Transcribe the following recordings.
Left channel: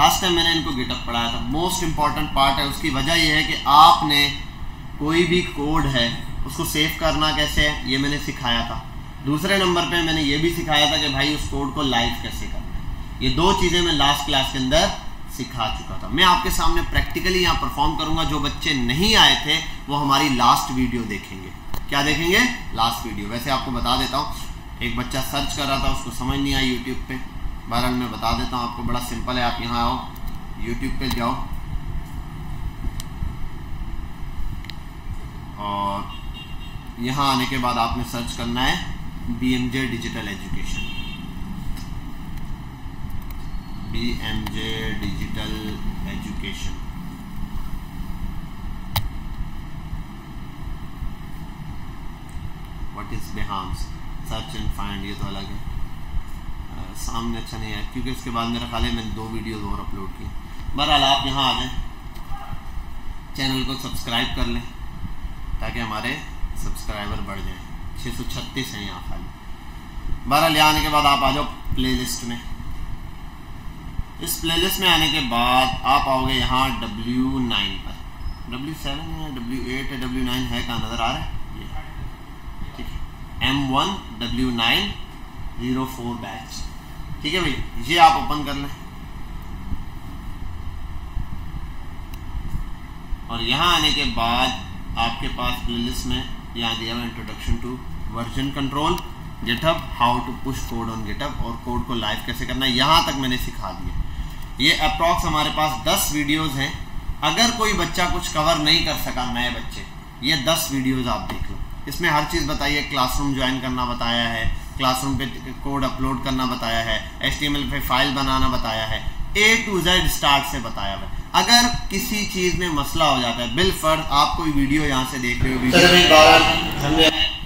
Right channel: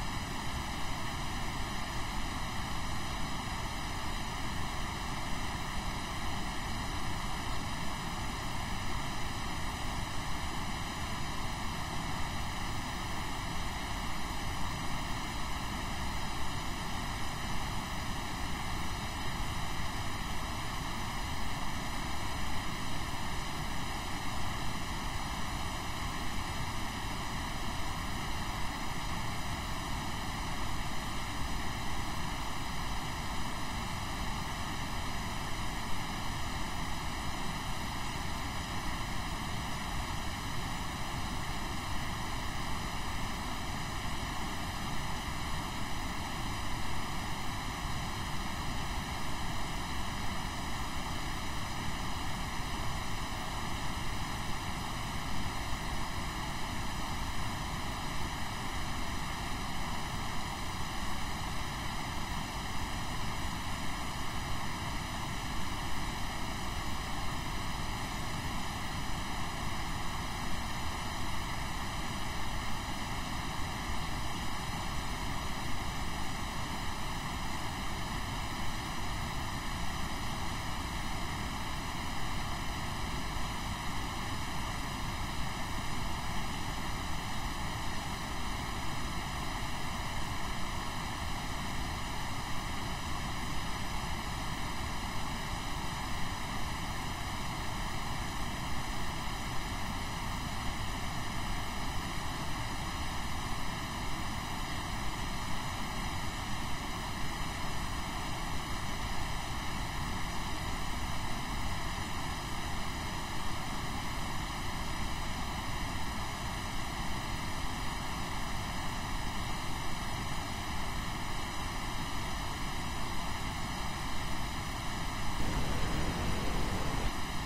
Last time मैंने इनको GitHub पढ़ाया था। मोस्ट इंपॉर्टेंट पार्ट है, उसकी वजह यह है कि आपने कोई भी कोड है उसको सेव करना कैसे है ये मैंने सिखाया था। दूसरे नंबर पे मैंने ये भी सिखाया था कि भाई उस कोड को लाइव कैसे करें। ये 2 चीज़ें मैं लास्ट क्लास के अंदर सिखा चुका था। मैं आपके सामने प्रैक्टिकली यहाँ परफॉर्म करूँगा। जो बच्चे नहीं आए थे वो हमारी लास्ट वीडियो देखेंगे। क्या देखेंगे? Last video. वैसे आपको बता देता हूँ, एक बच्चा सर्च कर रहा था, उसको समझ नहीं आई यूट्यूब पे। बहरहाल मैं बता देता हूँ आपको, बड़ा सिंपल है। आप यहाँ आओ, यूट्यूब पे जाओ और यहाँ आने के बाद आपने सर्च करना है BMJ digital education. BMJ digital education. What is बिहाम्स? सर्च एंड फाइंड, ये तो अलग है, सामने अच्छा नहीं है क्योंकि इसके बाद मेरा ख्याल है मैंने 2 वीडियोज़ और अपलोड की। बहरहाल आप यहाँ आ जाएँ, चैनल को सब्सक्राइब कर लें ताकि हमारे सब्सक्राइबर बढ़ जाए। 636 हैं यहाँ पर। बहरहाल यहाँ आने के बाद आप आ जाओ प्लेलिस्ट में। इस प्लेलिस्ट में आने के बाद आप आओगे यहाँ W9 पर। W7 है, W8 है, W9 है, कहाँ नज़र आ रहा है? M1 W9 04 batch. ठीक है भाई, ये आप ओपन कर लें और यहाँ आने के बाद आपके पास प्लेलिस्ट में यहाँ दिया हुआ introduction to version control, GitHub, how to push code on GitHub और कोड को लाइव कैसे करना है, यहाँ तक मैंने सिखा दिया। ये अप्रॉक्स हमारे पास 10 वीडियोज़ हैं। अगर कोई बच्चा कुछ कवर नहीं कर सका, नए बच्चे, ये 10 वीडियोज़ आप देखो। इसमें हर चीज़ बताइए, क्लासरूम ज्वाइन करना बताया है, क्लासरूम पे कोड अपलोड करना बताया है, HTML पे फाइल बनाना बताया है, A to Z स्टार्ट से बताया है। अगर किसी चीज़ में मसला हो जाता है, बिलफर्ज आप कोई वीडियो यहाँ से देख रहे हो,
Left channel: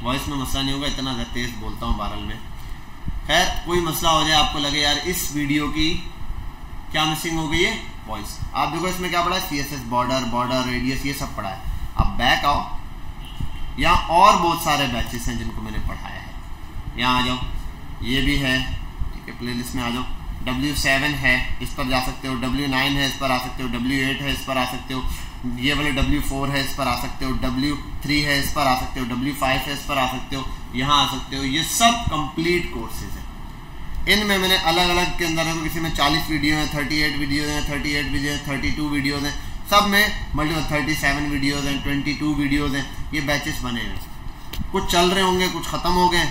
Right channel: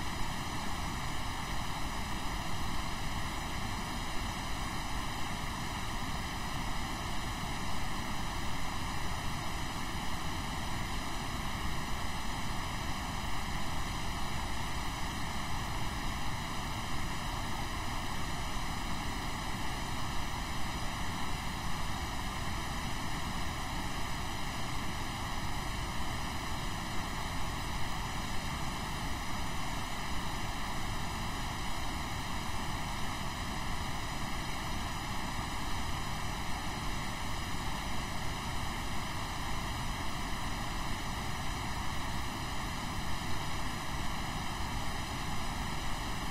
वॉइस में मसला नहीं होगा, इतना तेज़ बोलता हूँ बहरहाल में। खैर, कोई मसला हो जाए, आपको लगे यार इस वीडियो की क्या मिसिंग हो गई है, वॉइस, आप देखो इसमें क्या पड़ा है, CSS बॉर्डर रेडियस, ये सब पढ़ा है। अब बैक आओ, यहाँ और बहुत सारे बैचेस हैं जिनको मैंने पढ़ाया है। यहाँ आ जाओ, ये भी है, प्लेलिस्ट में आ जाओ। W7 है, इस पर जा सकते हो। W9 है, इस पर आ सकते हो। W8 है, इस पर आ सकते हो। ये वाले W4 है, इस पर आ सकते हो। W3 है, इस पर आ सकते हो। W5 है, इस पर आ सकते हो। यहाँ आ सकते हो। ये सब कंप्लीट कोर्सेज हैं। इनमें मैंने अलग अलग के अंदर है, तो किसी में 40 वीडियो हैं, 38 वीडियो हैं, 38 वीडियो हैं, 32 वीडियोज़ हैं, सब में मल्टीपल 37 वीडियोज़ हैं, 22 वीडियोज़ हैं। ये बैचेस बने हैं, कुछ चल रहे होंगे, कुछ ख़त्म हो गए।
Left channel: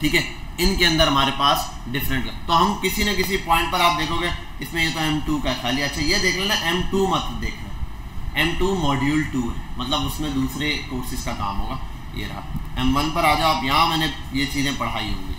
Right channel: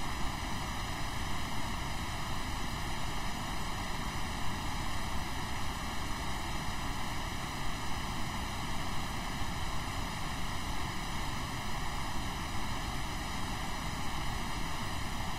ठीक है, इनके अंदर हमारे पास डिफरेंट, तो हम किसी न किसी पॉइंट पर आप देखोगे इसमें ये तो M2 का खाली। अच्छा, ये देख लेना, M2 मत देखना, M2 मॉड्यूल 2 है, मतलब उसमें दूसरे कोर्सेज का काम होगा। ये रहा M1 पर आ जाओ आप, यहाँ मैंने ये चीज़ें पढ़ाई होंगी।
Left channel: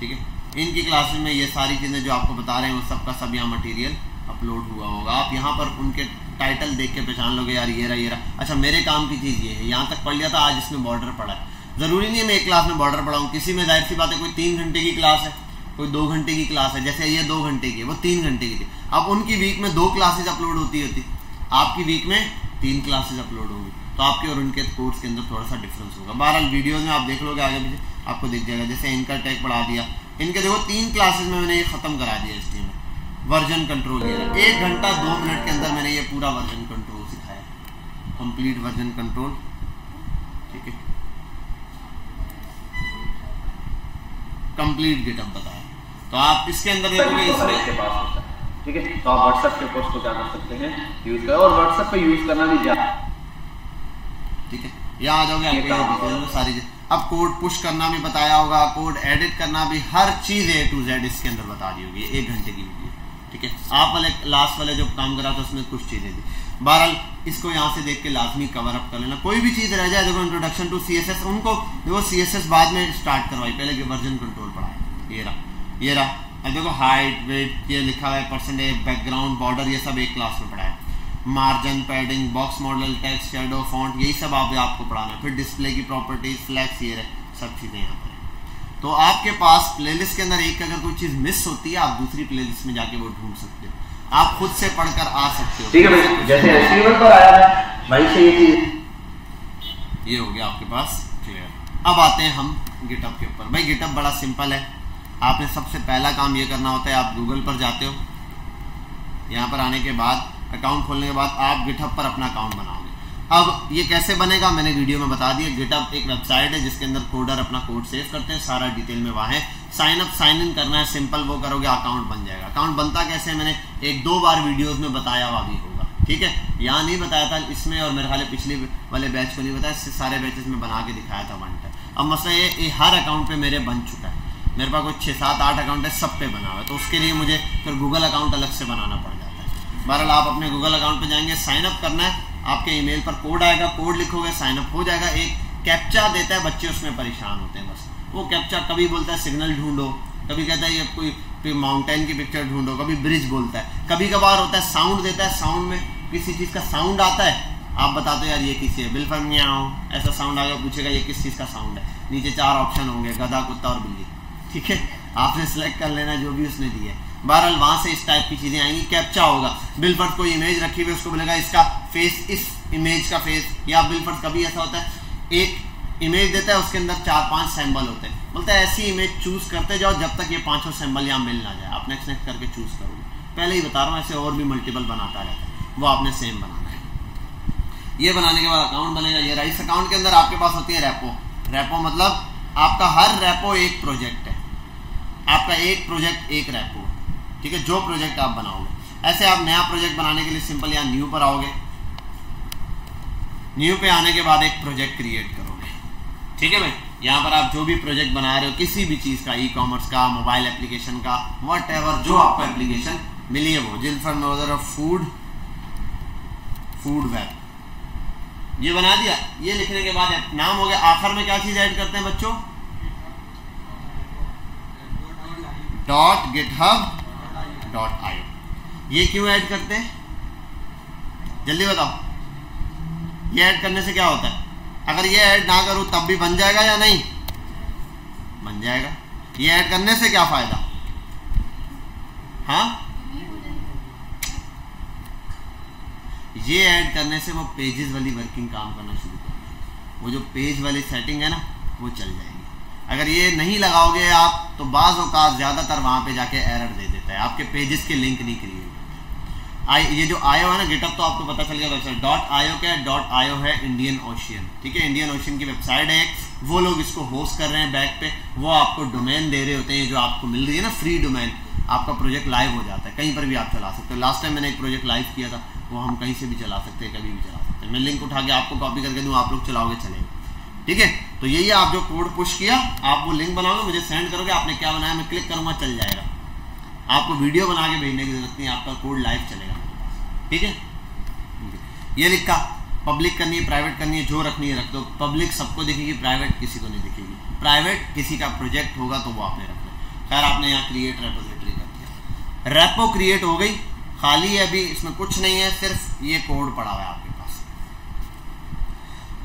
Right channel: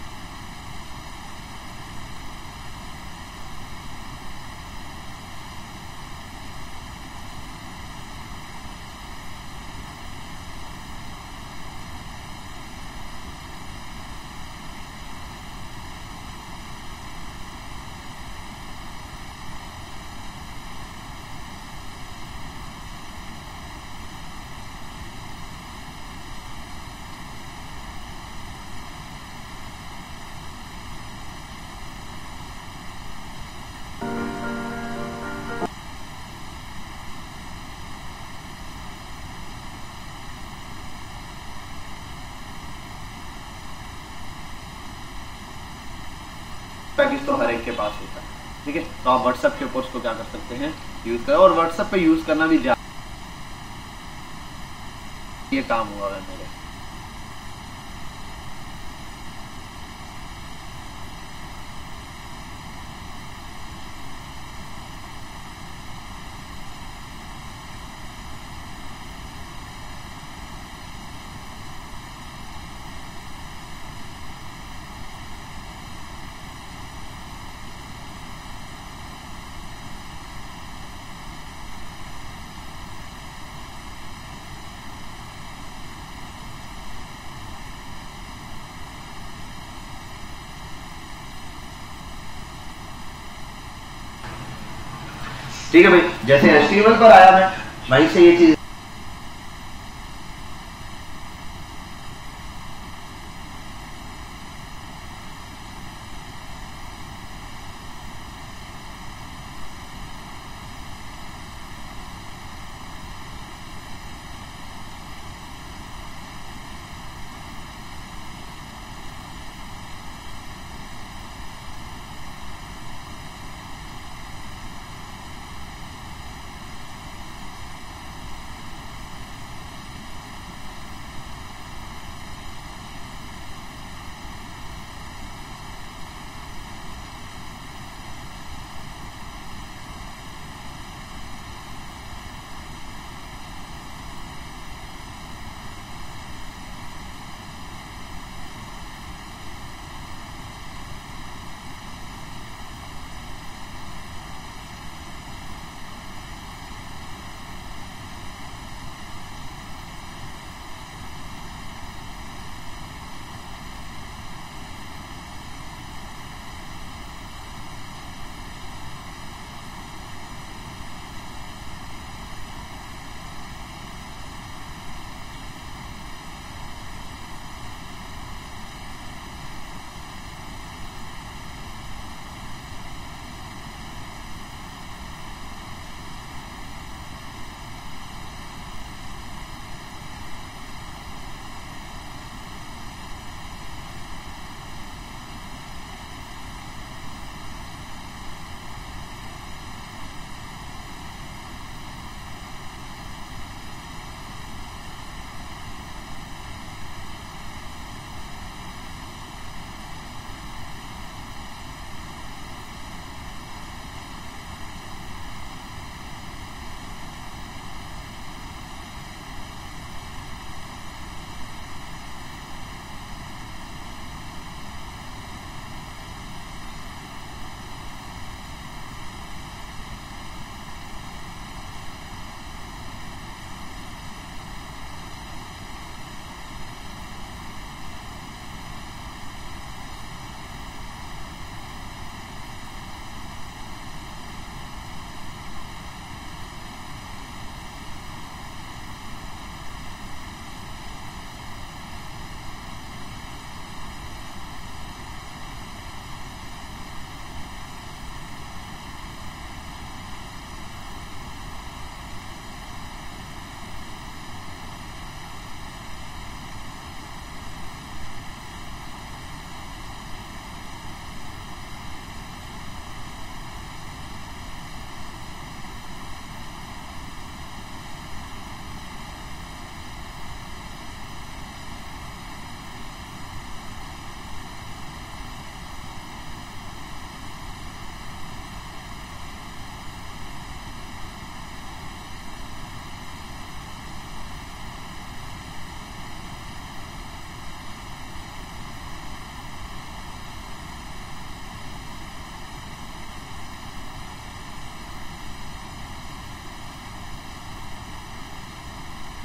ठीक है, इनकी क्लासेस में ये सारी चीज़ें जो आपको बता रहे हैं वो सबका सब यहाँ मटेरियल अपलोड हुआ होगा। आप यहाँ पर उनके टाइटल देख के पहचान लोगे, यार ये रहा। अच्छा, मेरे काम की चीज़ ये है, यहाँ तक पढ़ लिया था, आज इसमें बॉर्डर पढ़ा है। ज़रूरी नहीं है मैं एक क्लास में बॉर्डर पढ़ाऊँ, किसी में जाहिर सी बात है कोई 3 घंटे की क्लास है, कोई 2 घंटे की क्लास है। जैसे ये 2 घंटे की है, वो 3 घंटे की थी। अब उनकी वीक में 2 क्लासेज अपलोड होती, आपकी वीक में 3 क्लासेज अपलोड होंगी, तो आपके और उनके कोर्स के अंदर थोड़ा सा डिफरेंस होगा। बहरहाल वीडियोज़ में आप देख लोगे, आगे पीछे आपको दिख जाएगा। जैसे इनका टैग पढ़ा दिया, इनके देखो 3 क्लासेज में मैंने ये ख़त्म करा दिया। इसमें वर्जन कंट्रोल, 1 घंटा 2 मिनट के अंदर मैंने ये पूरा वर्जन कंट्रोल सिखाया, complete version control. Complete GitHub बताया, तो आप इसके अंदर तो हर एक के पास होता है। ठीक है, तो आप व्हाट्सएप के कोर्स को क्या कर सकते हैं, यूज करें, और व्हाट्सएप पे यूज करना भी ठीक है। यहाँ आ जाओगे, ये काम सारी चीज। अब कोड पुश करना भी बताया होगा, कोड एडिट करना भी, हर चीज़ A to Z इसके अंदर बता दी होगी। 1 घंटे की वीडियो। ठीक है, आप वाले लास्ट वाले जो काम करा था उसमें कुछ चीज़ें थी। बहरहाल इसको यहाँ से देख के लाजमी कवर अप कर लेना। कोई भी चीज़ रह जाए, देखो इंट्रोडक्शन टू CSS, उनको देखो CSS बाद में स्टार्ट करवाई, पहले वर्जन कंट्रोल पढ़ा। ये रहा। अब देखो हाइट, वेट, ये लिखा हुआ है, परसेंटेज, बैकग्राउंड, बॉर्डर, ये सब एक क्लास में पढ़ा है। Margin, padding, box model, text, shadow, font, यही सब आपको पढ़ाना है। फिर डिस्प्ले की प्रॉपर्टीज, फ्लैक्स, ये सब चीज़ें हैं। तो आपके पास प्लेलिस्ट के अंदर एक अगर कोई चीज़ मिस होती है, आप दूसरी प्लेलिस्ट में जाके वो ढूंढ सकते हो, आप खुद से पढ़कर आ सकते हो। ठीक है भाई, जैसे HTML पर आया मैं वहीं से ये चीज़, ये हो गया आपके पास क्लियर। अब आते हैं हम गिटहब के ऊपर। भाई गिटहब बड़ा सिंपल है। आपने सबसे पहला काम ये करना होता है, आप गूगल पर जाते हो, यहाँ पर आने के बाद अकाउंट खोलने के बाद आप गिटहब पर अपना अकाउंट बनाओगे। अब ये कैसे बनेगा मैंने वीडियो में बता दिया। गिटहब एक वेबसाइट है जिसके अंदर कोडर अपना कोड सेव करते हैं, सारा डिटेल में वहाँ है। साइन अप साइन इन करना है, सिंपल वो करोगे अकाउंट बन जाएगा। अकाउंट बनता कैसे मैंने 1-2 बार वीडियोस में बताया हुआ भी होगा, ठीक है। यहाँ नहीं बताया था इसमें, और मेरे ख्याल पिछले वाले बैच को नहीं बताया, इससे सारे बैचेस में बना के दिखाया था वन टाइम। अब मसला ये हर अकाउंट पे मेरे बन चुका है, मेरे पास कुछ 6-7-8 अकाउंट है, सब पे बना हुआ है, तो उसके लिए मुझे फिर गूगल अकाउंट अलग से बनाना पड़ जाता है। बहरहाल आप अपने गूगल अकाउंट पे जाएंगे, साइन अप करना है, आपके ईमेल पर कोड आएगा, कोड लिखोगे, साइन अप हो जाएगा। एक कैप्चा देता है, बच्चे उसमें परेशान होते हैं बस। वो कैप्चा कभी बोलता है सिग्नल ढूंढो, कभी कहता है ये कोई माउंटेन की पिक्चर ढूंढो, कभी ब्रिज बोलता है, कभी कभार होता है साउंड देता है, साउंड में किसी चीज़ का साउंड आता है, आप बताते हो यार ये किसी है, बिल्कुल म्याऊं ऐसा साउंड आएगा, पूछेगा ये किस चीज़ का साउंड है। नीचे 4 ऑप्शन होंगे, गधा, कुत्ता और बिल्ली, ठीक है। आपने सेलेक्ट कर लेना जो भी उसने दी है। बहरहाल वहाँ से इस टाइप की चीज़ें आएंगी। कैप्चा होगा, बिलफर्ड कोई इमेज रखी हुई, उसको बोलेगा इसका फेस, इस इमेज का फेस, या बिलफर्ड कभी ऐसा होता है एक इमेज देता है, उसके अंदर 4-5 सिंबल होते हैं, बोलता है ऐसी इमेज चूज़ करते जाओ जब तक ये 5 सिंबल यहाँ मिल ना जाए, आप नेक्स्ट नेक्स्ट करके चूज़ करोगे। पहले ही बता रहा हूँ, ऐसे और भी मल्टीपल बनाता रहता है, वो आपने सेम बनाना है। ये बनाने के बाद अकाउंट बनेगा। ये राइस अकाउंट के अंदर आपके पास होती है रेपो। रेपो मतलब आपका हर रेपो एक प्रोजेक्ट है, आपका एक प्रोजेक्ट एक रेपो, ठीक है, जो प्रोजेक्ट आप बनाओगे। ऐसे आप नया प्रोजेक्ट बनाने के लिए सिंपल यहाँ न्यू पर आओगे, न्यू पे आने के बाद एक प्रोजेक्ट क्रिएट करोगे, ठीक है भाई। यहाँ पर आप जो भी प्रोजेक्ट बना रहे हो, किसी भी चीज़ का, ई-कॉमर्स का, मोबाइल एप्लीकेशन का, व्हाटएवर जो आपको एप्लीकेशन मिली है वो, जिल्फर नोजर ऑफ फूड वेब, ये बना दिया। ये लिखने के बाद नाम हो गया। आखिर में क्या चीज़ ऐड करते हैं बच्चों? .github.io। ये क्यों ऐड करते हैं जल्दी बताओ। ये ऐड करने से क्या होता है? अगर ये ऐड ना करूं तब भी बन जाएगा या नहीं? बन जाएगा। ये ऐड करने से क्या फायदा? हाँ, ये ऐड करने से वो पेजेस वाली वर्किंग काम करना शुरू होगी। वो जो पेज वाली सेटिंग है ना, वो चल जाएगी। अगर ये नहीं लगाओगे आप तो बाज़ औक़ात ज़्यादातर वहाँ पे जाके एरर दे देता है, आपके पेजेस के लिंक नहीं क्रिएट। ये जो आयो है ना गिटहब, तो आपको पता चल गया वेबसाइट .io क्या है। .io है इंडियन ओशियन, ठीक है, इंडियन ओशियन की वेबसाइट है। वो लोग इसको होस्ट कर रहे हैं बैक पे, वो आपको डोमेन दे रहे होते हैं, जो आपको मिल रही है ना फ्री डोमेन, आपका प्रोजेक्ट लाइव हो जाता है, कहीं पर भी आप चला सकते हो। लास्ट टाइम मैंने एक प्रोजेक्ट लाइव किया था, वो हम कहीं से भी चला सकते हैं, कभी भी चला सकते हैं। मैं लिंक उठा के आपको कॉपी करके दूँ, आप लोग चलाओगे चलेगा, ठीक है। तो यही है, आप जो कोड पुश किया, आप वो लिंक बनाओगे, मुझे सेंड करोगे, आपने क्या बनाया, मैं क्लिक करूँगा, चल जाएगा। आपको वीडियो बना के भेजने की जरूरत नहीं, आपका कोड लाइव चलेगा, ठीक है। ये लिखा पब्लिक करनी है, प्राइवेट करनी है, जो रखनी है रख दो। पब्लिक सबको दिखेगी, प्राइवेट किसी को नहीं दिखेगी। प्राइवेट किसी का प्रोजेक्ट होगा तो वो आपने रखना। खैर आपने यहाँ क्रिएट रेपोजिटरी कर दिया, रेपो क्रिएट हो गई, खाली है, अभी इसमें कुछ नहीं है, सिर्फ ये कोड पड़ा हुआ है आपके पास।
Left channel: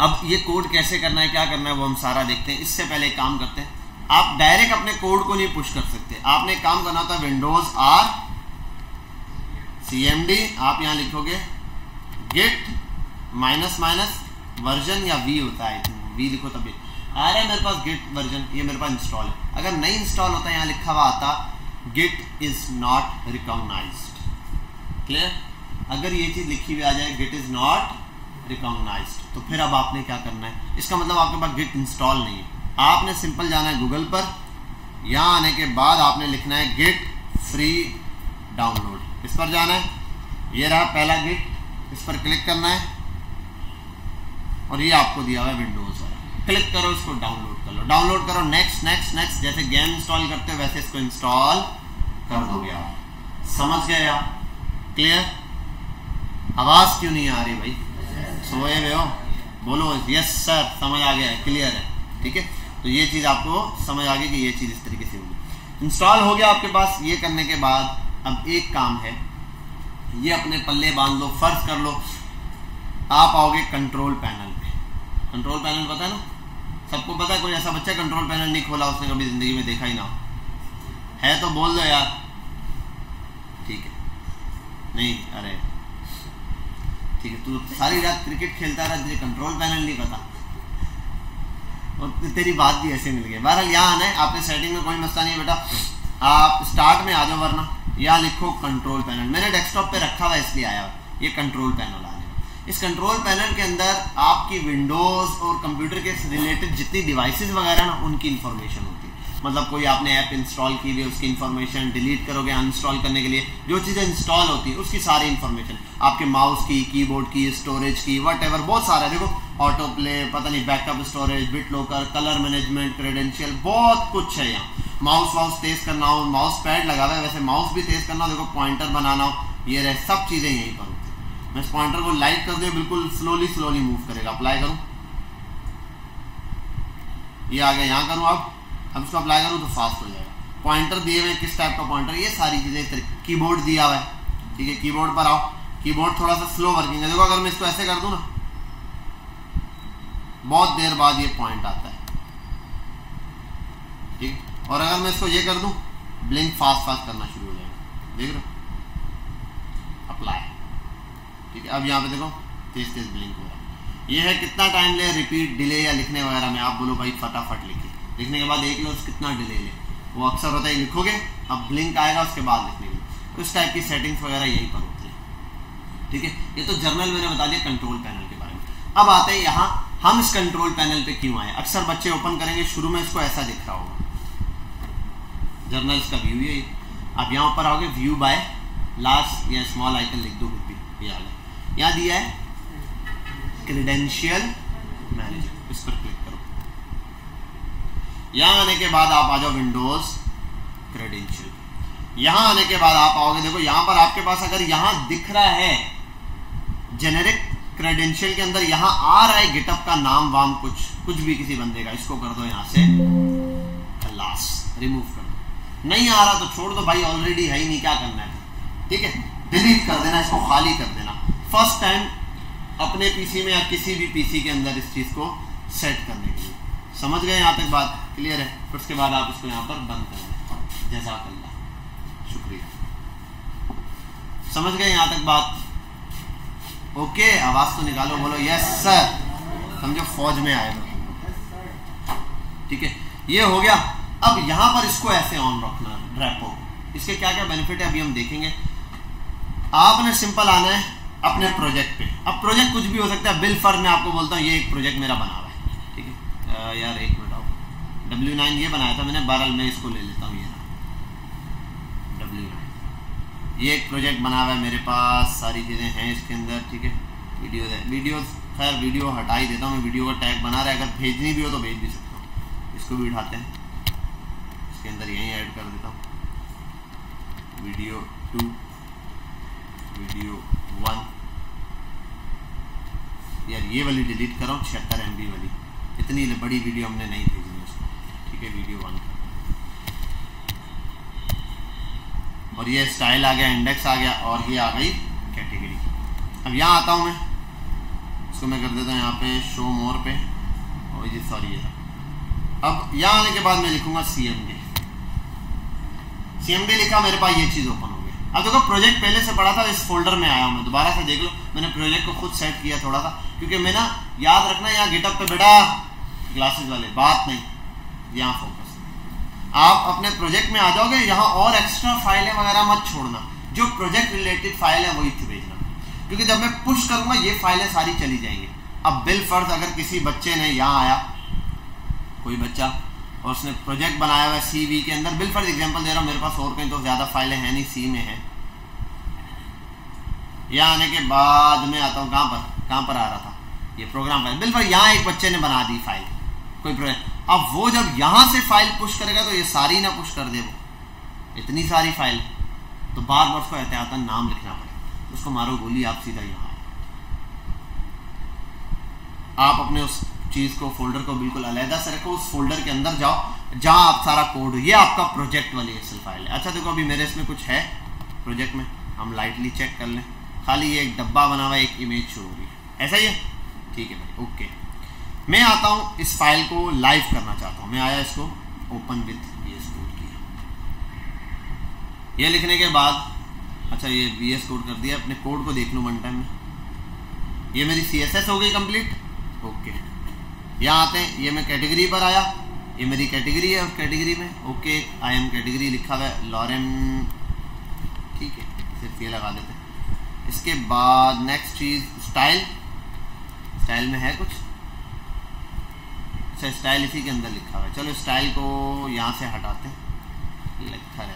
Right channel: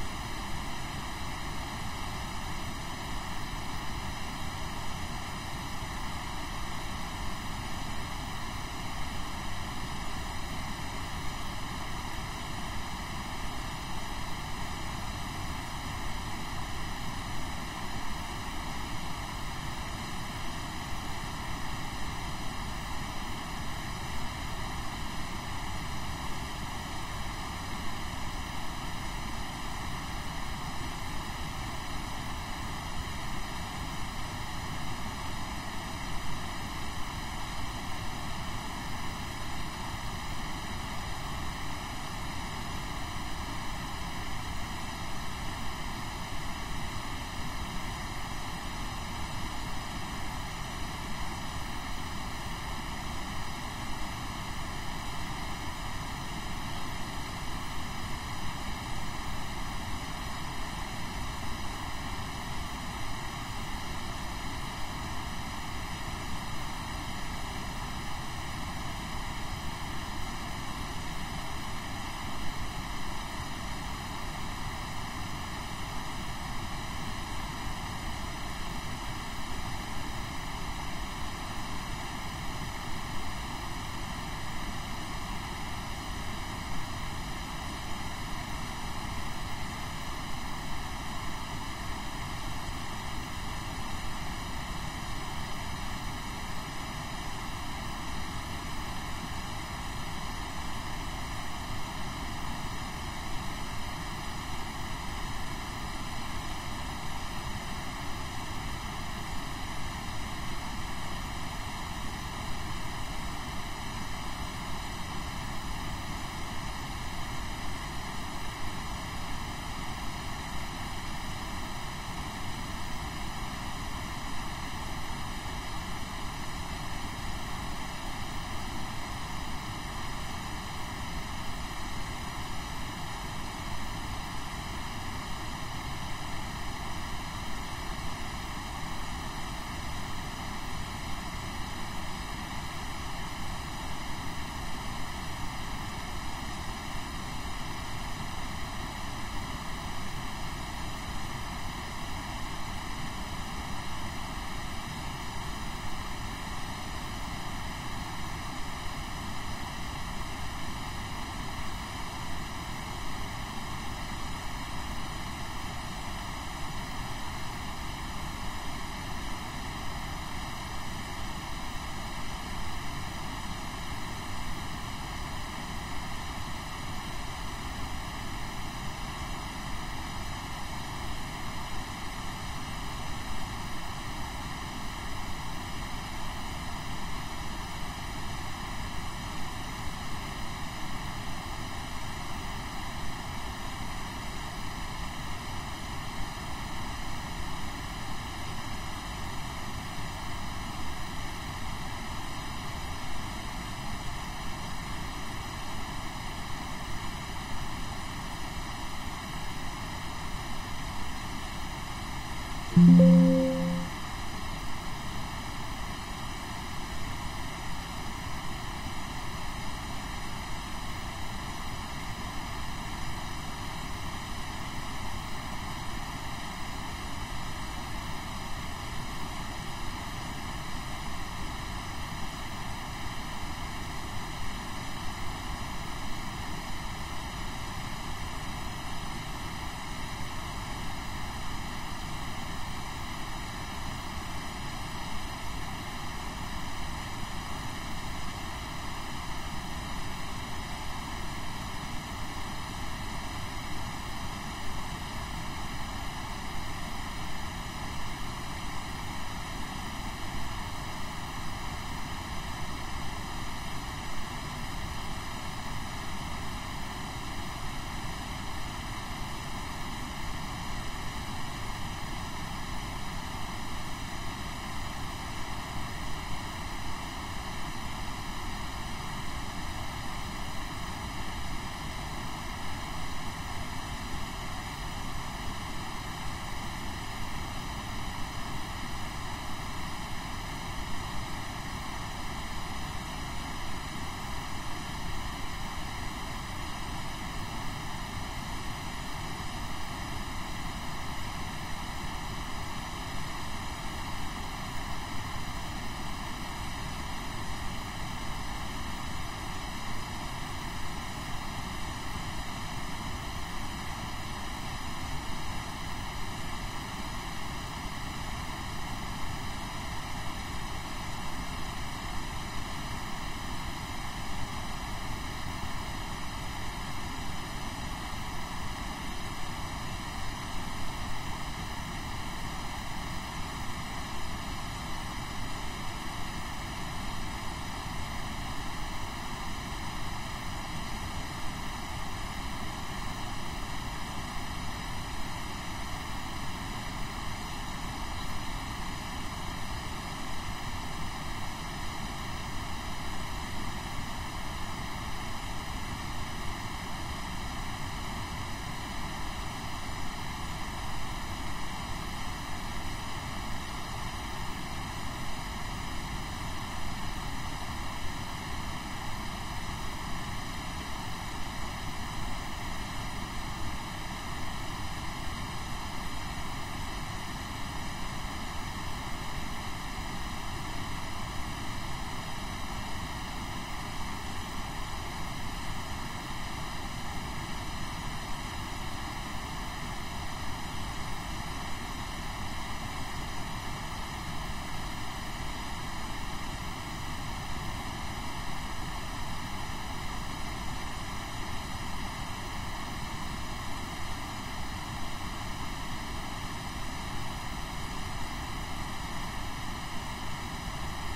अब ये कोड कैसे करना है, क्या करना है, वो हम सारा देखते हैं। इससे पहले एक काम करते हैं, आप डायरेक्ट अपने कोड को नहीं पुश कर सकते, आपने एक काम करना होता है, विंडोज R CMD, आप यहाँ लिखोगे git -- वर्जन, या V होता है, V लिखो तभी आ रहा है मेरे पास git वर्जन, ये मेरे पास इंस्टॉल है। अगर नहीं इंस्टॉल होता है, यहाँ लिखा हुआ आता git is not recognised. Clear? अगर ये चीज़ लिखी हुई आ जाए git इज नॉट रिकॉग्नाइज्ड, तो फिर अब आपने क्या करना है, इसका मतलब आपके पास git इंस्टॉल नहीं है। आपने सिंपल जाना है गूगल पर, यहाँ आने के बाद आपने लिखना है git फ्री डाउनलोड, इस पर जाना है, ये रहा पहला गिट, इस पर क्लिक करना है, और ये आपको दिया हुआ है विंडोज, क्लिक करो, इसको डाउनलोड कर लो, डाउनलोड करो, नेक्स्ट नेक्स्ट नेक्स्ट, जैसे गेम इंस्टॉल करते हो वैसे इसको इंस्टॉल कर दोगे आप। समझ गए आप? क्लियर? आवाज़ क्यों नहीं आ रही भाई, सोए हुए हो? बोलो यस सर, समझ आ गया है, क्लियर है, ठीक है। तो ये चीज़ आपको समझ आ गई कि ये चीज़ इस तरीके से होगी। इंस्टॉल हो गया आपके पास। ये करने के बाद अब एक काम है, ये अपने पल्ले बांध लो, फर्ज कर लो आप आओगे कंट्रोल पैनल पे। कंट्रोल पैनल पता है ना, सबको पता है? कोई ऐसा बच्चा कंट्रोल पैनल नहीं खोला उसने कभी ज़िंदगी में, देखा ही ना है तो बोल दो यार, ठीक है? नहीं, अरे ठीक है, तू सारी रात क्रिकेट खेलता रहा, तुझे कंट्रोल पैनल नहीं पता, और तेरी बात भी ऐसे मिल गई। बहरहाल यहाँ आना है, आपने सेटिंग में कोई मसला नहीं है बेटा, आप स्टार्ट में आ जाओ, वरना या लिखो कंट्रोल पैनल। मैंने डेस्कटॉप पे रखा हुआ इसलिए आया हुआ, ये कंट्रोल पैनल आ है। इस कंट्रोल पैनल के अंदर आपकी विंडोज़ और कंप्यूटर के रिलेटेड जितनी डिवाइसेस वगैरह ना उनकी इन्फॉर्मेशन होती है। मतलब कोई आपने ऐप इंस्टॉल की हुई है उसकी इन्फॉर्मेशन, डिलीट करोगे अनइंस्टॉल करने के लिए जो चीज़ें इंस्टॉल होती है उसकी सारी इन्फॉर्मेशन, आपके माउस की, कीबोर्ड की, स्टोरेज की, वट बहुत सारा। देखो ऑटो प्ले, पता नहीं backup storage, bit locker, colour management, credential, बहुत कुछ है यहाँ। माउस तेज करना हो, माउस पैड लगा हुआ है, वैसे माउस भी तेज करना हो, देखो पॉइंटर बनाना हो, ये रहे, सब चीज़ें यहीं पर होती है। मैं इस पॉइंटर को लाइट कर दूँ बिल्कुल स्लोली मूव करेगा। अप्लाई करूँ, ये आ गया, यहाँ करूँ अब इसको अप्लाई करूँ तो फास्ट हो जाएगा। पॉइंटर दिए हुए किस टाइप का पॉइंटर, ये सारी चीज़ें। कीबोर्ड दिया हुआ है, ठीक है, कीबोर्ड पर आओ। कीबोर्ड थोड़ा सा स्लो वर्किंग है, देखो अगर मैं इसको ऐसे कर दूँ ना बहुत देर बाद ये पॉइंट आता है, ठीक। और अगर मैं इसको ये कर दूं ब्लिंक फास्ट करना शुरू हो जाएगा, देख रहे हो। अप्लाई, ठीक है। अब यहाँ पे देखो तेज ब्लिंक हो रहा है। ये है कितना टाइम ले, रिपीट, डिले या लिखने वगैरह में। आप बोलो भाई फटाफट लिखिए, लिखने के बाद देख लो कितना डिले ले, वो अक्सर होता है लिखोगे अब ब्लिंक आएगा उसके बाद लिखेंगे। तो इस टाइप की सेटिंग्स वगैरह यहीं पर होती है, ठीक है। ये तो जर्नल मैंने बता दिया कंट्रोल पैनल के बारे में। अब आते हैं यहाँ हम इस कंट्रोल पैनल पे क्यों आए। अक्सर बच्चे ओपन करेंगे, शुरू में इसको ऐसा दिख रहा होगा, जर्नल्स का व्यू है। अब यहाँ पर आओगे व्यू बाय लास्ट या स्मॉल आइकन लिख दो, ये आ गया। यहाँ दिया है क्रेडेंशियल मैनेजर, इस पर क्लिक करो। यहाँ आने के बाद आप आ जाओ विंडोज क्रेडेंशियल। यहाँ आने के बाद आप आओगे, देखो यहाँ पर आपके पास अगर यहाँ दिख रहा है जेनेरिक क्रेडेंशियल के अंदर यहाँ आ रहा है गिटअप का नाम वाम कुछ भी किसी बंदे का, इसको कर दो यहाँ से लास्ट, रिमूव कर दो। नहीं आ रहा तो छोड़ दो भाई, ऑलरेडी है ही नहीं, क्या करना है, ठीक है। डिलीट कर देना, इसको खाली कर देना। फर्स्ट टाइम अपने पीसी में या किसी भी पीसी के अंदर इस चीज़ को सेट करने के लिए। समझ गए यहाँ तक बात क्लियर है। उसके बाद आप इसको यहाँ पर बंद कर दें, जैसा शुक्रिया। समझ गए यहाँ तक बात, ओके। आवाज तो निकालो, बोलो यस सर, समझो फौज में आए, ठीक है। ये हो गया। अब यहाँ पर इसको ऐसे ऑन रखना है, ड्रैग हो। इसके क्या क्या बेनिफिट है अभी हम देखेंगे। आपने सिंपल आना है अपने प्रोजेक्ट पे। अब प्रोजेक्ट कुछ भी हो सकता है, बिल फर्ज मैं आपको बोलता हूँ ये एक प्रोजेक्ट मेरा बना हुआ है, ठीक है। यार एक मिनट आओ, W9 ये बनाया था मैंने, बहरहाल मैं इसको ले लेता हूँ। ये एक प्रोजेक्ट बना हुआ है मेरे पास, सारी चीज़ें हैं इसके अंदर, ठीक है। वीडियो खैर वीडियो हटा ही देता हूँ मैं, वीडियो का टैग बना रहा है, अगर भेजनी भी हो तो भेज भी सकते हैं। इसको भी उठाते हैं, इसके अंदर यही ऐड कर देता हूँ, वीडियो 2, वीडियो 1। यार ये वाली डिलीट कर रहा हूँ, 76 MB वाली, इतनी बड़ी वीडियो हमने नहीं भेजनी, ठीक है। वीडियो 1 और ये स्टाइल आ गया, इंडेक्स आ गया, और ये आ गई कैटेगरी। अब यहाँ आता हूँ मैं, इसको मैं कर देता हूँ यहाँ पे शो मोर पे, और ये सॉरी है। अब यहाँ आने के बाद मैं लिखूँगा CMD लिखा, मेरे पास ये चीज़ ओपन हो गई। अब देखो प्रोजेक्ट पहले से पड़ा था, इस फोल्डर में आया हूँ मैं, दोबारा से देख लो। मैंने प्रोजेक्ट को खुद सेट किया थोड़ा सा, क्योंकि मैं ना याद रखना यहाँ गिटअप पे बेटा ग्लासेस वाले बात नहीं, यहाँ फोकस। आप अपने प्रोजेक्ट में आ जाओगे, यहाँ और एक्स्ट्रा फाइलें वगैरह मत छोड़ना, जो प्रोजेक्ट रिलेटेड फाइल है वही भेजना, क्योंकि जब मैं पुश करूँगा ये फाइलें सारी चली जाएंगी। अब बिल फर्ज अगर किसी बच्चे ने यहाँ आया, कोई बच्चा, और उसने प्रोजेक्ट बनाया हुआ है CV के अंदर, बिल फर्ज एग्जांपल दे रहा हूँ, मेरे पास और कहीं तो ज़्यादा फाइलें हैं नहीं, C में है। यहाँ आने के बाद मैं आता हूँ कहाँ पर आ रहा था, ये प्रोग्राम फाइल। बिल फर्ज यहाँ एक बच्चे ने बना दी फाइल, कोई प्रोजेक्ट। अब वो जब यहाँ से फाइल पुश करेगा तो ये सारी ना पुश कर दे, वो इतनी सारी फाइल, तो बार बार उसको एहतियातन नाम लिखना पड़ता, उसको मारो गोली आप सीधा ही। आप अपने उस चीज़ को, फोल्डर को बिल्कुल अलहदा से रखो, उस फोल्डर के अंदर जाओ जहाँ आप सारा कोड, ये आपका प्रोजेक्ट वाली एक्सेल फाइल है। अच्छा देखो अभी मेरे इसमें कुछ है प्रोजेक्ट में, हम लाइटली चेक कर लें। खाली ये एक डब्बा बना हुआ है, एक इमेज शो होगी, ऐसा ही है, ठीक है, ओके। मैं आता हूँ इस फाइल को लाइव करना चाहता हूँ, मैं आया इसको ओपन विथ VS कोड, ये लिखने के बाद, अच्छा ये VS कोड कर दिया, अपने कोड को देख लूँ वन टाइम में। ये मेरी CSS हो गई कंप्लीट, ओके। यहाँ आते हैं, ये मैं कैटेगरी पर आया, ये मेरी कैटेगरी है, उस कैटेगरी में ओके आई एम कैटेगरी लिखा हुआ है, लॉरेम इसके बाद नेक्स्ट चीज स्टाइल, स्टाइल में है कुछ, अच्छा स्टाइल इसी के अंदर लिखा हुआ है। चलो स्टाइल को यहाँ से हटाते हैं, लिखा है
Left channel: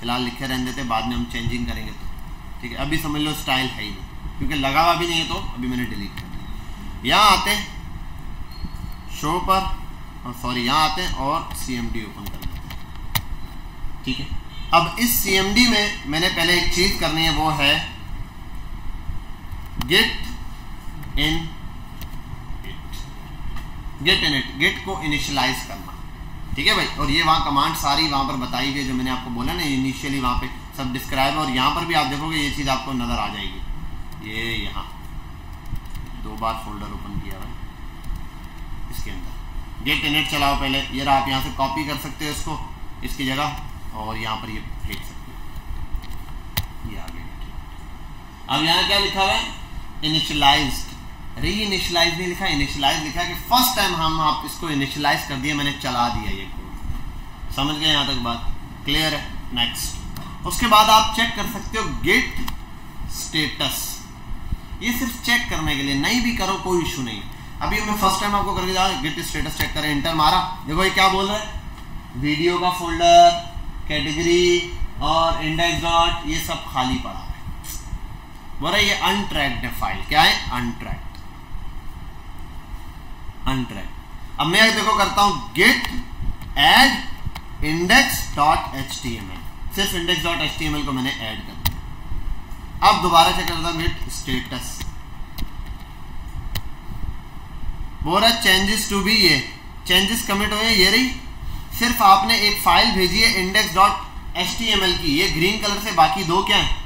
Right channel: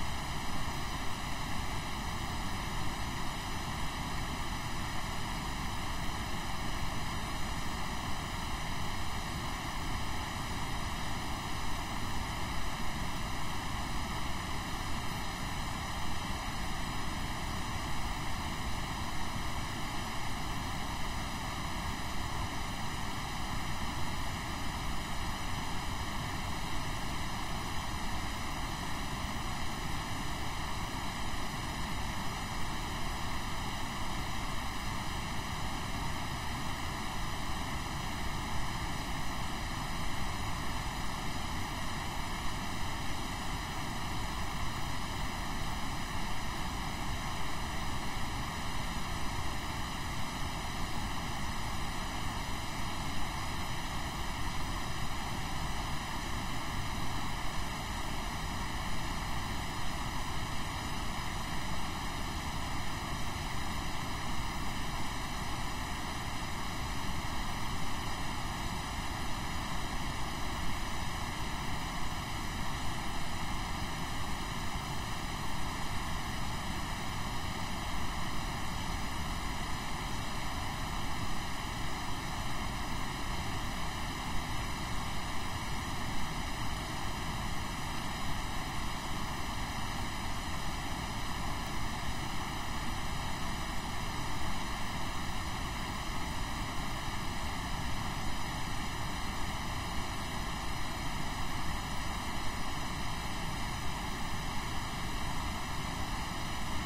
फिलहाल लिखे रहने देते, बाद में हम चेंजिंग करेंगे। ठीक है, अभी समझ लो स्टाइल है ही नहीं क्योंकि लगा हुआ भी नहीं है, तो अभी मैंने डिलीट कर दिया। यहाँ आते हैं शो पर, और सॉरी यहाँ आते हैं और CMD ओपन करते हैं। ठीक है, अब इस CMD में मैंने पहले एक चीज़ करनी है, वो है गेट इन इट, गेट को इनिशियलाइज करना। ठीक है भाई, और ये वहाँ कमांड सारी वहाँ पर बताई गई जो मैंने आपको बोला ना इनिशियली, वहाँ पे सब डिस्क्राइब है। और यहाँ पर भी आप देखोगे ये चीज़ आपको नज़र आ जाएगी। ये यहाँ 2 बार फोल्डर ओपन किया है, इसके अंदर गेट इनिट चलाओ पहले। ये रहा, आप यहाँ से कॉपी कर सकते हो इसको इसकी जगह, और यहाँ पर ये देख सकते हो ये आ गया। अब यहाँ क्या लिखा हुआ है, इनिशियलाइज्ड। अरे ये इनिशियलाइज नहीं लिखा, इनिशियलाइज लिखा कि फर्स्ट टाइम हम आप इसको इनिशियलाइज कर दिए, मैंने चला दिया ये कोड। समझ गए यहाँ तक बात, क्लियर है? नेक्स्ट, उसके बाद आप चेक कर सकते हो गेट स्टेटस। ये सिर्फ चेक करने के लिए, नहीं भी करो कोई इशू नहीं। अभी मैं फर्स्ट टाइम आपको करके जा गेट स्टेटस चेक करें, इंटर मारा, देखो ये क्या बोल रहा है, वीडियो का फोल्डर, कैटेगरी और इंडेक्स डॉट, ये सब खाली पड़ा है। बोला ये अनट्रैक्ड है फाइल, क्या है, अनट्रैक्ड। अब मैं देखो करता हूं git add index dot HTML, सिर्फ इंडेक्स डॉट HTML को मैंने ऐड कर दिया। अब दोबारा चेक करता हूं गेट स्टेटस, बोल रहा चेंजेस टू बी, ये चेंजेस कमिट हुए, ये रही। सिर्फ आपने एक फाइल भेजी है इंडेक्स डॉट HTML की, ये ग्रीन कलर से, बाकी 2 क्या है,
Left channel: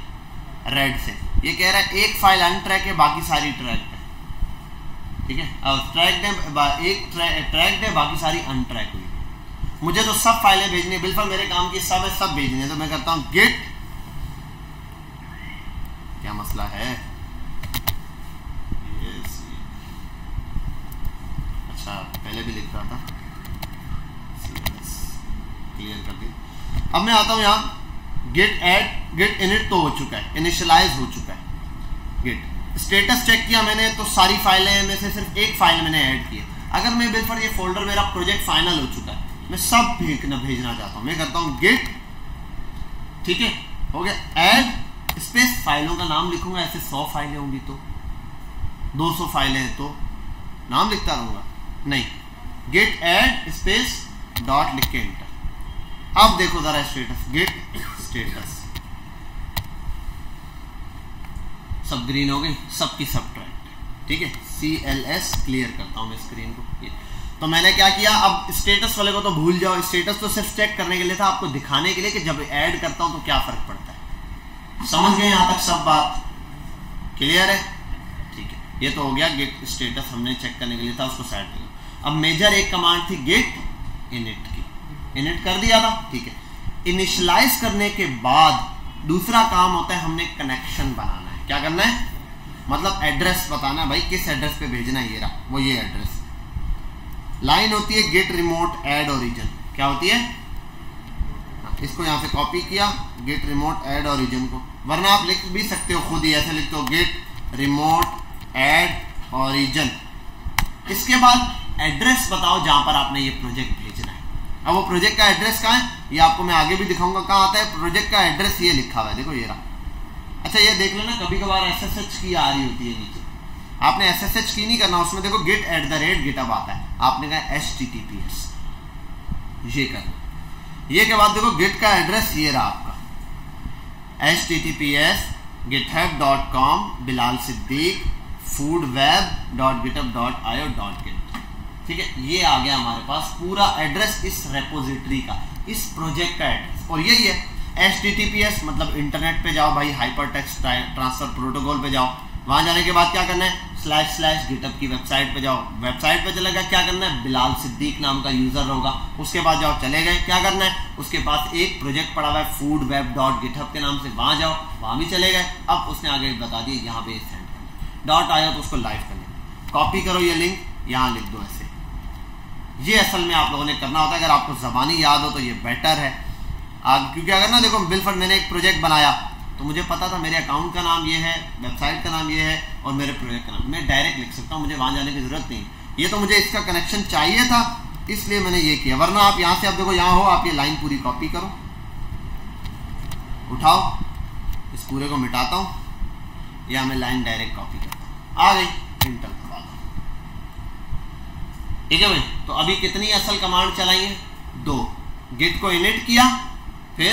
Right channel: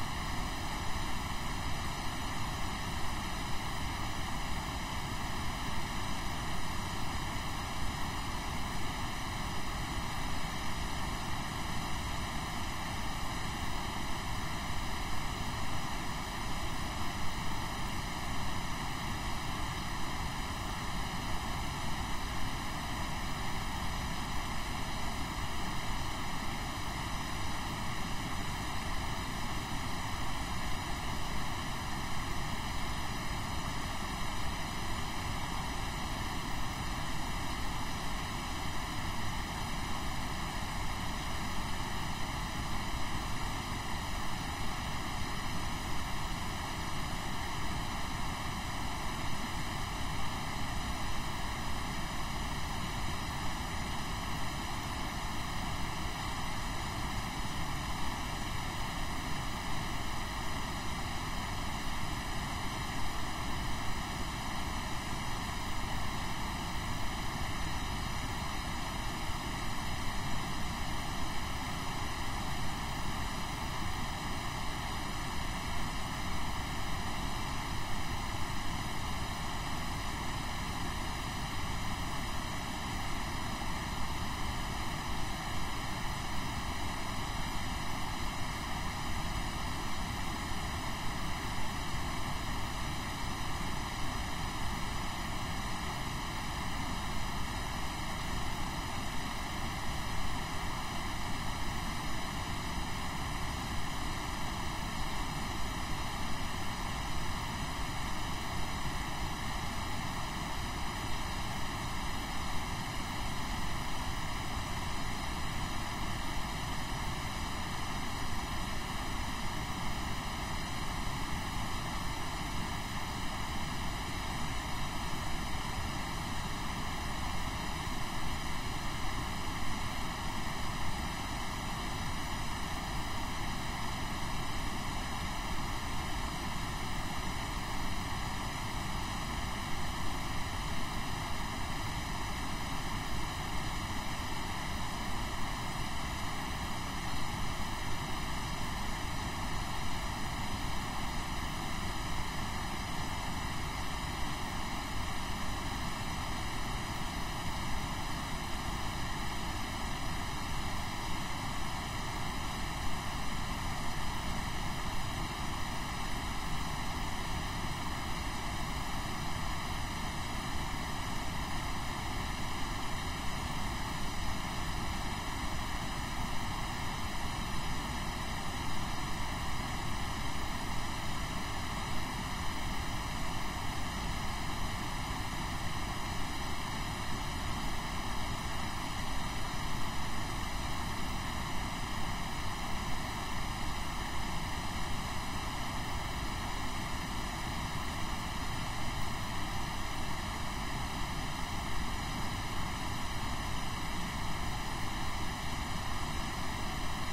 रेड से। ये कह रहा है एक फाइल अनट्रैक है, बाकी सारी ट्रैक है। ठीक है, अब ट्रैक्ड है, एक ट्रैक्ड है, बाकी सारी अनट्रैक है। मुझे तो सब फाइलें भेजनी है, बिल्कुल मेरे काम की सब है, सब भेजनी है। तो मैं करता हूँ गेट, क्या मसला है, अच्छा पहले भी लिख रहा था, क्लियर कर दिया। अब मैं आता हूँ यहाँ गेट ऐड, गेट इनिट तो हो चुका है, इनिशियलाइज हो चुका है। गेट स्टेटस चेक किया मैंने, तो सारी फाइलें में से सिर्फ एक फाइल मैंने ऐड की। अगर मैं बिल्कुल ये फोल्डर मेरा प्रोजेक्ट फाइनल हो चुका है, मैं सब भेजना चाहता हूँ, मैं करता हूँ गेट, ठीक है हो गया, ऐड स्पेस फाइलों का नाम लिखूंगा। ऐसे 100 फाइलें होंगी तो 200 फाइलें हैं तो नाम लिखता रहूंगा, नहीं, गेट ऐड स्पेस डॉट लिख के एंटर। अब देखो जरा स्टेटस, गेट स्टेटस, सब ग्रीन हो गई, सबकी सब ट्रैक। ठीक है, CLS क्लियर करता हूँ मैं स्क्रीन को। तो मैंने क्या किया, अब स्टेटस वाले को तो भूल जाओ, स्टेटस तो सिर्फ चेक करने के लिए था, आपको दिखाने के लिए कि जब ऐड करता हूँ तो क्या फर्क पड़ता है। समझ गए यहाँ तक सब बात, क्लियर है? ठीक है, ये तो हो गया गेट स्टेटस, हमने चेक करने के लिए था, उसको सेट किया। अब मेजर एक कमांड थी गेट इनिट की, इनिट कर दिया था। ठीक है, इनिशियलाइज करने के बाद दूसरा काम होता है हमने कनेक्शन बनाना है। क्या करना है, मतलब एड्रेस बताना, भाई किस एड्रेस पे भेजना है, ये रहा वो, ये एड्रेस। लाइन होती है गेट रिमोट ऐड ओरिजिन, क्या होती है, इसको यहाँ से कॉपी किया, गेट रिमोट ऐड ओरिजिन को, वरना आप लिख भी सकते हो खुद ही, ऐसे लिखते हो गेट रिमोट ऐड ओरिजिन। इसके बाद एड्रेस बताओ जहाँ पर आपने ये प्रोजेक्ट भेजना है। अब वो प्रोजेक्ट का एड्रेस कहाँ है, ये आपको मैं आगे भी दिखाऊंगा कहाँ आता है। प्रोजेक्ट का एड्रेस ये लिखा हुआ है, देखो ये रहा। अच्छा ये देख लेना, कभी कभार SSH की आ रही होती है नीचे, आपने SSH की नहीं करना, उसमें देखो get@github आता है, आपने कहा HTTPS, ये करना। ये के बाद देखो गेट का एड्रेस ये रहा आपका, HTTPS github.com Bilal Siddique foodweb.github.io.git। ठीक है, ये आ गया हमारे पास पूरा एड्रेस इस रेपोजिटरी का, इस प्रोजेक्ट का एड्रेस। और यही है HTTPS, मतलब इंटरनेट पे जाओ भाई, हाइपर टेक्स्ट ट्रांसफर प्रोटोकॉल पे जाओ, वहां जाने के बाद क्या करना है, //GitHub की वेबसाइट पे जाओ, वेबसाइट पे चलेगा, क्या करना है, बिलाल सिद्दीक नाम का यूजर होगा, उसके बाद जाओ, चले गए, क्या करना है, उसके पास एक प्रोजेक्ट पड़ा हुआ है foodweb.github के नाम से, वहां जाओ, वहां भी चले गए। अब उसने आगे बता दिया यहाँ पे .io, तो उसको लाइव करो, कॉपी करो ये लिंक, यहाँ लिख दो ऐसे। ये असल में आप लोगों ने करना होता है, अगर आपको ज़बानी याद हो तो ये बेटर है। क्योंकि अगर ना देखो बिलफर्ड मैंने एक प्रोजेक्ट बनाया, तो मुझे पता था मेरे अकाउंट का नाम ये है, वेबसाइट का नाम ये है और मेरे प्रोजेक्ट का नाम, मैं डायरेक्ट लिख सकता हूँ, मुझे वहाँ जाने की ज़रूरत नहीं। ये तो मुझे इसका कनेक्शन चाहिए था इसलिए मैंने ये किया, वरना आप यहाँ से, आप देखो यहाँ हो, आप ये लाइन पूरी कॉपी करो, उठाओ, इस पूरे को मिटाता हूँ, या मैं लाइन डायरेक्ट कॉपी कर आ गई, इंटर। ठीक है भाई, तो अभी कितनी असल कमांड चलाई है? 2। गेट को इनिट किया, फिर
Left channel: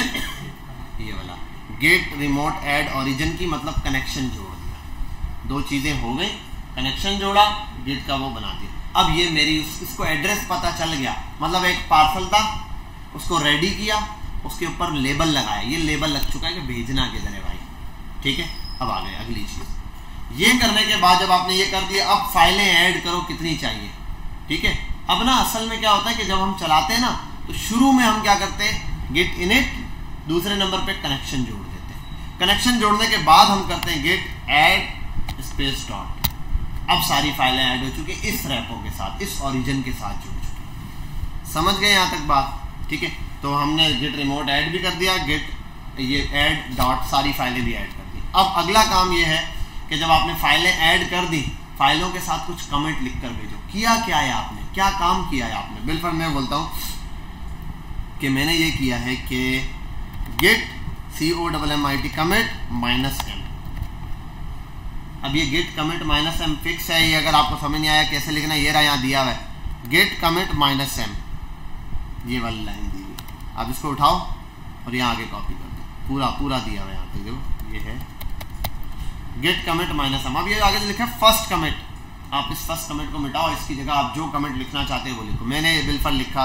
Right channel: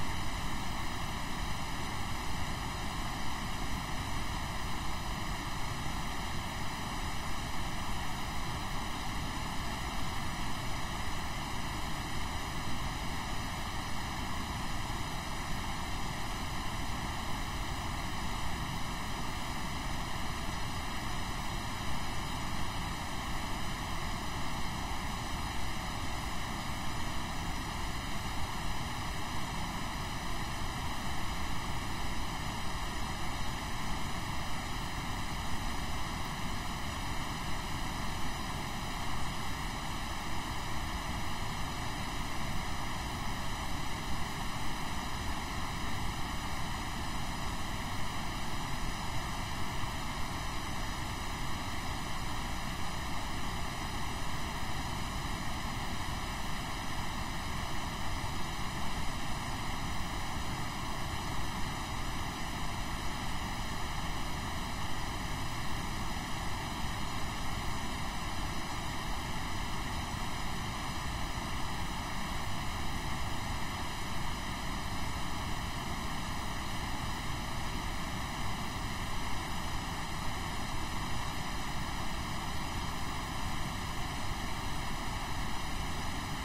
ये वाला गेट रिमोट ऐड ओरिजिन की, मतलब कनेक्शन जोड़ दिया। 2 चीज़ें हो गई, कनेक्शन जोड़ा, गेट का वो बना दिया। अब ये मेरी इसको एड्रेस पता चल गया, मतलब एक पार्सल था, उसको रेडी किया, उसके ऊपर लेबल लगाया, ये लेबल लग चुका है कि भेजना किधर है भाई। ठीक है, अब आ गए अगली चीज़। ये करने के बाद जब आपने ये कर दिया, अब फाइलें ऐड करो कितनी चाहिए। ठीक है, अब ना असल में क्या होता है कि जब हम चलाते हैं ना, तो शुरू में हम क्या करते हैं, गेट इनिट, दूसरे नंबर पे कनेक्शन जोड़ देते हैं। कनेक्शन जोड़ने के बाद हम करते हैं गेट ऐड स्पेस डॉट। अब सारी फाइलें ऐड हो चुकी इस रेपो के साथ, इस ओरिजिन के साथ जुड़ चुकी। समझ गए यहाँ तक बात? ठीक है, तो हमने गेट रिमोट ऐड भी कर दिया, गेट ये ऐड डॉट सारी फाइलें भी ऐड कर दी। अब अगला काम ये है कि जब आपने फाइलें ऐड कर दी, फाइलों के साथ कुछ कमेंट लिख कर भेजो। किया क्या है आपने, क्या काम किया है आपने? बिल्कुल मैं बोलता हूँ कि मैंने ये किया है कि गेट COMMIT कमिट -m। अब ये गेट कमिट -m फिक्स है, ये अगर आपको समझ नहीं आया कैसे लिखना, ये रहा यहाँ दिया हुआ है, गेट कमिट -m, ये वाली लाइन दी हुई। अब इसको उठाओ और यहाँ आगे कॉपी करो, पूरा दिया हुआ है यहाँ पे, जो ये है गेट कमिट -m। अब ये आगे लिखा है फर्स्ट कमिट, आप इस फर्स्ट कमेंट को मिटाओ, इसकी जगह आप जो कमेंट लिखना चाहते हो वो लिखो। मैंने बिल्कुल लिखा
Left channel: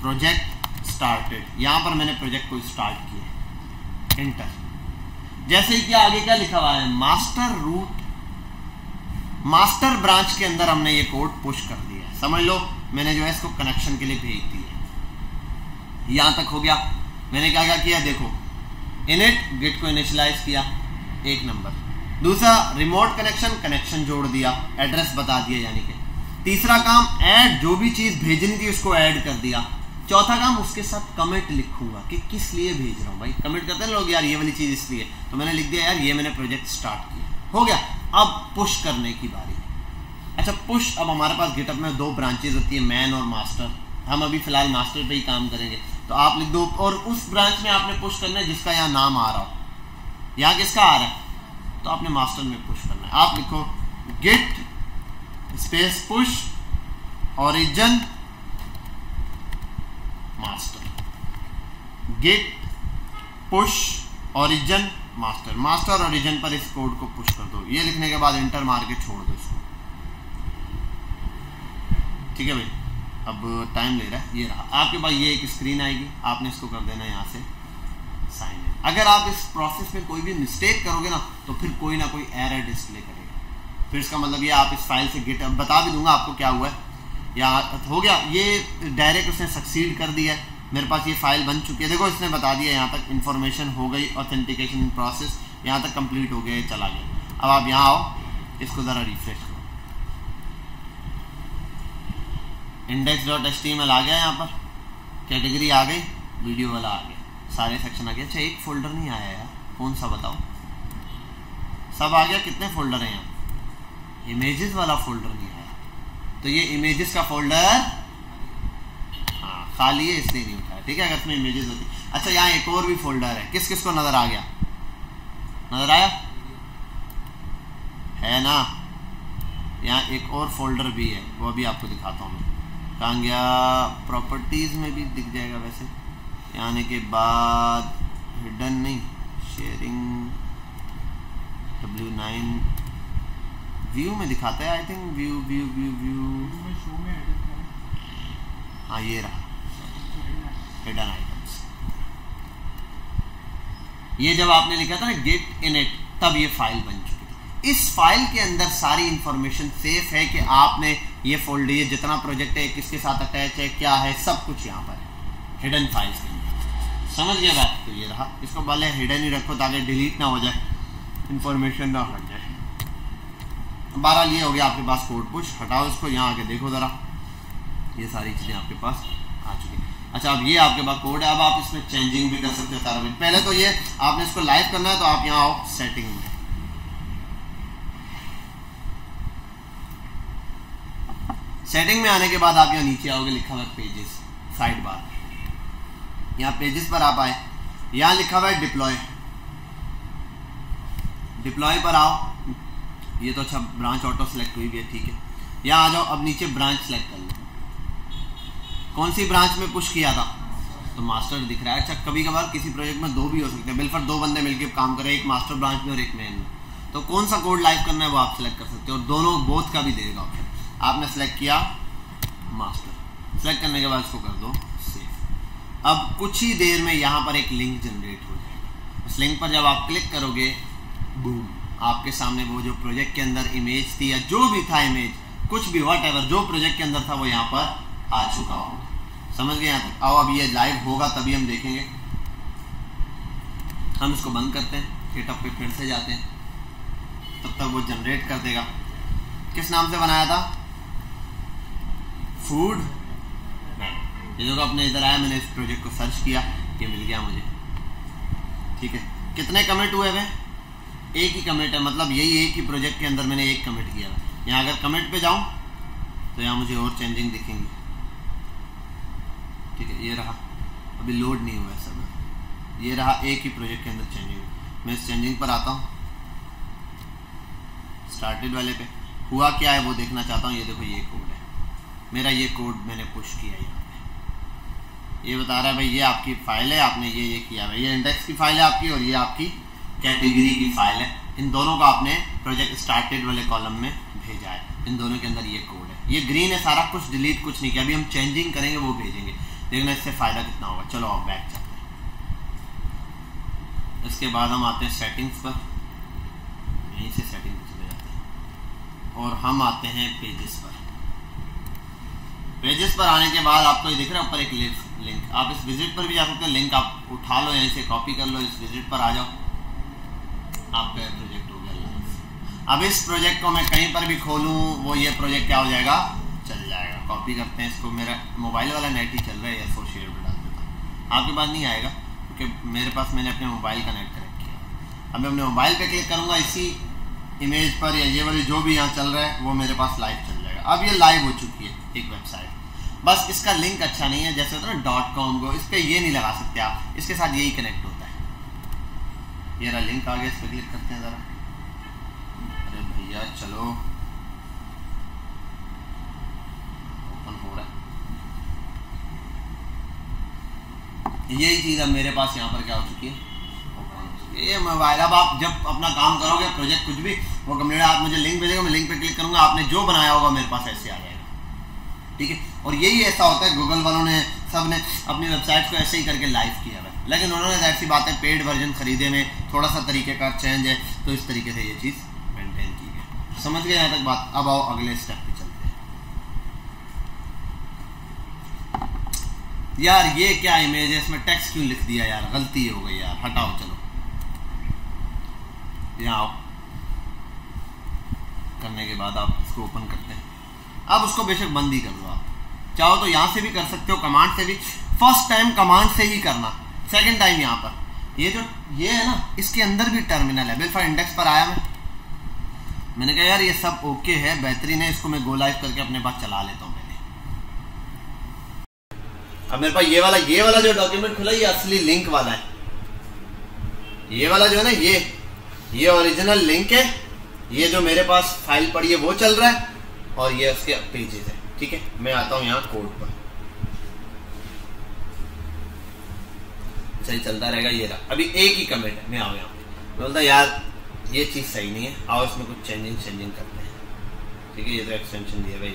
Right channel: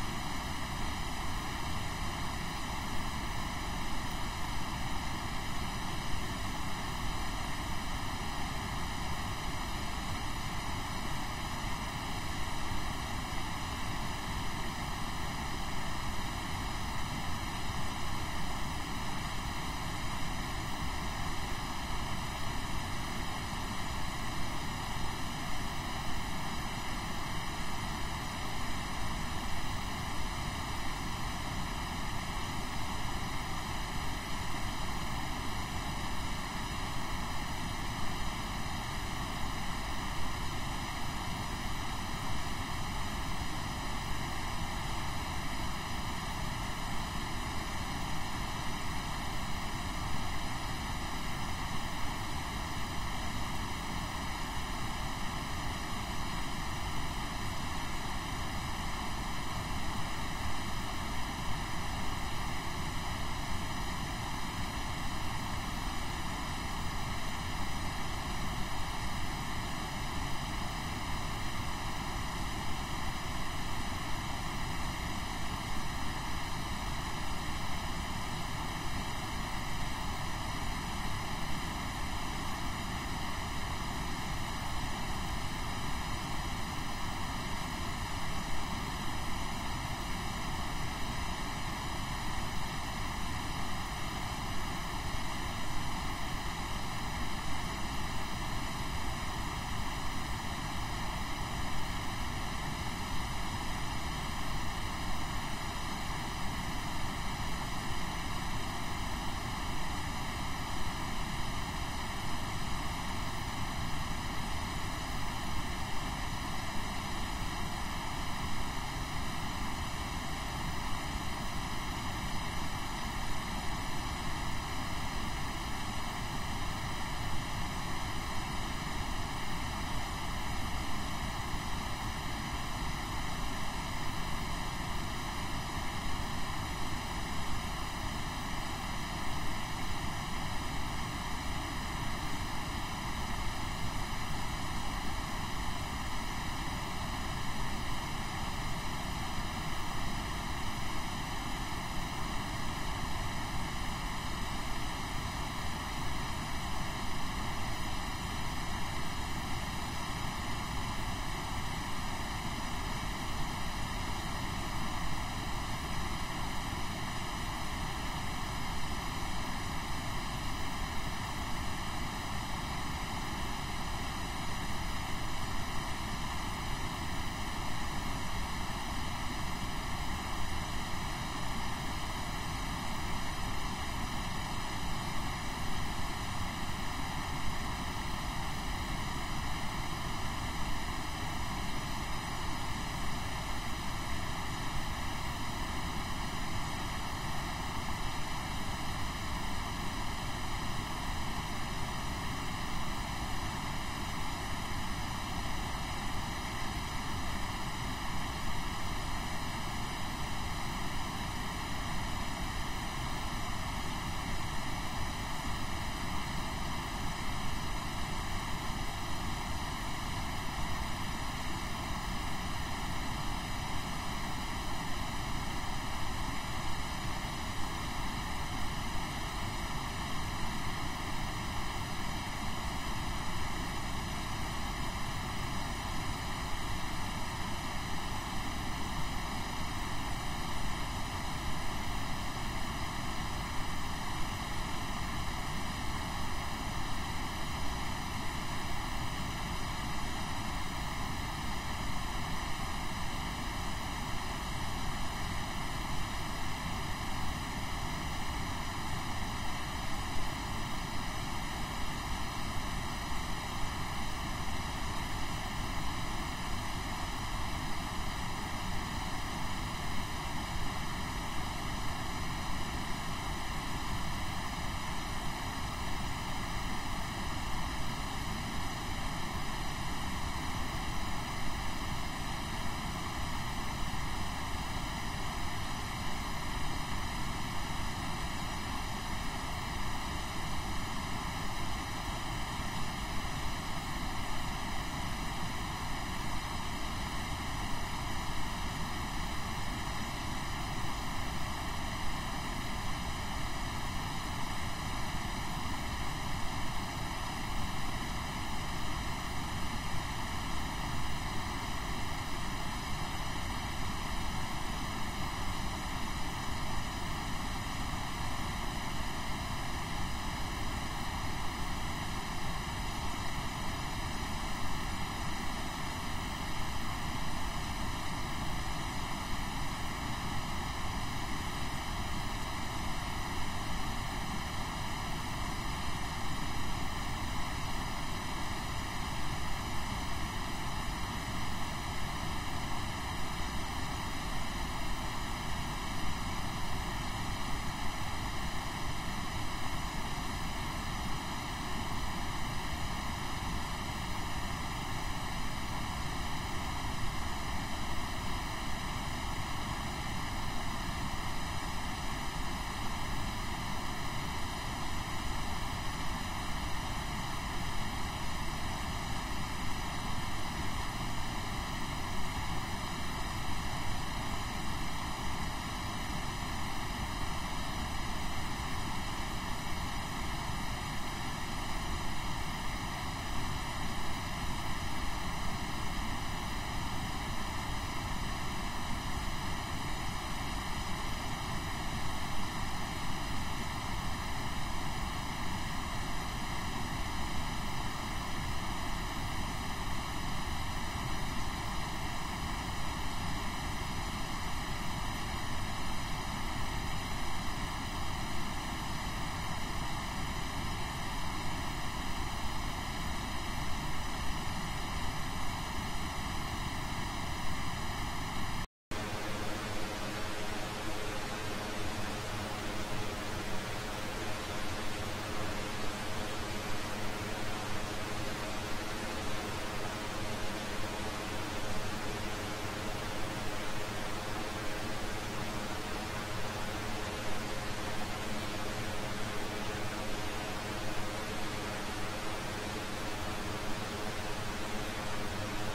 प्रोजेक्ट स्टार्टेड, यहाँ पर मैंने प्रोजेक्ट को स्टार्ट किया, इंटर। जैसे कि आगे क्या लिखा हुआ है, मास्टर रूट, मास्टर ब्रांच के अंदर हमने ये कोड पुश कर दिया। समझ लो मैंने जो है इसको कनेक्शन के लिए भेज दिया। यहाँ तक हो गया। मैंने क्या क्या किया, देखो इनिट, गेट को इनिशियलाइज किया 1 नंबर, दूसरा रिमोट कनेक्शन जोड़ दिया, एड्रेस बता दिया यानी कि। तीसरा काम ऐड, जो भी चीज़ भेजनी थी उसको ऐड कर दिया। चौथा काम उसके साथ कमेंट लिखूंगा कि किस लिए भेज रहा हूँ। भाई कमेंट करते हैं लोग, यार ये वाली चीज़ इसलिए, तो मैंने लिख दिया यार ये मैंने प्रोजेक्ट स्टार्ट किया, हो गया। अब पुश करने की बारी है। अच्छा पुश, अब हमारे पास गिटहब में 2 ब्रांचेज होती है, मैन और मास्टर। हम अभी फिलहाल मास्टर पे ही काम करेंगे, तो आप लिख दो, और उस ब्रांच में आपने पुश करना है जिसका यहाँ नाम आ रहा हो। यहाँ किसका आ रहा है, तो आपने मास्टर में पुश करना है। आप लिखो git space push origin master, git push origin master, master origin पर इस कोड को पुश कर दो। ये लिखने के बाद इंटर मार के छोड़ दो इसको। ठीक है भाई, अब टाइम ले रहा है। ये रहा आपके पास, ये एक स्क्रीन आएगी, आपने इसको कर देना यहाँ से साइन। अगर आप इस प्रोसेस में कोई भी मिस्टेक करोगे ना, तो फिर कोई ना कोई एरर डिस्प्ले करेगा। फिर इसका मतलब ये आप इस फाइल से गेट, बता भी दूंगा आपको क्या हुआ है, या हो गया ये डायरेक्ट उसने सक्सीड कर दिया है। मेरे पास ये फाइल बन चुकी है, देखो इसने बता दिया यहाँ तक इन्फॉर्मेशन हो गई, ऑथेंटिकेशन प्रोसेस यहाँ तक कंप्लीट हो गया, चला गया। अब आप यहाँ आओ, इसको ज़रा रिफ्रेश करो, index.html आ गया, यहाँ पर कैटेगरी आ गई, वीडियो वाला आ गया, सारे सेक्शन आ गए। अच्छा एक फोल्डर नहीं आया यार, कौन सा बताओ, सब आ गया। कितने फोल्डर हैं यहाँ, इमेजेस वाला फोल्डर नहीं है, तो ये इमेजेस का फोल्डर खाली है, इसलिए नहीं होता है। ठीक है, अगर इसमें इमेजेस होती। अच्छा यहाँ एक और भी फोल्डर है, किस किस को नज़र आ गया, नज़र आया है ना। यहाँ एक और फोल्डर भी है, वो भी आपको दिखाता हूँ। कहाँ गया, प्रॉपर्टीज़ में भी दिख जाएगा वैसे। यहाँ आने के बाद हिडन नहीं, शेयरिंग W9 व्यू में दिखाता है, आई थिंक व्यू। हाँ ये रहा हिडन आइटम्स। ये जब आपने लिखा था ना गेट इनिट, तब ये फाइल बन चुकी। इस फाइल के अंदर सारी इंफॉर्मेशन सेफ है कि आपने ये फोल्डर, ये जितना प्रोजेक्ट है किसके साथ अटैच है, क्या है, सब कुछ यहाँ पर हिडन फाइल्स के अंदर। समझ गया बात, तो ये रहा। इसको पहले हिडन ही रखो ताकि डिलीट ना हो जाए, इंफॉर्मेशन ना हट जाए। बहरहाल ये हो गया आपके पास कोड पुश। हटाओ इसको, यहाँ आके देखो ज़रा, ये सारी चीज़ें आपके पास आ चुकी हैं। अच्छा, अब ये आपके पास कोड है। अब आप इसमें चेंजिंग भी कर सकते हो सारा। पहले तो ये आपने इसको लाइव करना है, तो आप यहाँ आओ सेटिंग में। सेटिंग में आने के बाद आप यहाँ नीचे आओगे, लिखा हुआ है पेजेस, साइड बार। यहाँ पेजेस पर आप आए, यहाँ लिखा हुआ है डिप्लॉय। डिप्लॉय पर आओ। ये तो अच्छा ब्रांच ऑटो सेलेक्ट हुई भी है, ठीक है। यहाँ आ जाओ। अब नीचे ब्रांच सेलेक्ट कर लो। कौन सी ब्रांच में पुश किया था, तो मास्टर दिख रहा है। अच्छा, कभी कभार किसी प्रोजेक्ट में दो भी हो सकते हैं, बिल्कुल दो बंदे मिलकर काम करें, एक मास्टर ब्रांच में और एक मेन में, तो कौन सा कोड लाइव करना है वो आप सेलेक्ट कर सकते हो, और दोनों बोथ का भी देगा। आपने सेलेक्ट किया मास्टर, सेलेक्ट करने के बाद इसको कर दो सेव। अब कुछ ही देर में यहाँ पर एक लिंक जनरेट होगी। इस लिंक पर जब आप क्लिक करोगे, बूम, आपके सामने वो जो प्रोजेक्ट के अंदर इमेज थी या जो भी था इमेज, कुछ भी व्हाटएवर जो प्रोजेक्ट के अंदर था वो यहाँ पर आ चुका हो। समझ गए यहाँ तक? आओ, अब ये लाइव होगा तभी हम देखेंगे। हम इसको बंद करते हैं, गिटहब पे फिर से जाते हैं, तब तक वो जनरेट कर देगा। किस नाम से बनाया था? फूड। ये जो अपने इधर आया, मैंने इस प्रोजेक्ट को सर्च किया, ये मिल गया मुझे, ठीक है। कितने कमिट हुए हुए? एक ही कमिट है, मतलब यही एक ही प्रोजेक्ट के अंदर मैंने एक कमिट किया। यहाँ अगर कमिट पे जाऊँ तो यहाँ मुझे और चेंजिंग दिखेंगी, ठीक है। ये रहा, अभी लोड नहीं हुआ है सब। ये रहा एक ही प्रोजेक्ट के अंदर चेंजिंग। मैं इस चेंजिंग पर आता हूँ, स्टार्टेड वाले पे। हुआ क्या है वो देखना चाहता हूँ। ये देखो, ये कोड है मेरा, ये कोड मैंने पुश किया। ये बता रहा है भाई ये आपकी फाइल है, आपने ये किया है। ये इंडेक्स की फाइल है आपकी, और ये आपकी कैटेगरी की फाइल है। इन दोनों को आपने प्रोजेक्ट स्टार्टेड वाले कॉलम में भेजा है। इन दोनों के अंदर ये कोड है। ये ग्रीन है सारा कुछ, डिलीट कुछ नहीं किया। अभी हम चेंजिंग करेंगे, वो भेजेंगे, देखना इससे फ़ायदा कितना होगा। चलो आप बैठ। इसके बाद हम आते हैं सेटिंग्स पर, यहीं से सेटिंग्स, और हम आते हैं पेजेस पर। पेजेस पर आने के बाद आपको ये दिख रहा है ऊपर एक लिंक। आप इस विजिट पर भी जा सकते हैं, लिंक आप उठा लो, यहीं से कॉपी कर लो, इस विजिट पर आ जाओ, आपका प्रोजेक्ट हो जाएगा। अब इस प्रोजेक्ट को मैं कहीं पर भी खोलूँ, वो ये प्रोजेक्ट क्या हो जाएगा, चल जाएगा। कॉपी करते हैं इसको। मेरा मोबाइल वाला नेट ही चल रहा है, सोशल मीडिया आपके पास नहीं आएगा, क्योंकि मेरे पास मैंने अपने मोबाइल कनेक्ट कर रखा है। अब मैं अपने मोबाइल पे क्लिक करूँगा इसी इमेज पर, या ये वाली जो भी यहाँ चल रहा है वो मेरे पास लाइव चल जाएगा। अब ये लाइव हो चुकी है एक वेबसाइट, बस इसका लिंक अच्छा नहीं है। जैसे होता है ना .com को, इस पर ये नहीं लगा सकते आप, इसके साथ यही कनेक्ट होता है। ये रहा लिंक आ गया, इस पर क्लिक करते हैं ज़रा। भैया चलो, यही चीज़ अब मेरे पास यहाँ पर क्या हो चुकी है, ये मोबाइल। अब आप जब अपना काम करोगे, प्रोजेक्ट कुछ भी वो कंप्लीट, आप मुझे लिंक भेजेगा, मैं लिंक पे क्लिक करूँगा, आपने जो बनाया होगा मेरे पास ऐसे आ जाएगा, ठीक है। और यही ऐसा होता है, गूगल वालों ने सब ने अपनी वेबसाइट को ऐसे ही करके लाइव किया है। लेकिन उन्होंने ऐसी बात है, पेड वर्जन खरीदे में थोड़ा सा तरीके का चेंज है, तो इस तरीके से ये चीज़ मेंटेन की है। समझ गए यहाँ तक बात? अब आओ अगले स्टेप पे चलते हैं। यार ये क्या इमेज है, इसमें टेक्स्ट क्यों लिख दिया यार, गलती हो गई यार, हटाओ। चलो यहाँ आओ, करने के बाद आप उसको ओपन करते हैं। अब उसको बेशक बंद ही कर दो, आप चाहो तो यहाँ से भी कर सकते हो, कमांड से भी। फर्स्ट टाइम कमांड से ही करना, सेकंड टाइम यहाँ पर ये है ना, इसके अंदर भी टर्मिनल है। बिल्कुल इंडेक्स पर आया मैंने कहा यार ये सब ओके है, बेहतरीन है, इसको मैं गो लाइव करके अपने पास चला लेता हूँ। अब मेरे पास ये वाला जो डॉक्यूमेंट खुला, ये असली लिंक वाला है। ये वाला जो है ना, ये ओरिजिनल लिंक है। ये जो मेरे पास फाइल पड़ी है वो चल रहा है, और ये उसके पेजेस है, ठीक है। मैं आता हूँ यहाँ कोड पर, सही चलता रहेगा। ये रहा, अभी एक ही कमेंट में आओ, यहाँ बोलता यार ये चीज़ सही नहीं है, आओ इसमें कुछ चेंजिंग करनी है, ठीक है। ये तो एक्सटेंशन दिया गया,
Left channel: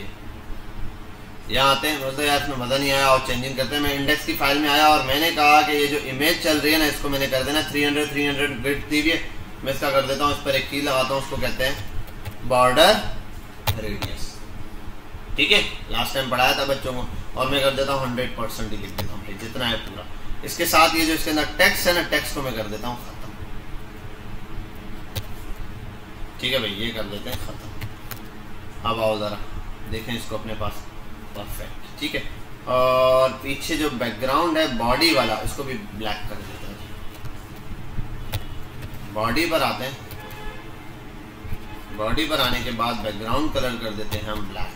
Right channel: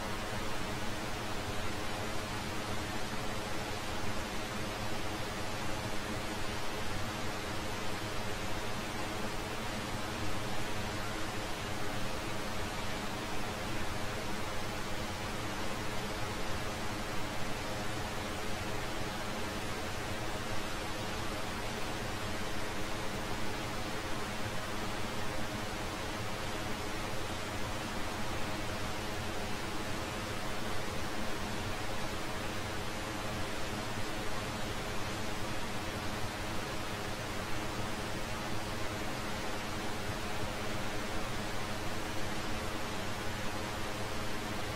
यहाँ आते हैं, बोलते यार इसमें मज़ा नहीं आया, और चेंजिंग करते हैं। मैं इंडेक्स की फाइल में आया, और मैंने कहा कि ये जो इमेज चल रही है ना, इसको मैंने कर देना 300 विड्थ दी हुई है, मैं इसका कर देता हूँ, इस पर एक की लगाता हूँ, उसको कहते हैं बॉर्डर रेडियस, ठीक है। लास्ट टाइम पढ़ाया था बच्चों को, और मैं कर देता हूँ 100% ही लिख देता हूँ, जितना है पूरा। इसके साथ ये जो इसके अंदर टेक्स्ट है ना, टेक्स्ट को मैं कर देता हूँ, ठीक है भाई, ये कर देते हैं। अब आओ ज़रा देखें इसको अपने पास, परफेक्ट, ठीक है। और पीछे जो बैकग्राउंड है बॉडी वाला उसको भी ब्लैक कर देते हैं। बॉडी पर आते हैं, बॉडी पर आने के बाद बैकग्राउंड कलर कर देते हैं हम ब्लैक।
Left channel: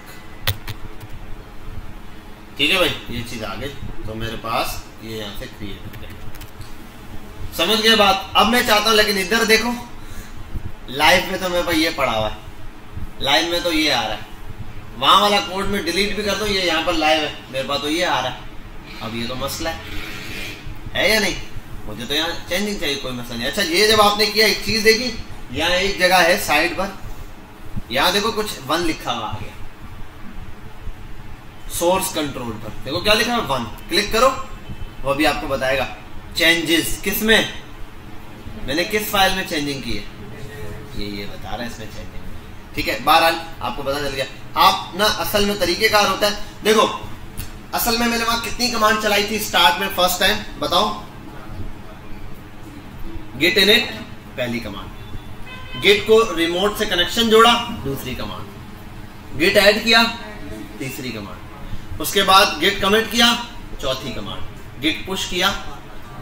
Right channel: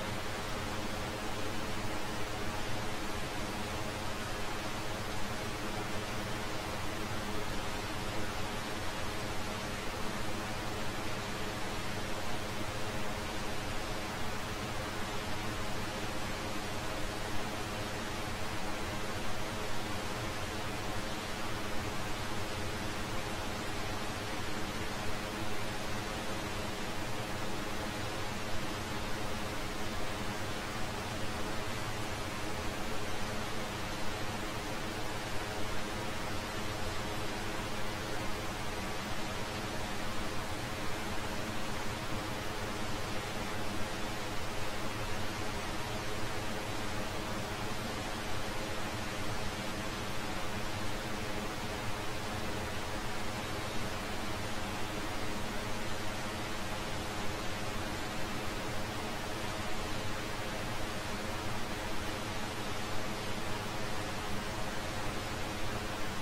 ठीक है भाई, ये चीज आ गई तो मेरे पास ये यहाँ से क्रिएट हो गया। समझ गए बात? अब मैं चाहता हूँ लेकिन इधर देखो, लाइव में तो मेरे पास ये पड़ा हुआ है, लाइव में तो ये आ रहा है, वहाँ वाला कोड में डिलीट भी कर दो, ये यहाँ पर लाइव है, मेरे पास तो ये आ रहा है। अब ये तो मसला है या नहीं? मुझे तो यहाँ चेंजिंग चाहिए, कोई मसला नहीं। अच्छा ये जब आपने किया, एक चीज़ देखी, यहाँ एक जगह है साइड पर, यहाँ देखो कुछ 1 लिखा हुआ है सोर्स कंट्रोल पर, देखो क्या लिखा है 1, क्लिक करो वो भी आपको बताएगा चेंजेस किस में, मैंने किस फाइल में चेंजिंग की है, ये बता रहा है इसमें चेंजिंग। ठीक है, बहरहाल आपको पता चल गया। आप ना असल में तरीकेकार होता है, देखो असल में मैंने वहां कितनी कमांड चलाई थी स्टार्ट में फर्स्ट टाइम, बताओ? गेट इनिट पहली कमांड, गेट को रिमोट से कनेक्शन जोड़ा दूसरी कमांड, गेट ऐड किया तीसरी कमांड, उसके बाद गेट कमिट किया चौथी कमांड, गेट पुश किया,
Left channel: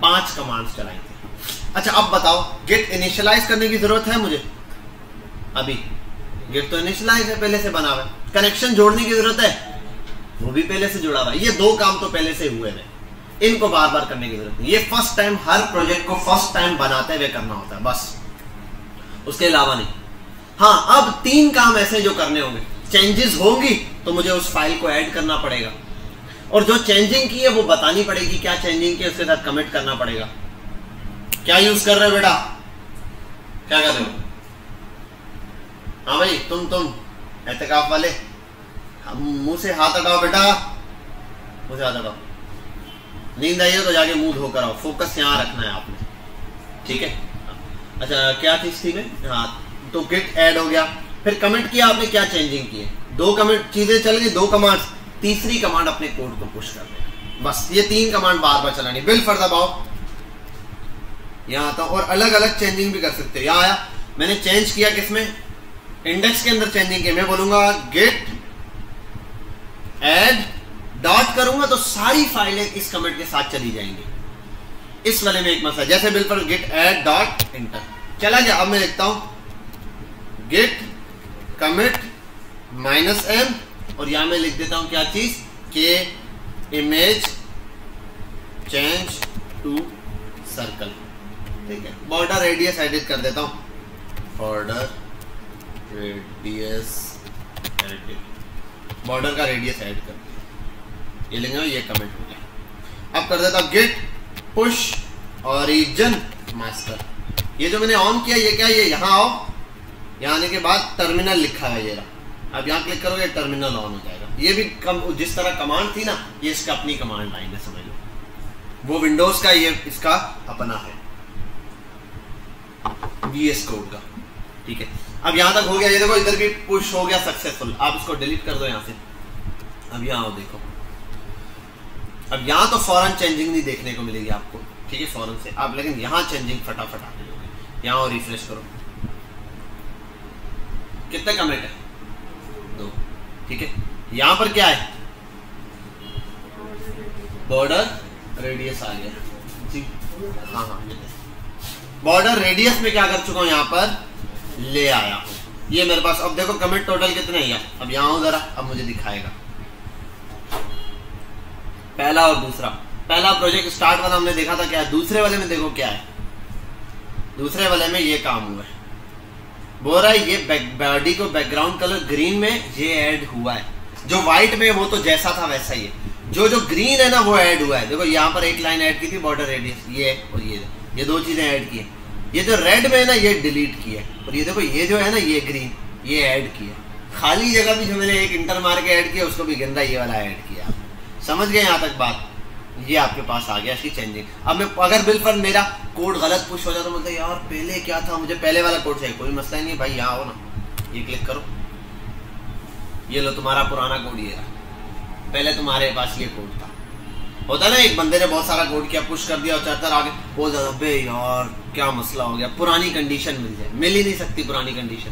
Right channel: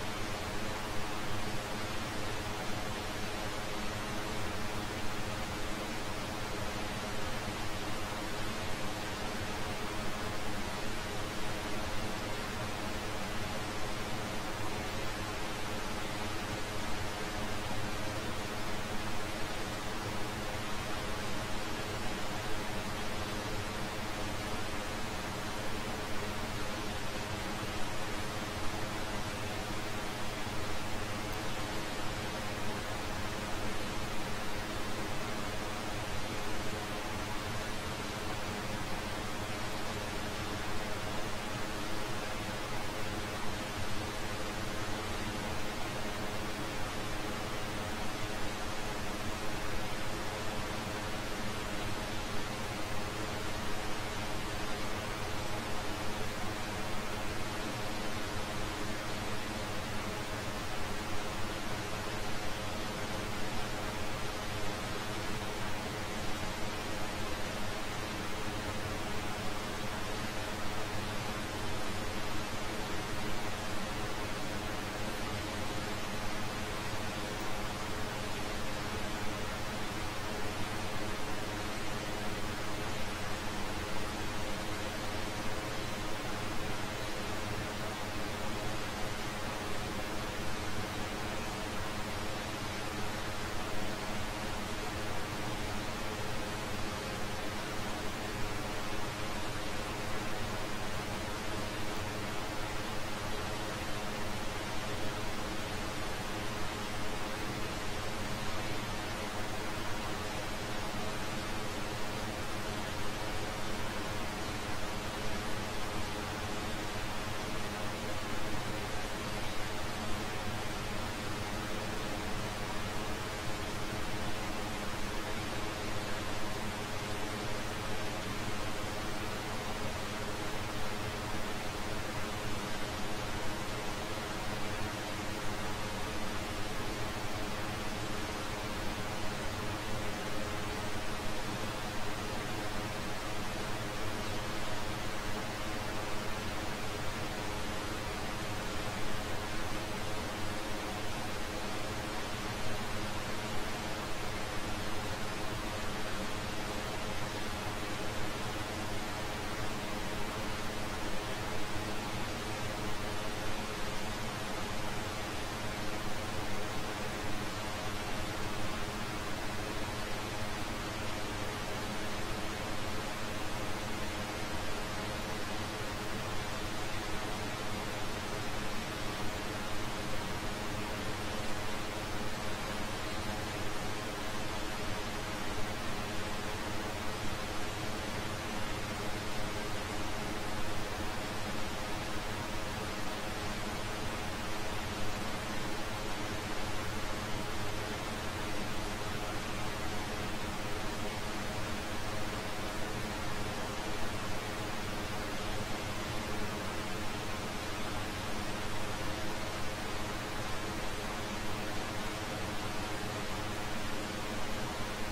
5 कमांड्स चलाई। अच्छा अब बताओ, गेट इनिशियलाइज करने की जरूरत है मुझे? अभी गेट तो इनिशियलाइज है, पहले से बना हुआ है। कनेक्शन जोड़ने की जरूरत है? वो भी पहले से जुड़ा हुआ है। ये 2 काम तो पहले से हुए हैं, इनको बार बार करने की जरूरत नहीं। ये फर्स्ट टाइम, हर प्रोजेक्ट को फर्स्ट टाइम बनाते हुए करना होता है बस, उसके अलावा नहीं। हाँ, अब 3 काम ऐसे जो करने होंगे। चेंजेस होंगी तो मुझे उस फाइल को ऐड करना पड़ेगा, और जो चेंजिंग की है वो बतानी पड़ेगी, क्या चेंजिंग की उसके साथ कमिट करना पड़ेगा। क्या यूज कर रहे हो बेटा? क्या कर रहे हो? हाँ भाई, तुम एहतिकाफ वाले, मुंह से हाथ हटाओ बेटा, मुंह से हाथ हटाओ। नींद आई हो तो जाके मुंह धोकर आओ, फोकस यहाँ रखना है आपने, ठीक है? अच्छा क्या चीज थी में? हाँ, तो गेट ऐड हो गया, फिर कमेंट किया आपने, क्या चेंजिंग की है? 2 कमेंट चीजें चल गई, 2 कमांड, तीसरी कमांड अपने कोड को पुश कर, बस ये 3 कमांड बार बार चलानी। बिल फॉर दबाओ, यहाँ आता हूँ, और अलग अलग चेंजिंग भी कर सकते हो। यहाँ आया, मैंने चेंज किया किसमें? इंडेक्स के अंदर चेंजिंग की। मैं बोलूंगा गेट ऐड डॉट करूंगा तो सारी फाइलें इस कमेंट के साथ चली जाएंगी। इस वाले में एक मसला, जैसे बिल पर गेट ऐड डॉट इंटर चला गया। अब मैं लिखता हूं गेट कमिट -m, और यहां मैं लिख देता हूं क्या चीज, के इमेज चेंज टू सर्कल। ठीक है, बॉर्डर रेडियस एडिट कर देता हूं, बॉर्डर रेडियस एडिट, बॉर्डर का रेडियस ऐड कर, ये लेंगे, ये कमेंट हो गया। अब कर देता हूं गेट पुश ओरिजिन मास्टर। ये जो मैंने ऑन किया, ये क्या, ये यहाँ आओ, यहाँ आने के बाद टर्मिनल लिखा है ये रहा। अब यहाँ क्लिक करोगे टर्मिनल ऑन हो जाएगा। ये भी जिस तरह कमांड थी ना, ये इसका अपनी कमांड लाइन है, समझ लो। वो विंडोज का, ये इसका अपना है VS कोड का। ठीक है, अब यहाँ तक हो गया। ये देखो इधर भी पुश हो गया सक्सेसफुल। आप इसको डिलीट कर दो यहाँ से। अब यहाँ देखो, अब यहाँ तो फौरन चेंजिंग नहीं देखने को मिलेगी आपको, ठीक है, फौरन से आप, लेकिन यहाँ चेंजिंग फटाफट आ गई। यहाँ और रिफ्रेश करो, कितने कमेंट है? 2। ठीक है, यहाँ पर क्या है, बॉर्डर रेडियस आ गया। हाँ, बॉर्डर रेडियस में क्या कर चुका हूँ, यहाँ पर ले आया ये मेरे पास। अब देखो कमिट टोटल कितने हैं। अब यहाँ हूँ जरा, अब मुझे दिखाएगा पहला और दूसरा। पहला प्रोजेक्ट स्टार्ट वाला हमने देखा था क्या है, दूसरे वाले में देखो क्या है। दूसरे वाले में ये काम हुआ है, बोल रहा है ये बॉडी को बैकग्राउंड कलर ग्रीन में ये ऐड हुआ है। जो व्हाइट में वो तो जैसा था वैसा ही है, जो ग्रीन है ना वो ऐड हुआ है। देखो यहाँ पर एक लाइन ऐड की थी, बॉर्डर रेडियस, ये और ये 2 चीजें ऐड की है। ये जो रेड में है ना ये डिलीट किया, और ये देखो ये जो है ना ये ग्रीन, ये ऐड किया। खाली जगह भी जो मैंने एक इंटर मार के ऐड किया, उसको भी गंदा ये वाला ऐड किया। समझ गए यहाँ तक बात? ये आपके पास आ गया इसकी चेंजिंग। अब मैं अगर बिल पर मेरा कोड गलत पुश हो जाता तो मुझे यार पहले क्या था, मुझे पहले वाला कोड चाहिए। कोई मसला ही नहीं भाई, यहाँ आओ ना, ये क्लिक करो, ये लो तुम्हारा पुराना कोड। ये पहले तुम्हारे पास ये कोड था, होता ना एक बंदे ने बहुत सारा कोड किया, पुश कर दिया और चाहता आगे बहुत ज्यादा, बे यार क्या मसला हो गया, पुरानी कंडीशन मिल जाए, मिल ही नहीं सकती पुरानी कंडीशन।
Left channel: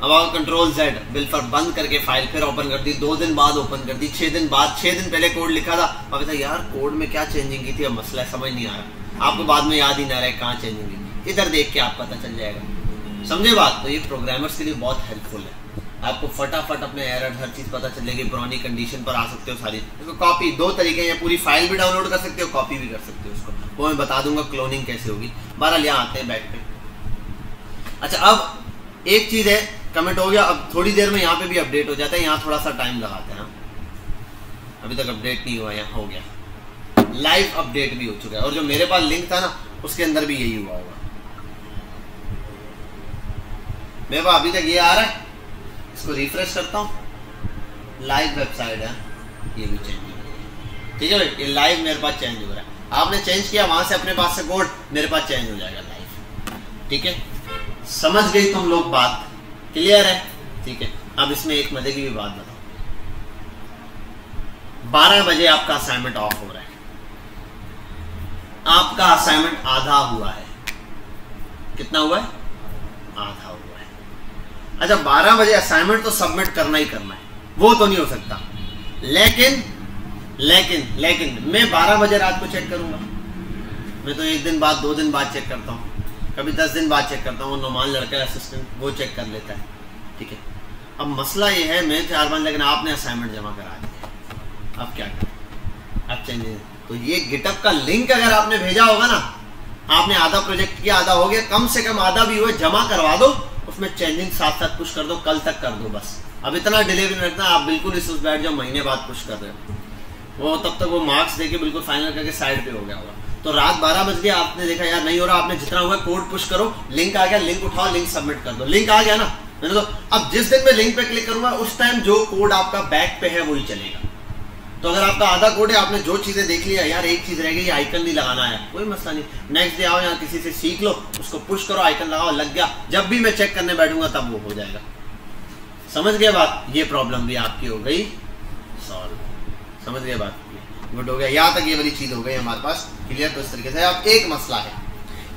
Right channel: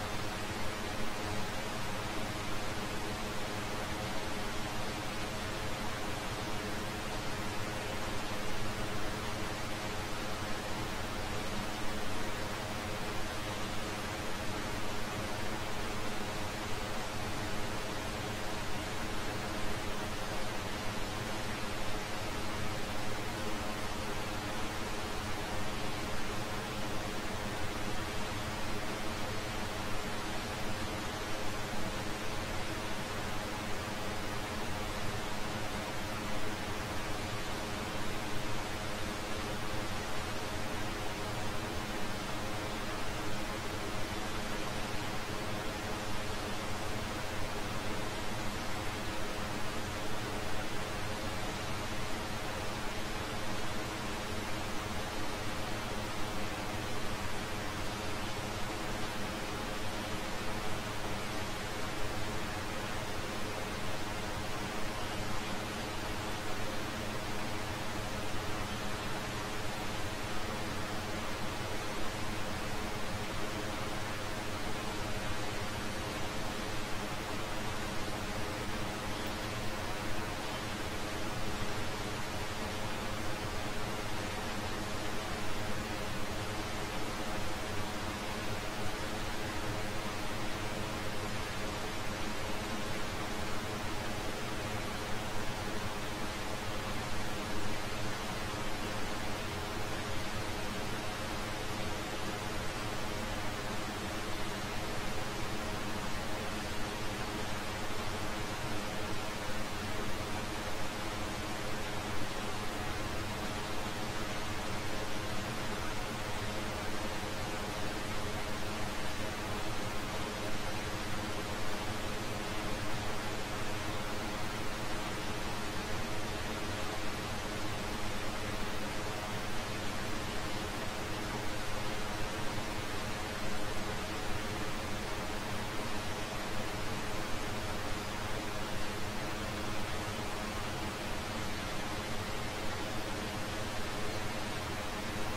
अब आप कंट्रोल Z बिल पर बंद करके फाइल फिर ओपन कर दी, 2 दिन बाद ओपन कर दी, 6 दिन बाद, 6 दिन पहले कोड लिखा था, अब था यार कोड में क्या चेंजिंग की थी, अब मसला समझ नहीं आ रहा, आपको बाद में याद ही ना रहे कहाँ चेंजिंग की, इधर देख के आप पता चल जाएगा। समझे बात? तो ये प्रोग्रामर्स के लिए बहुत हेल्पफुल है, आपको फटाफट अपने एरर हर चीज़ पता चलेगी, पुरानी कंडीशन पर आ सकते हो सारी। तो कॉपी 2 तरीके हैं, पूरी फाइल भी डाउनलोड कर सकते हो, कॉपी भी कर सकते हो उसको, वो मैं बता दूंगा क्लोनिंग कैसे होगी। बहरहाल यहाँ आते हैं बैक पे। अच्छा, अब एक चीज़ है, कमेंट हो गया, अब थोड़ी देर में यहाँ पे भी अपडेट हो जाता है, यहाँ थोड़ा सा टाइम लगाते हैं, अभी तक अपडेट नहीं हुआ, यहाँ हो गया, लाइव अपडेट भी हो चुका है, और जो मेरे पास लिंक था ना उसके अंदर भी यही हुआ होगा। मेरे पास अभी तक ये आ रहा है, इसको रिफ्रेश करता हूँ, लाइव वेबसाइट है, ये भी चेंज हो गया, ठीक है भाई, ये लाइव मेरे पास चेंज हो रहा है, आपने चेंज किया वहाँ से अपने पास से कोड मेरे पास चेंज हो जाएगा लाइव, ठीक है। समझ गई तुम लोग बात? क्लियर है? ठीक है। अब इसमें एक मजे की भी बात है, 12 बजे आपका असाइनमेंट ऑफ हो रहा है, आपका असाइनमेंट आधा हुआ है, कितना हुआ है? आधा हुआ है। अच्छा, 12 बजे असाइनमेंट तो सबमिट करना ही करना है, वो तो नहीं हो सकता, लेकिन मैं 12 बजे रात को चेक करूंगा, मैं तो 1 दिन बाद 2 दिन बाद चेक करता हूँ, कभी 10 दिन बाद चेक करता हूँ, वो नोमान लड़का असिस्टेंट वो चेक कर लेता है, ठीक है। अब मसला ये है, मैं 4 बार, लेकिन आपने असाइनमेंट जमा करा दिया, अब क्या करें? अब चेंज तो ये गिटअप का लिंक अगर आपने भेजा होगा ना, आपने आधा प्रोजेक्ट किया, आधा हो गया, कम से कम आधा भी हुए, जमा करवा दो, उसमें चेंजिंग साथ साथ पुश कर दो, कल तक कर दो बस। अब इतना डिले भी नहीं रखना, आप बिल्कुल इस बैठ जाओ, महीने बाद पुश कर रहे हो, वो तब तक वो मार्क्स देके बिल्कुल फाइनल करके साइड पे हो गया होगा। तो रात 12 बज गया, आपने देखा यार नहीं हो रहा, आपने जितना हुआ कोड पुश करो, लिंक आ गया, लिंक उठाओ, लिंक सबमिट कर दो, लिंक आ गया ना, मैंने तो अब जिस दिन मैं लिंक पे क्लिक करूंगा उस टाइम जो कोड आपका बैक पे है वही चलेगा। तो अगर आपका आधा कोड है, आपने जो चीज़ें देख लिया, यार एक चीज़ रह गई, ये आइकन नहीं लगाना है, कोई मसला नहीं, नेक्स्ट डे आओ, यहाँ किसी से सीख लो, उसको पुश करो, आइकन लगाओ, लग गया, जब भी मैं चेक करने बैठूंगा तब वो हो जाएगा। समझ गए बात? ये प्रॉब्लम भी आपकी हो गई सॉल्व, समझ गए बात? गुड हो गया, यहाँ तक ये वाली चीज़ हो गई हमारे पास क्लियर। तो इस तरीके से अब एक मसला है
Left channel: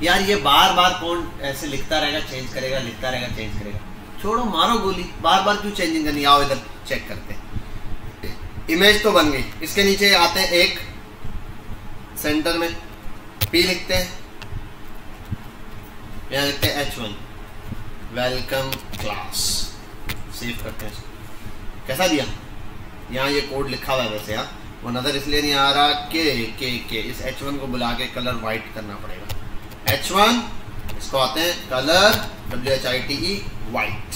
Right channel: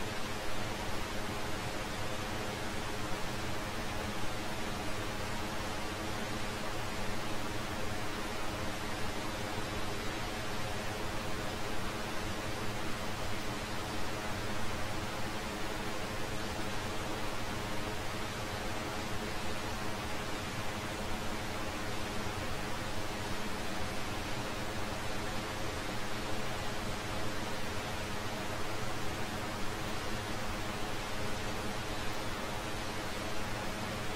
यार, ये बार बार कौन ऐसे लिखता रहेगा, चेंज करेगा, लिखता रहेगा, चेंज करेगा, छोड़ो, मारो गोली, बार बार क्यों चेंजिंग करनी। आओ इधर चेक करते हैं, इमेज तो बन गई, इसके नीचे आते हैं, एक सेंटर में पी लिखते हैं, यहाँ लिखते हैं H1 वेलकम क्लास, सेव करते हैं, कैसा दिया, यहाँ ये कोड लिखा हुआ है वैसे, यहाँ वो नज़र इसलिए नहीं आ रहा के इस H1 को बुला के कलर वाइट करना पड़ेगा, H1 इसको आते हैं colour WHITE white,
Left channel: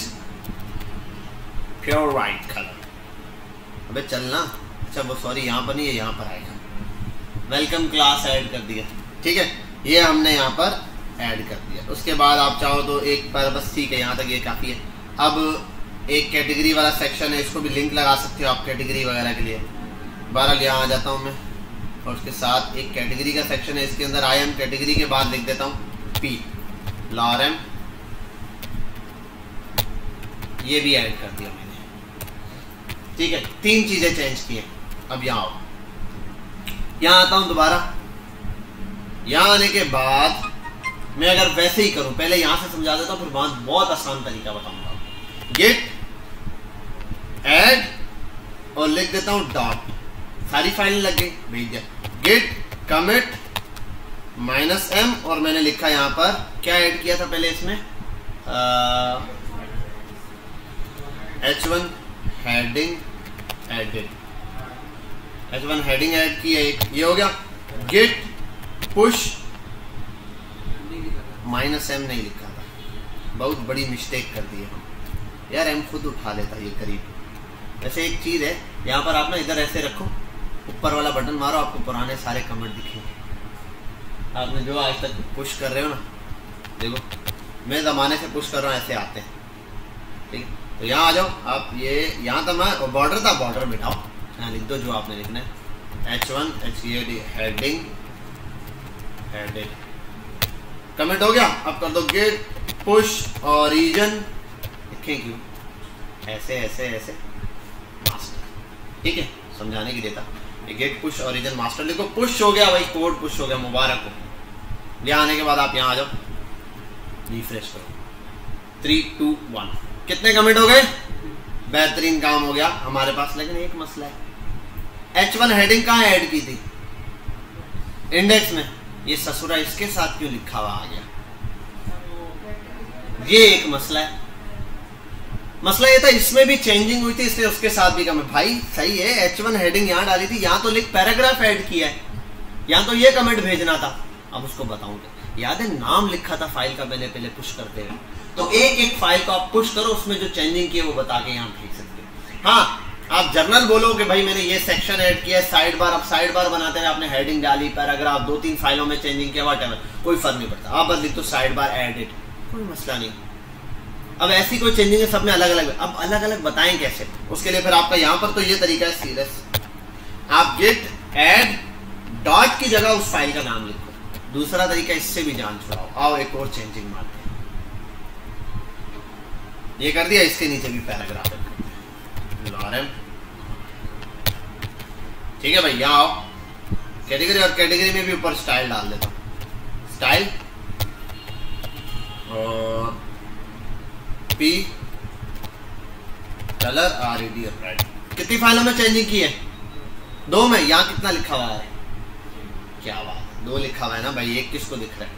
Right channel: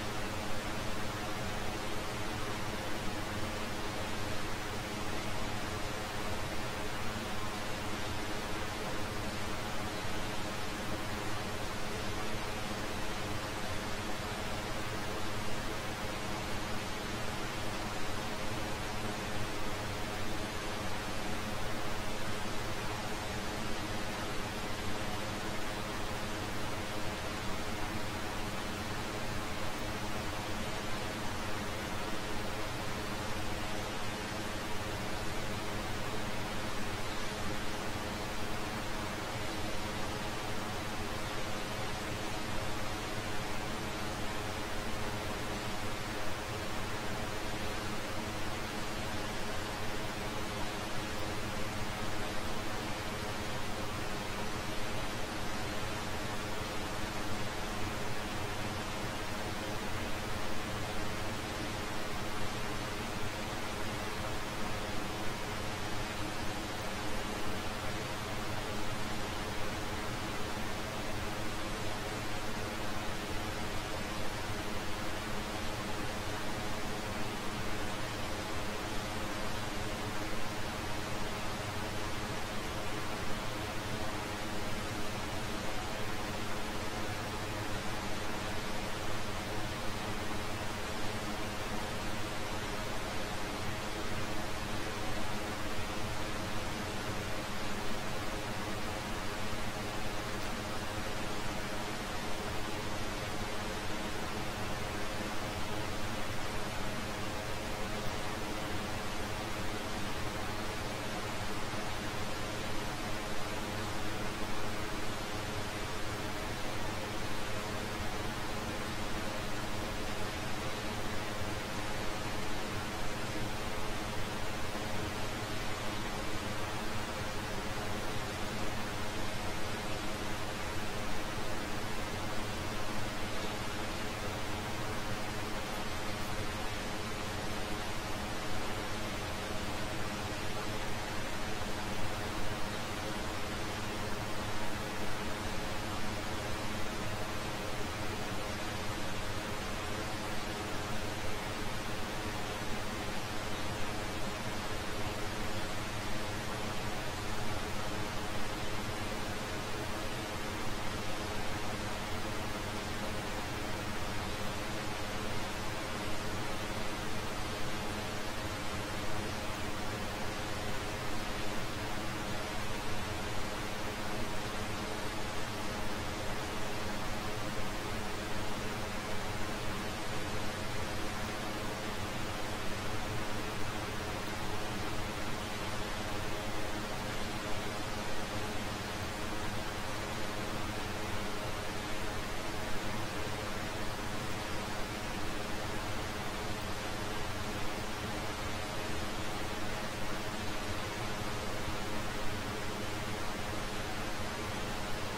pure white colour, अबे चलना, अच्छा वो सॉरी यहाँ पर नहीं है, यहाँ पर आएगा, वेलकम क्लास ऐड कर दिया, ठीक है, ये हमने यहाँ पर ऐड कर दिया। उसके बाद आप चाहो तो एक बार बस, ठीक है, यहाँ तक ये काफ़ी है। अब एक कैटेगरी वाला सेक्शन है, इसको भी लिंक लगा सकते हो आप कैटेगरी वगैरह के लिए। बहरहाल यहाँ आ जाता हूँ मैं, और उसके साथ एक कैटेगरी का सेक्शन है, इसके अंदर आई एम कैटेगरी के बाद लिख देता हूँ पी लॉरम, ये भी ऐड कर दिया मैंने, ठीक है। 3 चीज़ें चेंज की हैं। अब यहाँ आओ, यहाँ आता हूँ दोबारा, यहाँ आने के बाद मैं अगर वैसे ही करूँ, पहले यहाँ से समझा देता हूँ, फिर बहुत आसान तरीका बताऊँगा, गेट ऐड और लिख देता हूँ डॉट, सारी फाइलें लग गई, भेज दिया, गेट कमिट -m, और मैंने लिखा यहाँ पर क्या ऐड किया था पहले इसमें, H1 heading added, H1 heading add की है, ये हो गया। गेट पुश -m नहीं लिखा, बहुत बड़ी मिस्टेक कर दी है यार, m खुद उठा लेता ये करीब। जैसे एक चीज़ है, यहाँ पर आप ना इधर ऐसे रखो, ऊपर वाला बटन मारो, आपको पुराने सारे कमेंट दिखे, आपने जो आज तक पुश कर रहे हो ना, देखो मैं ज़माने से पुश कर रहा हूँ, ऐसे आते हैं, ठीक। तो यहाँ आ जाओ आप, ये यहाँ था मैं बॉर्डर था, बॉर्डर मिटाओ, यहाँ लिख दो जो आपने लिखना है, H1 हेडिंग एडेड, कमेंट हो गया। अब कर दो गेट पुश ओरिजिन, लिखेंगे ऐसे ऐसे ऐसे मास्टर, ठीक है, समझाने की देता, गेट पुश ओरिजिन मास्टर लिखो, पुश हो गया भाई, कोड पुश हो गया, मुबारक हो। यहाँ आने के बाद आप यहाँ आ जाओ, रिफ्रेश करो, 3 2 1, कितने कमिट हो गए? बेहतरीन काम हो गया हमारे पास। लेकिन एक मसला है, H1 हेडिंग कहाँ ऐड की थी? इंडेक्स में। ये ससुरा इसके साथ क्यों लिखा हुआ आ गया? ये एक मसला है। मसला ये था इसमें भी चेंजिंग हुई थी, इसलिए उसके साथ भी कमिट। भाई सही है, H1 हेडिंग यहाँ डाली थी, यहाँ तो लिख पैराग्राफ ऐड किया है, यहाँ तो ये कमेंट भेजना था। अब उसको बताऊंगा। याद है नाम लिखा था फाइल का मैंने पहले पुश करते हैं, तो एक एक फाइल को आप पुश करो, उसमें जो चेंजिंग की है वो बता के यहाँ भेज सकते। हाँ, आप जर्नल बोलो कि भाई मैंने ये सेक्शन ऐड किया है, साइड बार। अब साइड बार बनाते हैं, आपने हेडिंग डाली, पैराग्राफ, 2-3 फाइलों में चेंजिंग किया, व्हाटएवर, कोई फर्क नहीं पड़ता। आप बस लिख तो साइड बार एडेड, कोई मसला नहीं। अब ऐसी कोई चेंजिंग है सब में अलग अलग। अब अलग अलग बताएं कैसे? उसके लिए फिर आपका यहाँ पर तो ये तरीका है सीरियस, आप गेट ऐड डॉट की जगह उस फाइल का नाम लिखो। दूसरा तरीका इससे भी जान छुड़ाओ। आओ एक और चेंजिंग मार, ये कर दिया, इसके नीचे भी पैराग्राफ है। ठीक है भाई, यहाँ आओ कैटेगरी, और कैटेगरी में भी ऊपर स्टाइल डाल देता हूँ। स्टाइल और पी कलर RED रेड। कितनी फाइलों में चेंजिंग की है? 2 में। यहाँ कितना लिखा हुआ है? क्या बात, 2 लिखा हुआ है ना भाई, एक किसको दिख रहा है?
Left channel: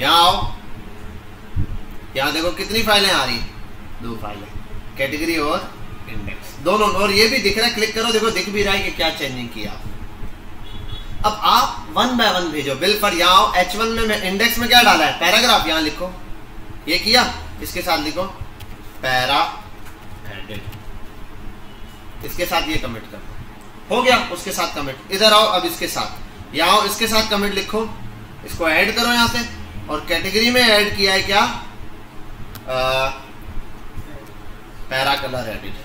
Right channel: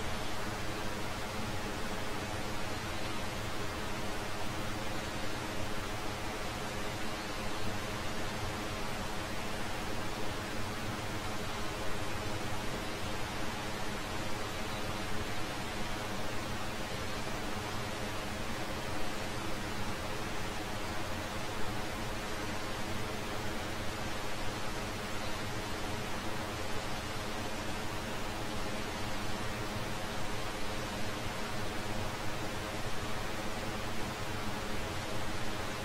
यहाँ आओ, यहाँ देखो कितनी फाइलें आ रही, 2 फाइलें, कैटेगरी और इंडेक्स दोनों। और ये भी दिख रहा है, क्लिक करो, देखो दिख भी रहा है कि क्या चेंजिंग किया। अब आप 1 बाय 1 भेजो। बिल पर यहाँ आओ, H1 में इंडेक्स में क्या डाला है? पैराग्राफ। यहाँ लिखो, ये किया, इसके साथ लिखो पैरा, इसके साथ ये कमिट करो, हो गया। उसके साथ कमिट। इधर आओ, अब इसके साथ, यहाँ आओ, इसके साथ कमिट लिखो, इसको ऐड करो यहाँ से। और कैटेगरी में ऐड किया है क्या? Para colour edit,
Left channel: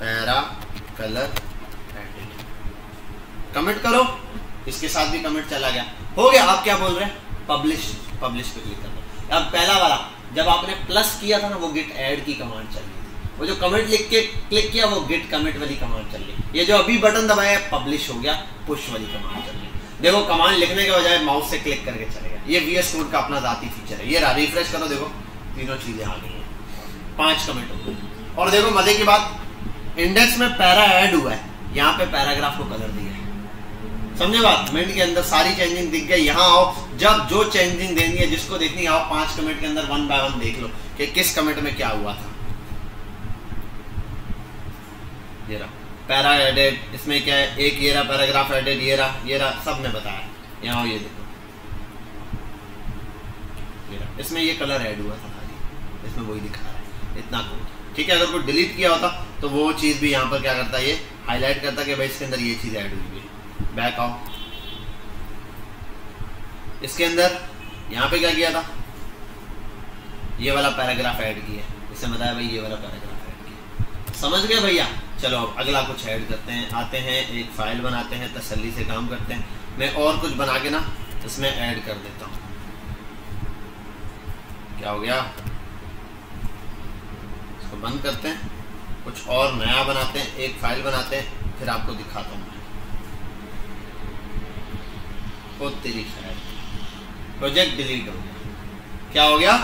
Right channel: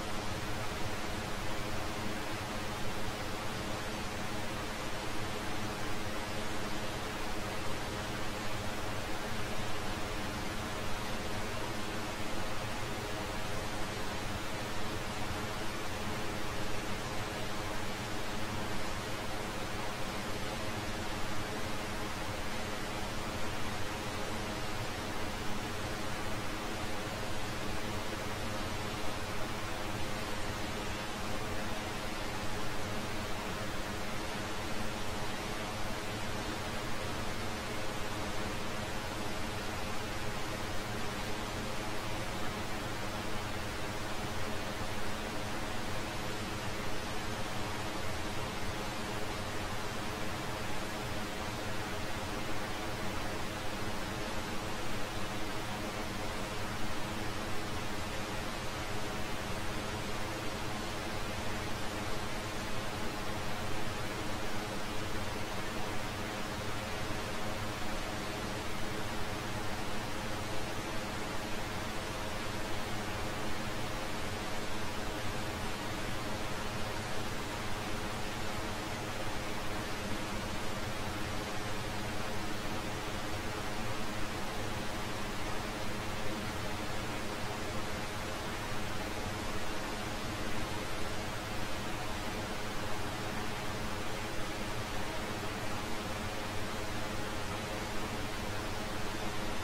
para colour edit, commit करो, इसके साथ भी कमिट चला गया, हो गया। आप क्या बोल रहे हैं? पब्लिश। पब्लिश पे क्लिक करो। अब पहला वाला जब आपने प्लस किया था ना, वो गेट ऐड की कमांड चल रही, वो जो कमिट लिख के क्लिक किया वो गेट कमिट वाली कमांड चल रही। ये जो अभी बटन दबाया पब्लिश हो गया, पुश वाली कमांड चल रही। देखो कमांड लिखने के बजाय माउस से क्लिक करके चलेगा। ये VS कोड का अपना जाती फीचर है। ये रिफ्रेश करो, देखो तीनों चीजें आ गई, 5 कमिट हो गई। और देखो मजे की बात, इंडेक्स में पैरा ऐड हुआ है, यहाँ पे पैराग्राफ को कलर दिया है। समझे बात? मिनट के अंदर सारी चेंजिंग दिख गई। यहाँ आओ, जब जो चेंजिंग देनी है, जिसको देखनी आओ, 5 कमिट के अंदर 1 बाय 1 देख लो कि किस कमिट में क्या हुआ था। ये रहा पैरा एडेड, इसमें क्या है? एक ये रहा पैराग्राफ एडेड, ये रहा सब ने बताया। यहाँ आओ, ये देखो, इसमें ये कलर ऐड हुआ था, इसमें वही दिखा इतना कोड। ठीक है, अगर कोई डिलीट किया होता तो वो चीज़ भी यहाँ पर क्या करता है, ये हाईलाइट करता कि भाई इसके अंदर ये चीज़ ऐड हुई है। बैक आओ, इसके अंदर यहाँ पे क्या किया था? ये वाला पैराग्राफ ऐड किया, इससे बताया भाई ये वाला पैराग्राफ। समझ गए भैया? चलो अगला कुछ ऐड करते हैं। आते हैं, एक फाइल बनाते हैं, तसल्ली से काम करते हैं। मैं और कुछ बना के ना इसमें ऐड कर देता हूँ। क्या हो गया? इसको बंद करते हैं, कुछ और नया बनाते हैं, एक फाइल बनाते हैं, फिर आपको दिखाता हूँ। बहुत तेरी फाइल, प्रोजेक्ट डिलीट हो। क्या हो गया?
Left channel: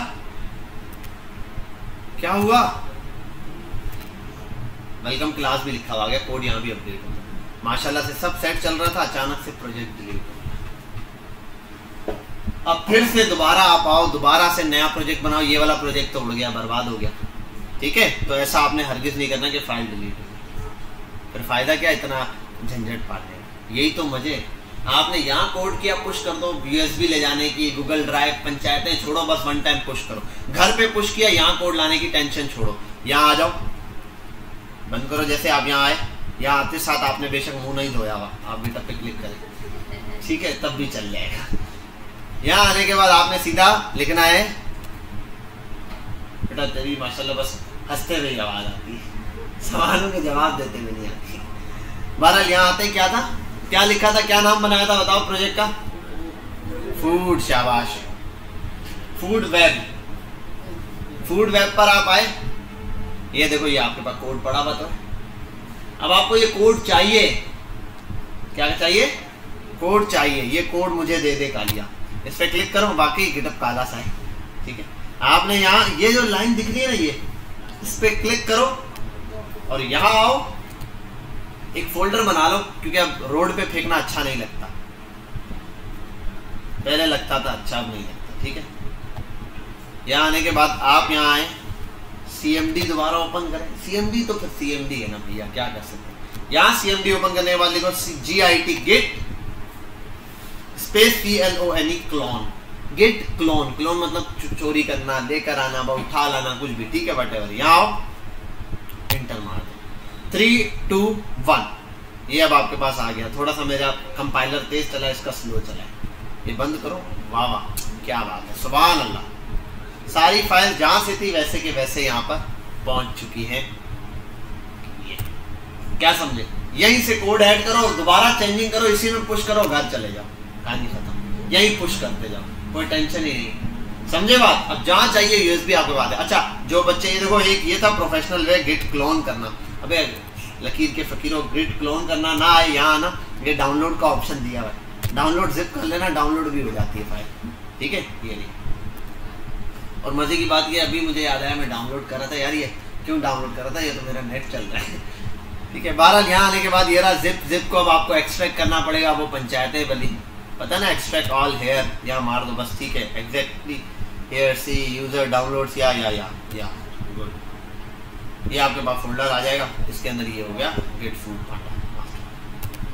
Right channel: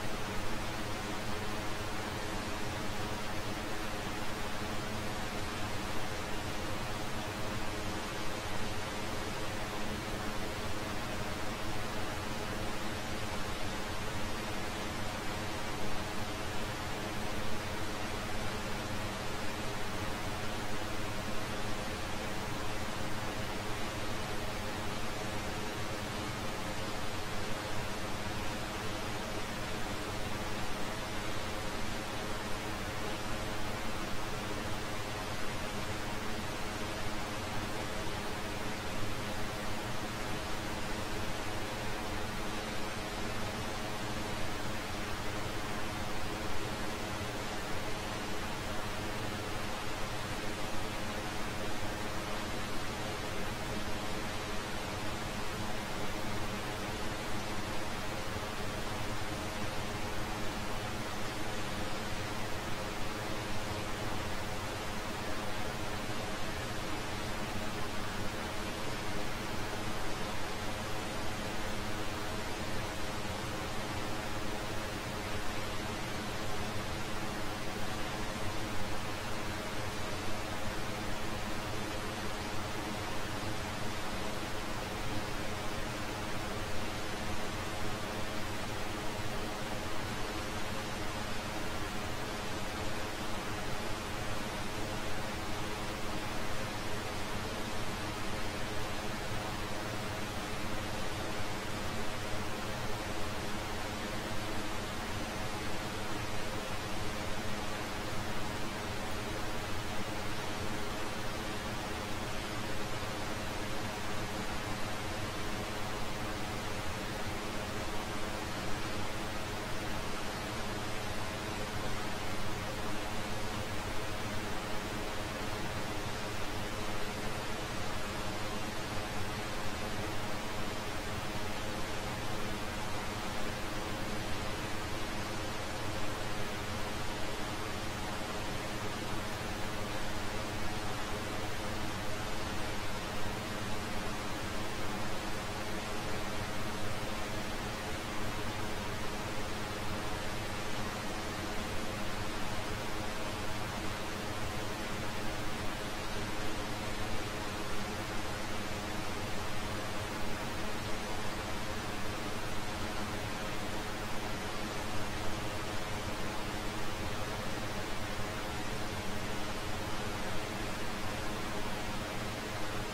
क्या हुआ? वेलकम क्लास भी लिखा हुआ गया, कोड यहाँ भी अपडेट। माशाल्लाह से सब सेट चल रहा था, अचानक से प्रोजेक्ट डिलीट हो। अब फिर से दोबारा आप आओ, दोबारा से नया प्रोजेक्ट बनाओ। ये वाला प्रोजेक्ट तो उड़ गया, बर्बाद हो गया। ठीक है, तो ऐसा आपने हरगिज नहीं करना कि फाइल डिलीट हो। फिर फायदा क्या, इतना झंझट पाते हैं। यही तो मजे। आपने यहाँ कोड किया, पुश कर दो। USB ले जाने की, गूगल ड्राइव, पंचायतें छोड़ो, बस 1 टाइम पुश करो। घर पे पुश किया, यहाँ कोड लाने की टेंशन छोड़ो। यहाँ आ जाओ, बंद करो। जैसे आप यहाँ आए, यहाँ आते साथ आपने बेशक मुंह नहीं धोया हुआ, आप गिटअप पे क्लिक करें, ठीक है, तब भी चल जाएगा। यहाँ आने के बाद आपने सीधा लिखना है, बेटा तेरी माशाल्लाह बस हंसते हुए आवाज आती है, सवालों के जवाब देते हुए नहीं आती। बहरहाल यहाँ आते क्या था, क्या लिखा था, क्या नाम बनाया था, बताओ प्रोजेक्ट का? फूड। शाबाश, फूड वेब। फूड वेब पर आप आए, ये देखो ये आपके पास कोड पड़ा हुआ। तो अब आपको ये कोड चाहिए, क्या चाहिए? कोड चाहिए। ये कोड मुझे दे दे कालिया, इस पर क्लिक करो, बाकी गिटअप काला सा है। ठीक है, आपने यहाँ ये जो लाइन दिख रही है ना, ये इस पे क्लिक करो और यहाँ आओ, एक फोल्डर बना लो, क्योंकि अब रोड पे फेंकना अच्छा नहीं लगता, पहले लगता था, अच्छा अब नहीं लगता, ठीक है। यहाँ आने के बाद आप यहाँ आए, CMD दोबारा ओपन करें, CMD तो फिर CMD है ना भैया, क्या कर सकते हैं। यहाँ CMD ओपन करने के बाद लिखो GIT git space CLONE clone, git clone, clone मतलब चोरी करना, लेकर आना, उठा लाना, कुछ भी, ठीक है, वटेवर। यहाँ आओ, एंटर मार, 3 2 1, ये अब आपके पास आ गया। थोड़ा सा मेरा कंपाइलर तेज चला, इसका स्लो चला, ये बंद करो। वाह वाह, क्या बात है, सुभान अल्लाह। सारी फाइल जहाँ से थी वैसे के वैसे यहाँ पर पहुँच चुकी है। क्या समझे, यहीं से कोड ऐड करो और दोबारा चेंजिंग करो, इसी में पुश करो, घर चले जाओ, कहानी खत्म, यही पुश करते जाओ, कोई टेंशन ही नहीं, समझे बात। अब जहाँ चाहिए USB आपके पास है। अच्छा, जो बच्चे, ये देखो, एक ये था प्रोफेशनल वे गिट क्लोन करना। अबे लकीर के फकीरों, गिट क्लोन करना ना आए, यहाँ ना ये डाउनलोड का ऑप्शन दिया है, डाउनलोड जिप कर लेना, डाउनलोड भी हो जाती है फाइल, ठीक है। ये नहीं, और मजे की बात ये, अभी मुझे याद आया, मैं डाउनलोड कर रहा था यार, ये क्यों डाउनलोड कर रहा था, ये तो मेरा नेट चल रहा है, ठीक है। 12 यहाँ आने के बाद ये रहा जिप को अब आपको एक्सट्रैक्ट करना पड़ेगा, वो पंचायतें बली, पता ना, एक्सट्रैक्ट ऑल हेयर, यहाँ मार दो बस, ठीक है, एग्जैक्टली हेयर सी यूजर डाउनलोड्स, या ये आपके पास फोल्डर आ जाएगा, इसके अंदर ये हो गया गिट फूड,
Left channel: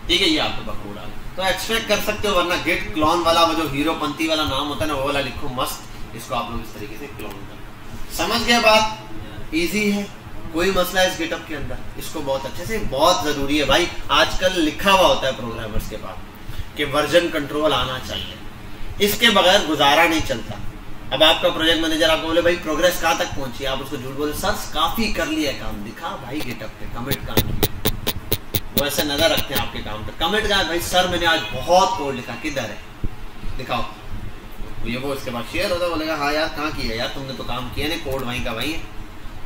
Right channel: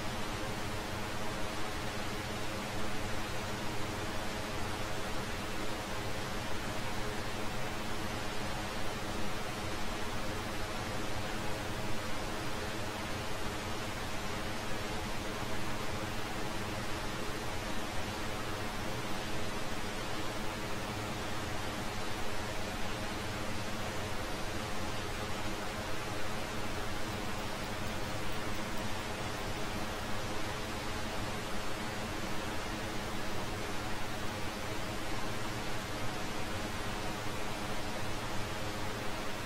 ठीक है, ये आपके पास कोड आ गया, तो एक्सट्रैक्ट कर सकते हो। वरना गिट क्लोन वाला वो जो हीरोपंथी वाला नाम होता है ना, वो वाला लिखो मस्त, इसको आप लोग इस तरीके से क्लोन करो। समझ गए बात, इजी है, कोई मसला है इस गिटअप के अंदर, इसको बहुत अच्छे से, बहुत ज़रूरी है भाई। आजकल लिखा हुआ होता है प्रोग्रामर्स के पास कि वर्जन कंट्रोल आना चाहिए, इसके बगैर गुजारा नहीं चलता। अब आपका प्रोजेक्ट मैनेजर आपको बोले भाई प्रोग्रेस कहाँ तक पहुंची, आप उसको झूठ बोले, सर काफ़ी कर लिया काम, दिखा भाई गिटअप पे कमिट काम, वो ऐसे नज़र रखते हैं आपके काम पे, कमिट का भाई सर मैंने आज बहुत कोड लिखा, किधर है दिखाओ, तो ये वो इसके बाद शेयर होता है, बोलेगा हाँ यार कहाँ किया यार तुमने, तो काम किया नहीं, कोड वहीं का वहीं है,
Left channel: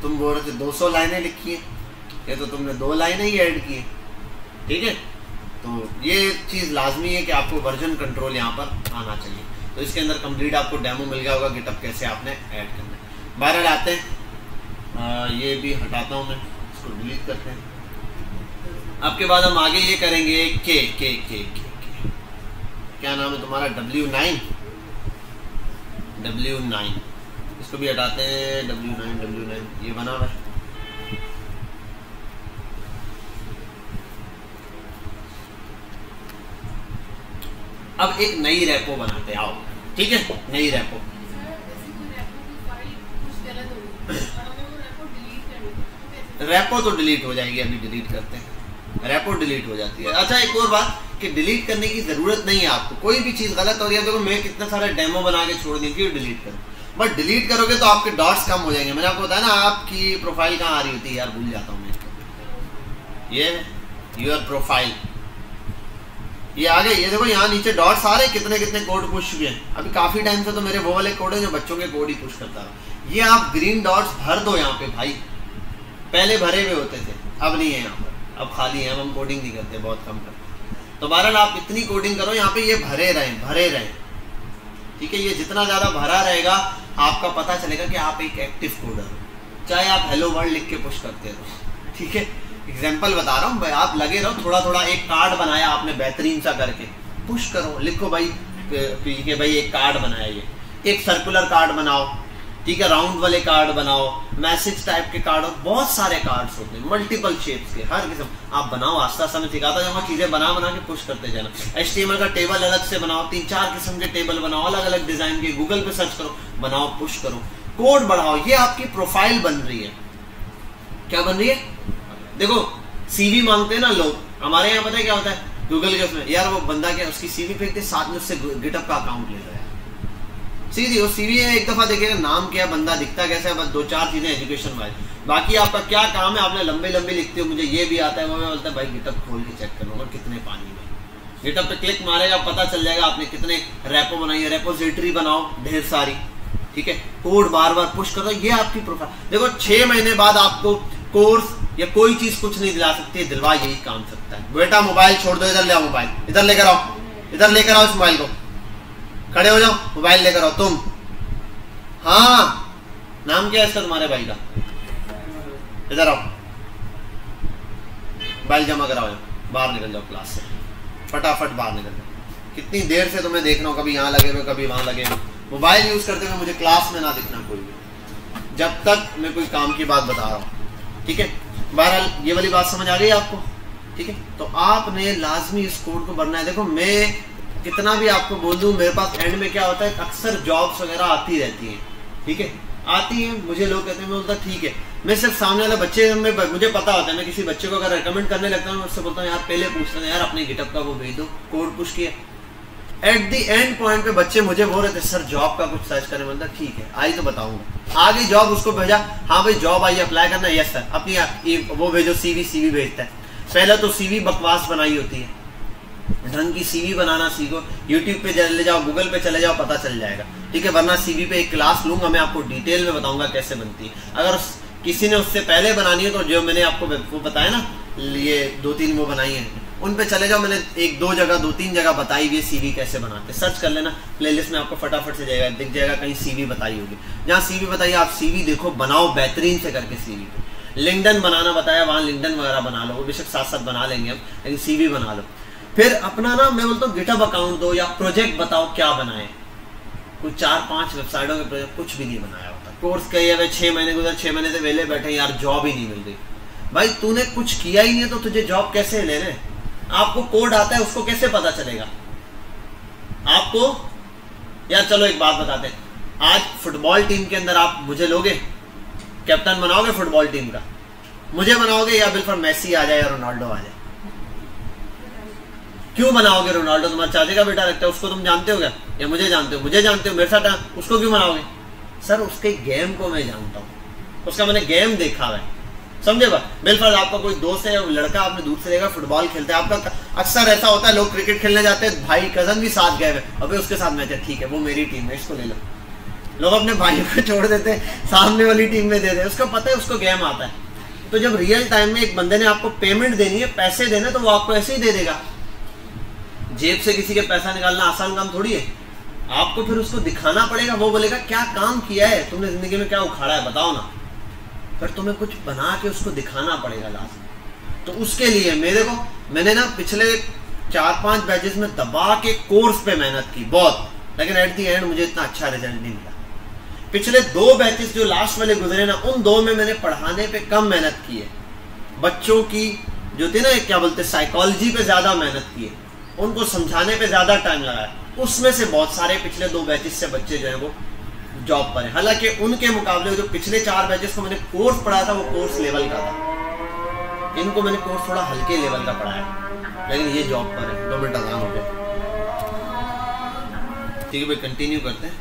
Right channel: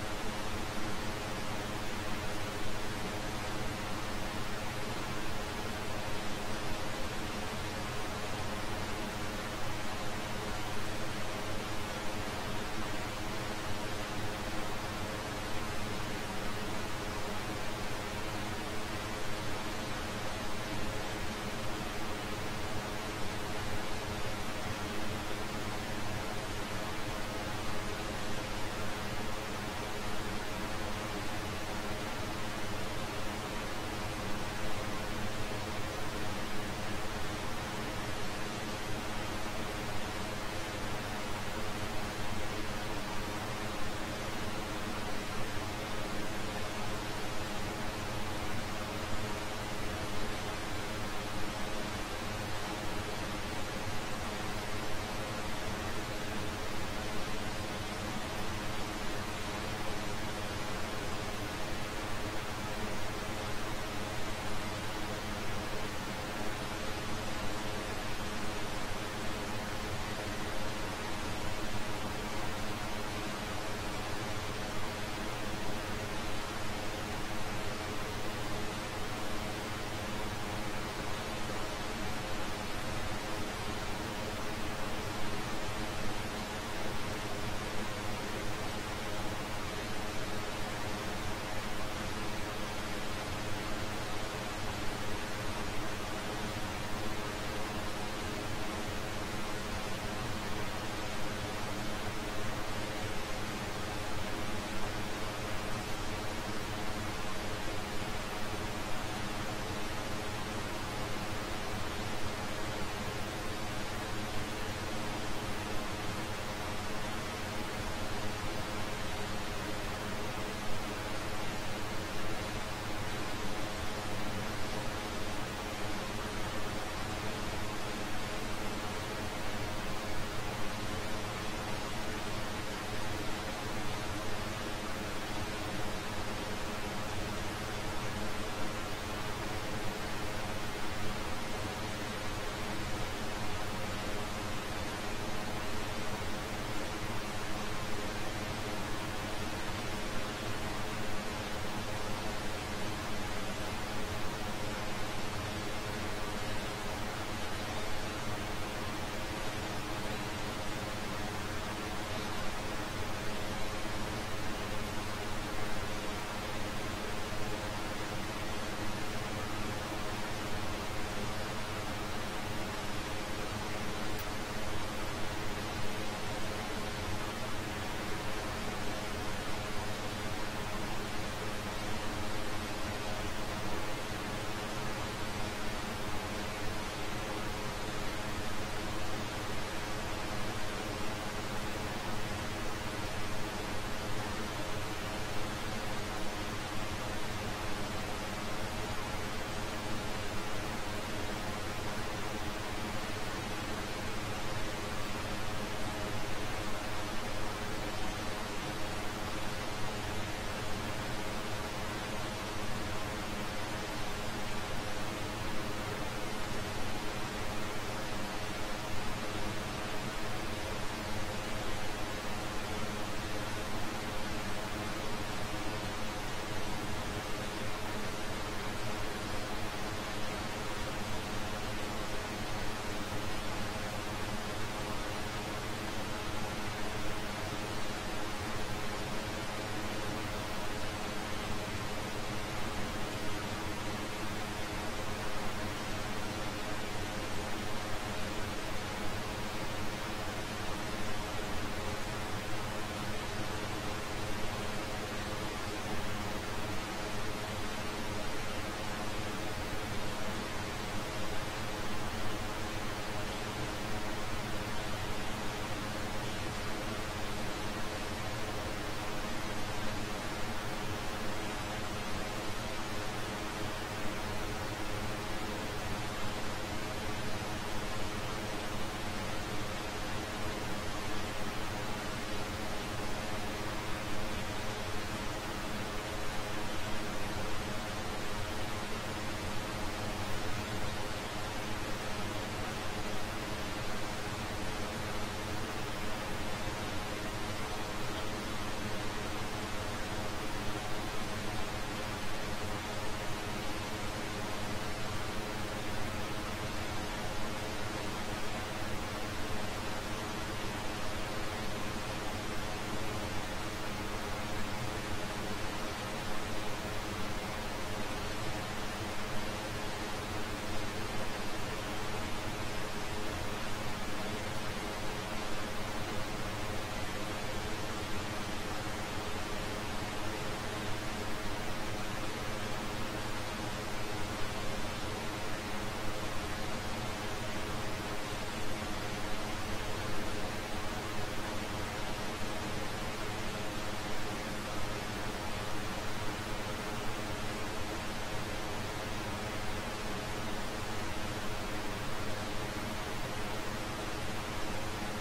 तुम बोल रहे थे 200 लाइनें लिखी है, ये तो तुमने 2 लाइनें ही ऐड की है, ठीक है। तो ये चीज़ लाजमी है कि आपको वर्जन कंट्रोल यहाँ पर आना चाहिए। तो इसके अंदर कंप्लीट आपको डेमो मिल गया होगा गिटअप कैसे आपने ऐड किया। बाहर आते हैं, ये भी हटाता हूँ मैं, इसको डिलीट करते हैं। आपके बाद हम आगे ये करेंगे के क्या नाम है तुम्हारा, W9, इसको भी हटाते हैं, W9 ये बना हुआ है। अब एक नई रेपो बनाते आओ, ठीक है, नई रेपो। रेपो तो डिलीट हो जाएगी, अभी डिलीट करते हैं, रेपो डिलीट हो जाती है। अच्छा एक और बात कि डिलीट करने की ज़रूरत नहीं है आपको, कोई भी चीज़ गलत हो रही है, देखो मैं कितना सारा डेमो बना के छोड़ दी थी, डिलीट करो, बट डिलीट करोगे तो आपके डॉट्स कम हो जाएंगे। मैंने आपको बताया ना, आपकी प्रोफाइल कहाँ आ रही होती है यार, भूल जाता हूँ मैं, ये यूर प्रोफाइल, ये आ गए, ये देखो यहाँ नीचे डॉट्स आ रहे, कितने कितने कोड पुश हुए हैं। अभी काफ़ी टाइम से तो मेरे वो वाले कोड है जो बच्चों के कोड ही पुश करता था। ये आप ग्रीन डॉट्स भर दो यहाँ पे भाई, पहले भरे हुए होते थे, अब नहीं है यहाँ पर, अब खाली है, हम कोडिंग नहीं करते, बहुत कम है। तो बहरहाल आप इतनी कोडिंग करो यहाँ पे, ये भरे रहें, ठीक है। ये जितना ज़्यादा भरा रहेगा आपका पता चलेगा कि आप एक एक्टिव कोडर, चाहे आप हेलो वर्ल्ड लिख के पुश करते हो, ठीक है। एग्जाम्पल बता रहा हूँ, आप लगे रहो, थोड़ा थोड़ा एक कार्ड बनाया आपने बेहतरीन सा करके, पुश करो, लिखो भाई कि भाई एक कार्ड बनाया, ये एक सर्कुलर कार्ड बनाओ, ठीक है, राउंड वाले कार्ड बनाओ, मैसेज टाइप के कार्ड, और बहुत सारे कार्ड्स होते हैं मल्टीपल शेप्स के, हर किस्म आप बनाओ। आस्ता आस्ता मैं सिखाता जाऊँगा, चीज़ें बना के पुश करते जाना। HTML का टेबल अलग से बनाओ, 3-4 किस्म के टेबल बनाओ, अलग अलग डिज़ाइन के, गूगल पे सर्च करो, बनाओ, पुश करो, कोड बढ़ाओ। ये आपकी प्रोफाइल बन रही है। क्या बन रही है? देखो CV मांगते हैं ना लोग, हमारे यहाँ पता है क्या होता है, गूगल के उसमें यार वो बंदा क्या उसकी CV फेंकते, साथ में उससे गिटअप का अकाउंट ले रहा है। सीधी वो CV है, एक दफ़ा देखेगा नाम क्या, बंदा दिखता कैसा है, बस 2-4 चीज़ें एजुकेशन वाइज, बाकी आपका क्या काम है, आपने लंबे लंबे लिखते हो, मुझे ये भी आता है, वो मैं बोलता है भाई गिटअप खोल के चेक करो कितने पानी में। गिटअप पे क्लिक मारेगा, पता चल जाएगा आपने कितने रेपो बनाई है, रेपोजिटरी बनाओ ढेर सारी, ठीक है, कोड बार बार पुश करो, ये आपकी प्रोफाइल। देखो 6 महीने बाद आपको कोर्स या कोई चीज़ कुछ नहीं दिला सकती, दिलवा यही काम सकता है। बेटा मोबाइल छोड़ दो, इधर ले आओ मोबाइल, इधर लेकर आओ, इधर लेकर आओ इस मोबाइल को, खड़े हो जाओ, मोबाइल लेकर आओ तुम। हाँ नाम क्या है इसका तुम्हारे भाई का? इधर आओ, बैल जमा कराओ, बाहर निकल जाओ क्लास से, फटाफट बाहर निकल। कितनी देर से तुम्हें देख रहा हूँ, कभी यहाँ लगे हुए कभी वहाँ लगे हुए। मोबाइल यूज़ करते हुए मुझे क्लास में ना दिखना कोई, जब तक मैं कोई काम की बात बता रहा हूँ, ठीक है। बहरहाल ये वाली बात समझ आ गई आपको, ठीक है। तो आपने लाजमी इस कोड को भरना है। देखो मैं कितना भी आपको बोल दूँ, मेरे पास एंड में क्या होता है, अक्सर जॉब्स वगैरह आती रहती हैं, ठीक है, आती हैं। मुझे लोग कहते हैं, मैं बोलता ठीक है, मैं सिर्फ सामने वाले बच्चे में मुझे पता होता है, मैं किसी बच्चे को अगर रेकमेंड करने लगता हूँ, उससे बोलता हूँ यार पहले पूछता हूँ यार अपने गिटअप का वो भेज दो, कोड पुश किया। एट दी एंड पॉइंट पे बच्चे मुझे बोल रहे थे सर जॉब का कुछ सर्च करने, बोलता ठीक है आई तो बताऊंगा। आ गई जॉब, उसको भेजा, हाँ भाई जॉब आई, अप्लाई करना, यस सर, अपनी वो भेजो, सीवी भेजता है। पहले तो सीवी बकवास बनाई होती है, ढंग की सीवी बनाना सीखो, यूट्यूब पे चले जाओ, गूगल पे चले जाओ, पता चल जाएगा, ठीक है। वरना सीवी पे एक क्लास लूंगा मैं, आपको डिटेल में बताऊंगा कैसे बनती है। अगर किसी ने उससे पहले बनानी है तो जो मैंने आपको वो बताया ना, ये 2-3 वो बनाई है, उन पे चले जाओ, मैंने 2-3 जगह बताई हुई है सीवी कैसे बनाते, सर्च कर लेना प्लेलिस्ट में, आपको फटाफट से जाएगा, दिख जाएगा कहीं सीवी बताई होगी। जहाँ सीवी बताइए आप सीवी देखो, बनाओ बेहतरीन से करके सीवी। लिंक्डइन बनाना बताया, वहाँ लिंक्डइन वगैरह बना लो, वो बेशक साथ बनाा लेंगे हम, लेकिन सीवी बना लो। फिर अपना ना मैं बोलता हूँ गिटहब अकाउंट दो या प्रोजेक्ट बताओ क्या बनाए। कुछ 4-5 वेबसाइटों के प्रोजेक्ट कुछ भी नहीं बनाया होता, कोर्स किया हुआ 6 महीने गुजर, 6 महीने से वेले बैठे यार जॉब ही नहीं मिल रही। भाई तूने कुछ किया ही नहीं तो तुझे जॉब कैसे ले रहे? आपको कोड आता है उसको कैसे पता चलेगा आपको? यार चलो एक बात बताते हैं, आज फुटबॉल टीम के अंदर आप मुझे लोगे, कैप्टन बनाओगे फुटबॉल टीम का, मुझे बनाओगे या बिल्कुल मेसी आ जाए या रोनाल्डो आ जाए? क्यों बनाओगे? रोनाल्डो तुम्हारे चाचे का बेटा लगता है, उसको तुम जानते हो क्या? या मुझे जानते हो? मुझे जानते हो, मेरे साथ, उसको क्यों बनाओगे? सर उसके गेम को मैं जानता हूँ, उसका मैंने गेम देखा है, समझे बात। बिल्कुल आपका कोई दोस्त है, लड़का आपने दूर से देखा फुटबॉल खेलता है, आपका अक्सर ऐसा होता है, लोग क्रिकेट खेलने जाते हैं, भाई कजन भी साथ गए हुए, अबे उसके साथ मैच है, ठीक है वो मेरी टीम है, इसको ले लो। लोग अपने भाइयों को छोड़ देते हैं, सामने वाली टीम में दे दे, उसको पता है उसको गेम आता है। तो जब रियल टाइम में एक बंदे ने आपको पेमेंट देनी है, पैसे देने, तो वो आपको ऐसे ही दे देगा। जेब से किसी के पैसा निकालना आसान काम थोड़ी है, आपको फिर उसको दिखाना पड़ेगा, वो बोलेगा क्या काम किया है तुमने जिंदगी में, क्या उखाड़ा है बताओ ना, पर तुम्हें कुछ बना के उसको दिखाना पड़ेगा लास्ट। तो उसके लिए मैंने ना पिछले 4-5 बैचेस में दबा के कोर्स पे मेहनत की बहुत, लेकिन एट दी एंड मुझे इतना अच्छा रिजल्ट नहीं मिला। पिछले 2 बैचेस जो लास्ट वाले गुजरे ना, उन 2 में मैंने पढ़ाने पे कम मेहनत की है, बच्चों की जो थी ना क्या बोलते साइकोलॉजी पे ज़्यादा मेहनत की है, उनको समझाने पे ज़्यादा टाइम लगाया। उसमें से बहुत सारे पिछले 2 बैचेस से बच्चे जो है वो जॉब पर है। हालांकि उनके मुकाबले जो पिछले 4 बैचेस को मैंने कोर्स पढ़ाया था वो कोर्स लेवल का था, इनको मैंने कोर्स थोड़ा हल्के लेवल का पढ़ाया, लेकिन ये जॉब पर है। 2 मिनट आराम हो गया, ठीक है भाई कंटिन्यू करते हैं।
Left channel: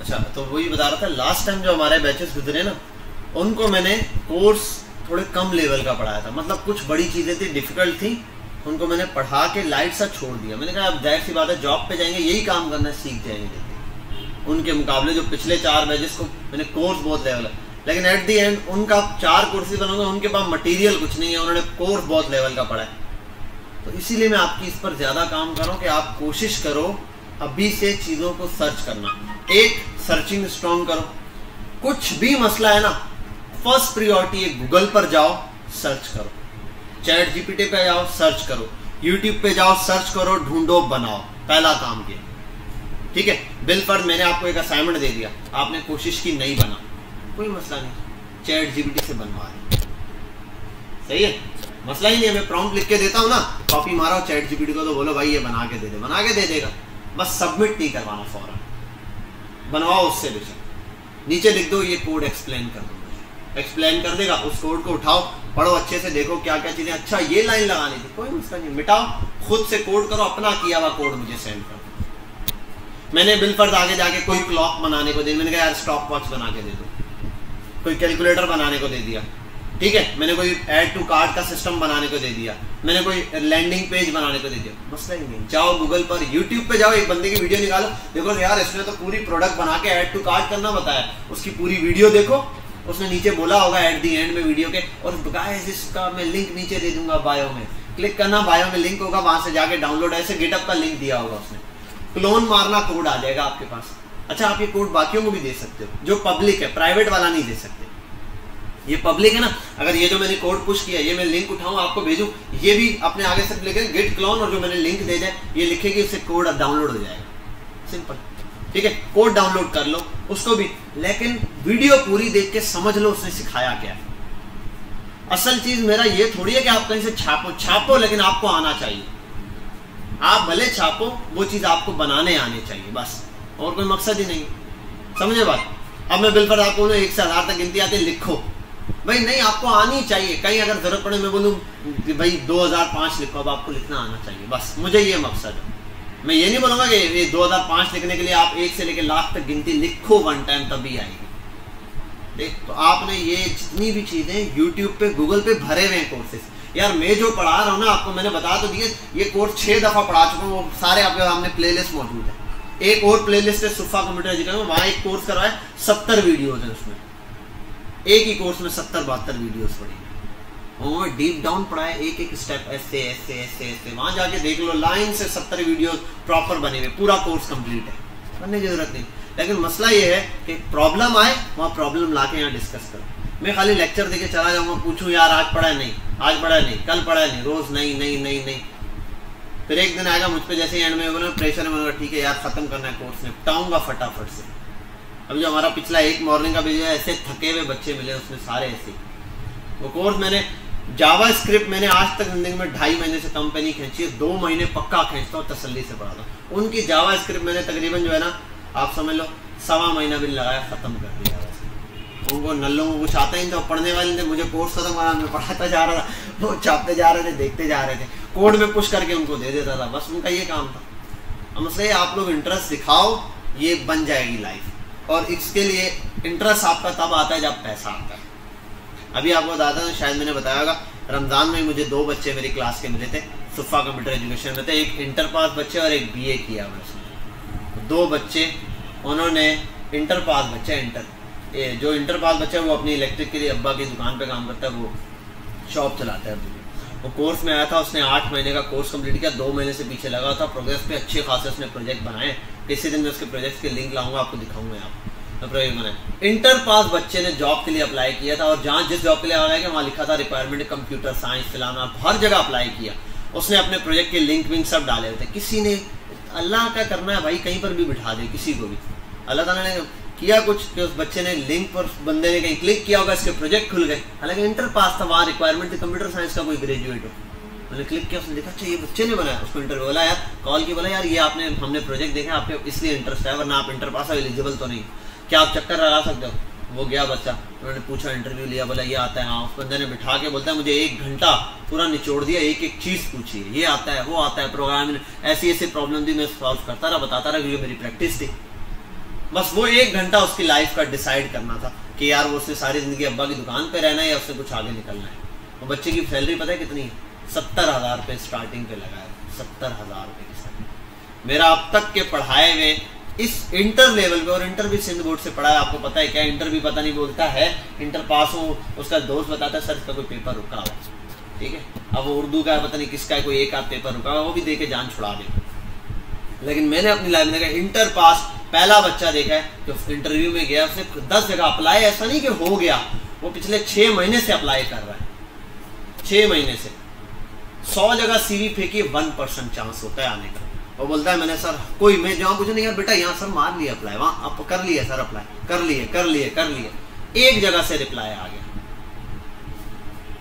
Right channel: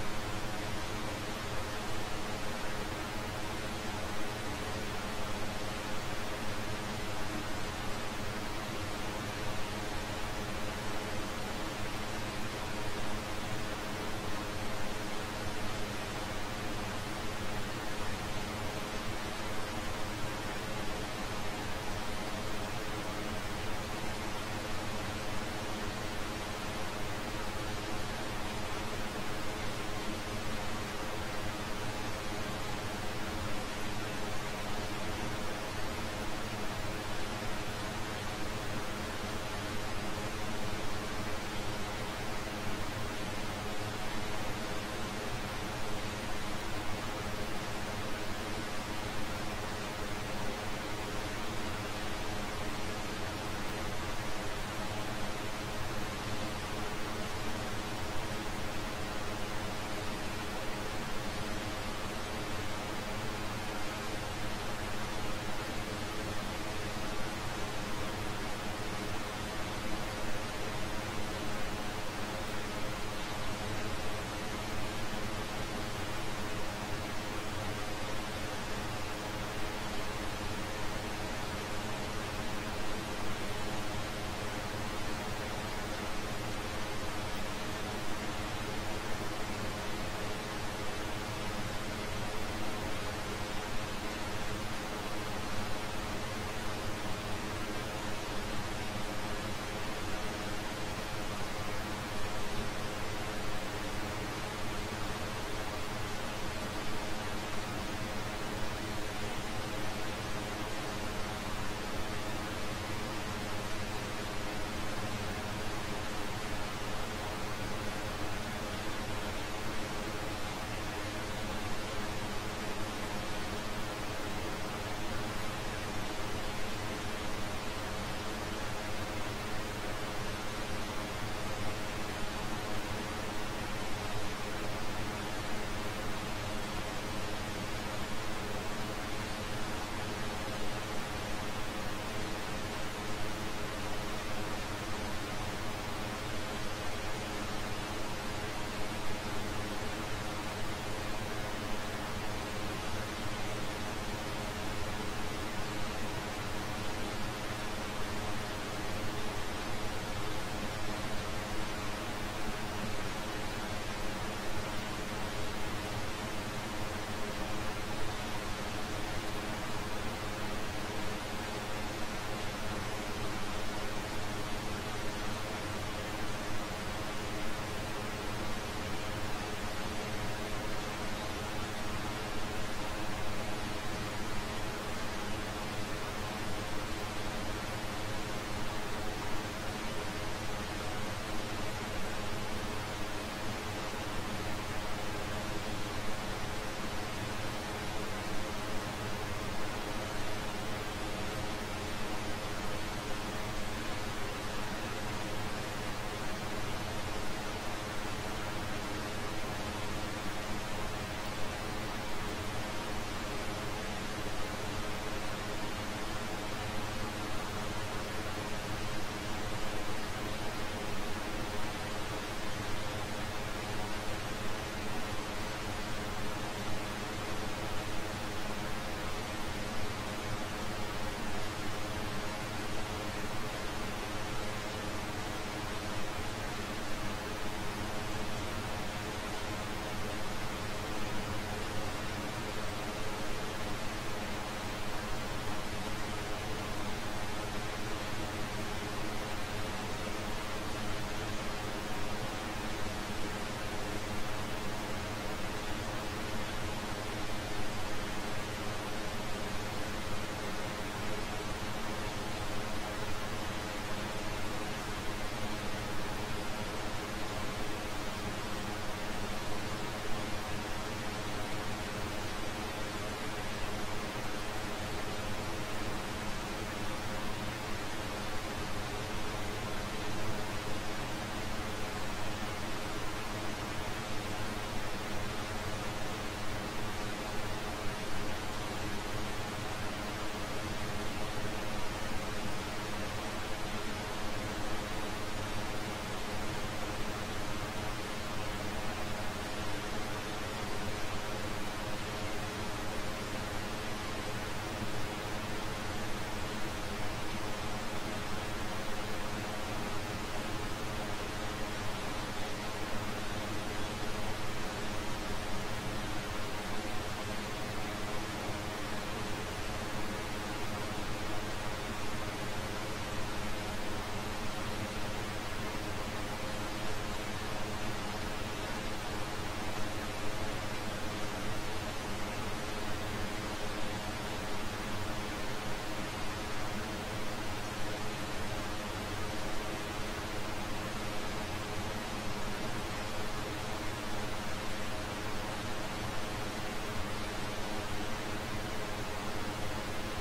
अच्छा तो वही बता रहा था, लास्ट टाइम जो हमारे बैचेस गुजरे ना, उनको मैंने कोर्स थोड़े कम लेवल का पढ़ाया था, मतलब कुछ बड़ी चीज़ें थी, डिफिकल्ट थी, उनको मैंने पढ़ा के लाइट सा छोड़ दिया। मैंने कहा अब जाहिर सी बात है जॉब पे जाएंगे यही काम करना सीख जाएंगे। उनके मुकाबले जो पिछले 4 बैचेस को मैंने कोर्स बहुत लेवल है, लेकिन एट दी एंड उनका 4 कोर्सेज बनाऊंगा, उनके पास मटेरियल कुछ नहीं है, उन्होंने कोर्स बहुत लेवल का पढ़ा है। तो इसीलिए मैं आपकी इस पर ज़्यादा काम कर रहा हूँ कि आप कोशिश करो अभी से चीज़ों को सर्च करना, एक सर्चिंग स्ट्रॉन्ग करो। कुछ भी मसला है ना, फर्स्ट प्रियोरिटी है गूगल पर जाओ सर्च करो, चैट जीपीटी पे जाओ सर्च करो, यूट्यूब पे जाओ सर्च करो, ढूंढो, बनाओ, पहला काम किया, ठीक है। बिलफर्ज मैंने आपको एक असाइनमेंट दे दिया, आपने कोशिश की नहीं बना, कोई मसला नहीं, चैट जीपीटी से बनवा, सही है, मसला ही नहीं है। मैं प्रॉम्प्ट लिख के देता हूँ ना, कॉपी मारो चैट जीपीटी को, तो बोलो भाई ये बना के दे दे, बना के दे देगा, बस सबमिट नहीं करवाना, फौरन बनवाओ उससे भी, नीचे लिख दो ये कोड एक्सप्लेन कर दो, एक्सप्लेन कर देगा, उस कोड को उठाओ, पढ़ो अच्छे से, देखो क्या क्या चीज़ें, अच्छा ये लाइन लगानी थी, कोई मसला नहीं, मिटाओ, खुद से कोड करो, अपना किया हुआ कोड मुझे सेंड करो। मैंने बिलफर्ज आगे जाके कोई क्लॉक बनाने को दे, मैंने कहा यार स्टॉप वॉच बना के दे दो, कोई कैलकुलेटर बनाने को दे दिया, ठीक है, मैंने कोई ऐड टू कार्ट का सिस्टम बनाने को दे दिया, मैंने कोई लैंडिंग पेज बनाने को दे दिया, मसला ही नहीं। जाओ गूगल पर, यूट्यूब पे जाओ, एक बंदे की वीडियो निकालो, देखो यार इसने तो पूरी प्रोडक्ट बना के ऐड टू कार्ट करना बताया, उसकी पूरी वीडियो देखो, उसने नीचे बोला होगा एट दी एंड में वीडियो के, और गाइस इसका मैं लिंक नीचे दे दूंगा बायो में, क्लिक करना, बायो में लिंक होगा, वहां से जाके डाउनलोड, ऐसे गिटअप का लिंक दिया होगा उसने, क्लोन मारना, कोड आ जाएगा आपके पास, अच्छा, आप ये कोड बाकियों को भी दे सकते हो, जो पब्लिक है, प्राइवेट वाला नहीं दे सकते। ये पब्लिक है ना, अगर ये जो मैंने कोड पुश किया, ये मैं लिंक उठाऊं आपको भेजूं, ये भी अपने आगे से लिखे गेट क्लोन, और जो मैंने लिंक दे जाए ये लिखे कि उससे कोड डाउनलोड हो जाएगा, सिंपल। ठीक है, कोड डाउनलोड कर लो उसको भी, लेकिन वीडियो पूरी देख के समझ लो उसने सिखाया क्या है। असल चीज मेरा ये थोड़ी है कि आप कहीं से छापो लेकिन आपको आना चाहिए। आप भले छापो, वो चीज आपको बनाने आने चाहिए, बस, और कोई मकसद ही नहीं। समझे बात? अब मैं बिल्कुल आपको बोलूँ 1 से 1000 तक गिनती आती है, लिखो भाई, नहीं, आपको आनी चाहिए। कहीं अगर जरूरत पड़े मैं बोलूँ कि भाई 2005 लिखो, अब आपको लिखना आना चाहिए, बस, मुझे ये मकसद है। मैं ये नहीं बोलूँगा कि ये 2005 लिखने के लिए आप 1 से लेकर लाख तक गिनती लिखो वन टाइम, तभी आएगी। तो आपने ये जितनी भी चीज़ें यूट्यूब पे, गूगल पे भरे हुए हैं कोर्सेज। यार मैं जो पढ़ा रहा हूँ ना, आपको मैंने बता तो दिए, ये कोर्स 6 दफ़ा पढ़ा चुका हूँ, वो सारे आपके सामने प्लेलिस्ट मौजूद है। एक और प्लेलिस्ट है सुफा कंप्यूटर एजुकेशन, वहाँ एक कोर्स करवाया, 70 वीडियोज़ है उसमें, एक ही कोर्स में 70-72 वीडियोज़ हैं, और डीप डाउन पढ़ाया, एक एक स्टेप ऐसे ऐसे ऐसे ऐसे, वहाँ जाके देख लो, लाइन से 70 वीडियो प्रॉपर बने हुए, पूरा कोर्स कंप्लीट है, करने की जरूरत नहीं। लेकिन मसला ये है कि प्रॉब्लम आए, वहाँ प्रॉब्लम ला के यहाँ डिस्कस करो। मैं खाली लेक्चर देके चला जाऊँगा, पूछूँ यार आज पढ़ा है, नहीं, आज पढ़ा नहीं, कल पढ़ा नहीं, रोज़ नहीं नहीं नहीं नहीं, फिर एक दिन आएगा मुझ पर जैसे एंड में बोला प्रेशर में, ठीक है यार ख़त्म करना है कोर्स, निपटाऊँगा फटाफट से। अभी जो हमारा पिछला एक मॉर्निंग का वीडियो है, ऐसे थके हुए बच्चे मिले उसमें सारे ऐसे। वो कोर्स मैंने जावा स्क्रिप्ट मैंने आज तक जिंदगी में 2.5 महीने से कम पे नहीं खींची है, 2 महीने पक्का खींचता हूँ तसल्ली से पढ़ा। उनकी जावा स्क्रिप्ट मैंने तकरीबन जो है ना, आप समझ लो 1.25 महीना भी लगाया, ख़त्म कर दिया। उनको नल्लों को कुछ आता ही नहीं था, पढ़ने वाले थे, मुझे कोर्स खत्म करा, मैं पढ़ाता जा रहा था, वो छापते जा रहे थे, देखते जा रहे थे, कोड में पुश करके उनको दे देता था, बस उनका ये काम था। हमसे आप लोग इंटरेस्ट दिखाओ, ये बन जाएगी लाइफ। और इसके लिए इंटरेस्ट आपका तब आता है जब पैसा आता है। अभी आपको बताता हूँ, शायद मैंने बताया होगा, रमज़ान में मुझे 2 बच्चे मेरी क्लास के मिले थे, सुफा कंप्यूटर एजुकेशन में थे, एक इंटर पास बच्चे और एक BA किया हुआ। 2 बच्चे, उन्होंने इंटर पास बच्चा, जो इंटर पास बच्चा वो अपनी इलेक्ट्रिक के लिए अब्बा की दुकान पे काम करता है, वो शॉप चलाता है। वो कोर्स में आया था, उसने 8 महीने का कोर्स कंप्लीट किया, 2 महीने से पीछे लगा था, प्रोग्रेस पे अच्छे खासे उसने प्रोजेक्ट बनाए। इसी दिन मैं उसके प्रोजेक्ट के लिंक लाऊंगा, आपको दिखाऊंगा यहाँ पर प्रोजेक्ट बनाए। इंटर पास बच्चे ने जॉब के लिए अप्लाई किया था, और जहाँ जिस जॉब के लिए अप्लाई किया वहाँ लिखा था रिक्वायरमेंट कंप्यूटर साइंस, फलाना, हर जगह अप्लाई किया। उसने अपने प्रोजेक्ट के लिंक विंक सब डाले थे। किसी ने, अल्लाह का करना है भाई, कहीं पर भी बिठा दे किसी को भी, अल्लाह ताला ने किया कुछ कि उस बच्चे ने लिंक पर, बंदे ने कहीं क्लिक किया होगा, इसके प्रोजेक्ट खुल गए। हालांकि इंटर पास था, वहाँ रिक्वायरमेंट थी कंप्यूटर साइंस का कोई ग्रेजुएट है। मैंने क्लिक किया, उसने देखा अच्छा ये बच्चे ने बनाया, उसको इंटरव्यू बोला, यार कॉल की, बोला यार ये आपने, हमने प्रोजेक्ट देखा, आपके इसलिए इंटरेस्ट है, वरना आप इंटर पास हो, एलिजिबल तो नहीं, क्या आप चक्कर लगा सकते हो? वो गया बच्चा, उन्होंने पूछा, इंटरव्यू लिया, बोला ये आता है, हाँ। उस बंदे ने बिठा के बोलता है मुझे 1 घंटा पूरा निचोड़ दिया, एक एक चीज़ पूछी, ये आता है, वो आता है, प्रोग्रामिंग, ऐसी ऐसी प्रॉब्लम थी, मैं सॉल्व करता रहा, बताता रहा, क्योंकि मेरी प्रैक्टिस थी। बस वो 1 घंटा उसकी लाइफ का डिसाइड करना था कि यार वो उसने सारी ज़िंदगी अब्बा की दुकान पे रहना है या उससे कुछ आगे निकलना है। वो बच्चे की सैलरी पता है कितनी? 70,000 रुपये स्टार्टिंग पे लगा है, 70,000। मेरा अब तक के पढ़ाए हुए इस इंटर लेवल पे, और इंटर भी सिंध बोर्ड से पढ़ा है, आपको पता है क्या, इंटर भी पता नहीं बोलता है, इंटर पास हो, उसका दोस्त बताता है सर इसका कोई पेपर रुका हो, ठीक है, अब वो उर्दू का पता नहीं किसका है, कोई एक आध पेपर रुका हो, वो भी दे के जान छुड़ा दे। लेकिन मैंने अपनी लाइफ में देखा, इंटर पास पहला बच्चा देखा है जो इंटरव्यू में गया, उसने 10 जगह अप्लाई, ऐसा नहीं कि हो गया, वो पिछले 6 महीने से अप्लाई कर रहा है, 6 महीने से 100 जगह CV फेंकी, 1% चांस होता है आने का। वो बोलता है मैंने सर कोई, मैं जहाँ पूछे नहीं, यार बेटा यहाँ सर मार लिया अप्लाई, वहाँ आप कर लिए सर अप्लाई, कर लिए, एक जगह से रिप्लाई आ गया,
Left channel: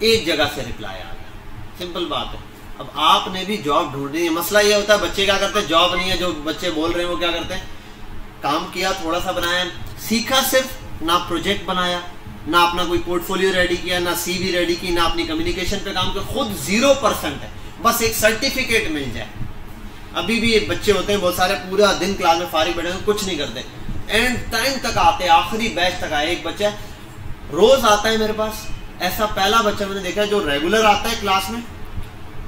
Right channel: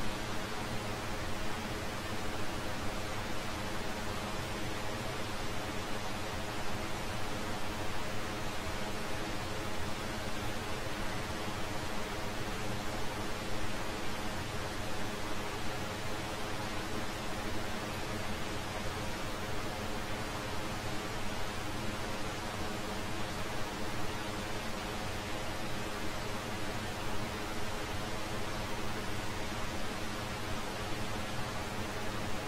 एक जगह से रिप्लाई आ गया, सिंपल बात है। अब आपने भी जॉब ढूंढनी है। मसला ये होता है बच्चे क्या करते हैं, जॉब नहीं है, जो बच्चे बोल रहे हैं वो क्या करते हैं, काम किया, थोड़ा सा बनाया, सीखा सिर्फ, ना प्रोजेक्ट बनाया, ना अपना कोई पोर्टफोलियो रेडी किया, ना CV रेडी की, ना अपनी कम्युनिकेशन पे काम किया, खुद 0% है, बस एक सर्टिफिकेट मिल जाए। अभी भी बच्चे होते हैं बहुत सारे, पूरा दिन क्लास में फारिग बैठे, कुछ नहीं करते, एंड टाइम तक आते, आखिरी बैच तक आए। एक बच्चा रोज आता है मेरे पास, ऐसा पहला बच्चा मैंने देखा है जो रेगुलर आता है क्लास में,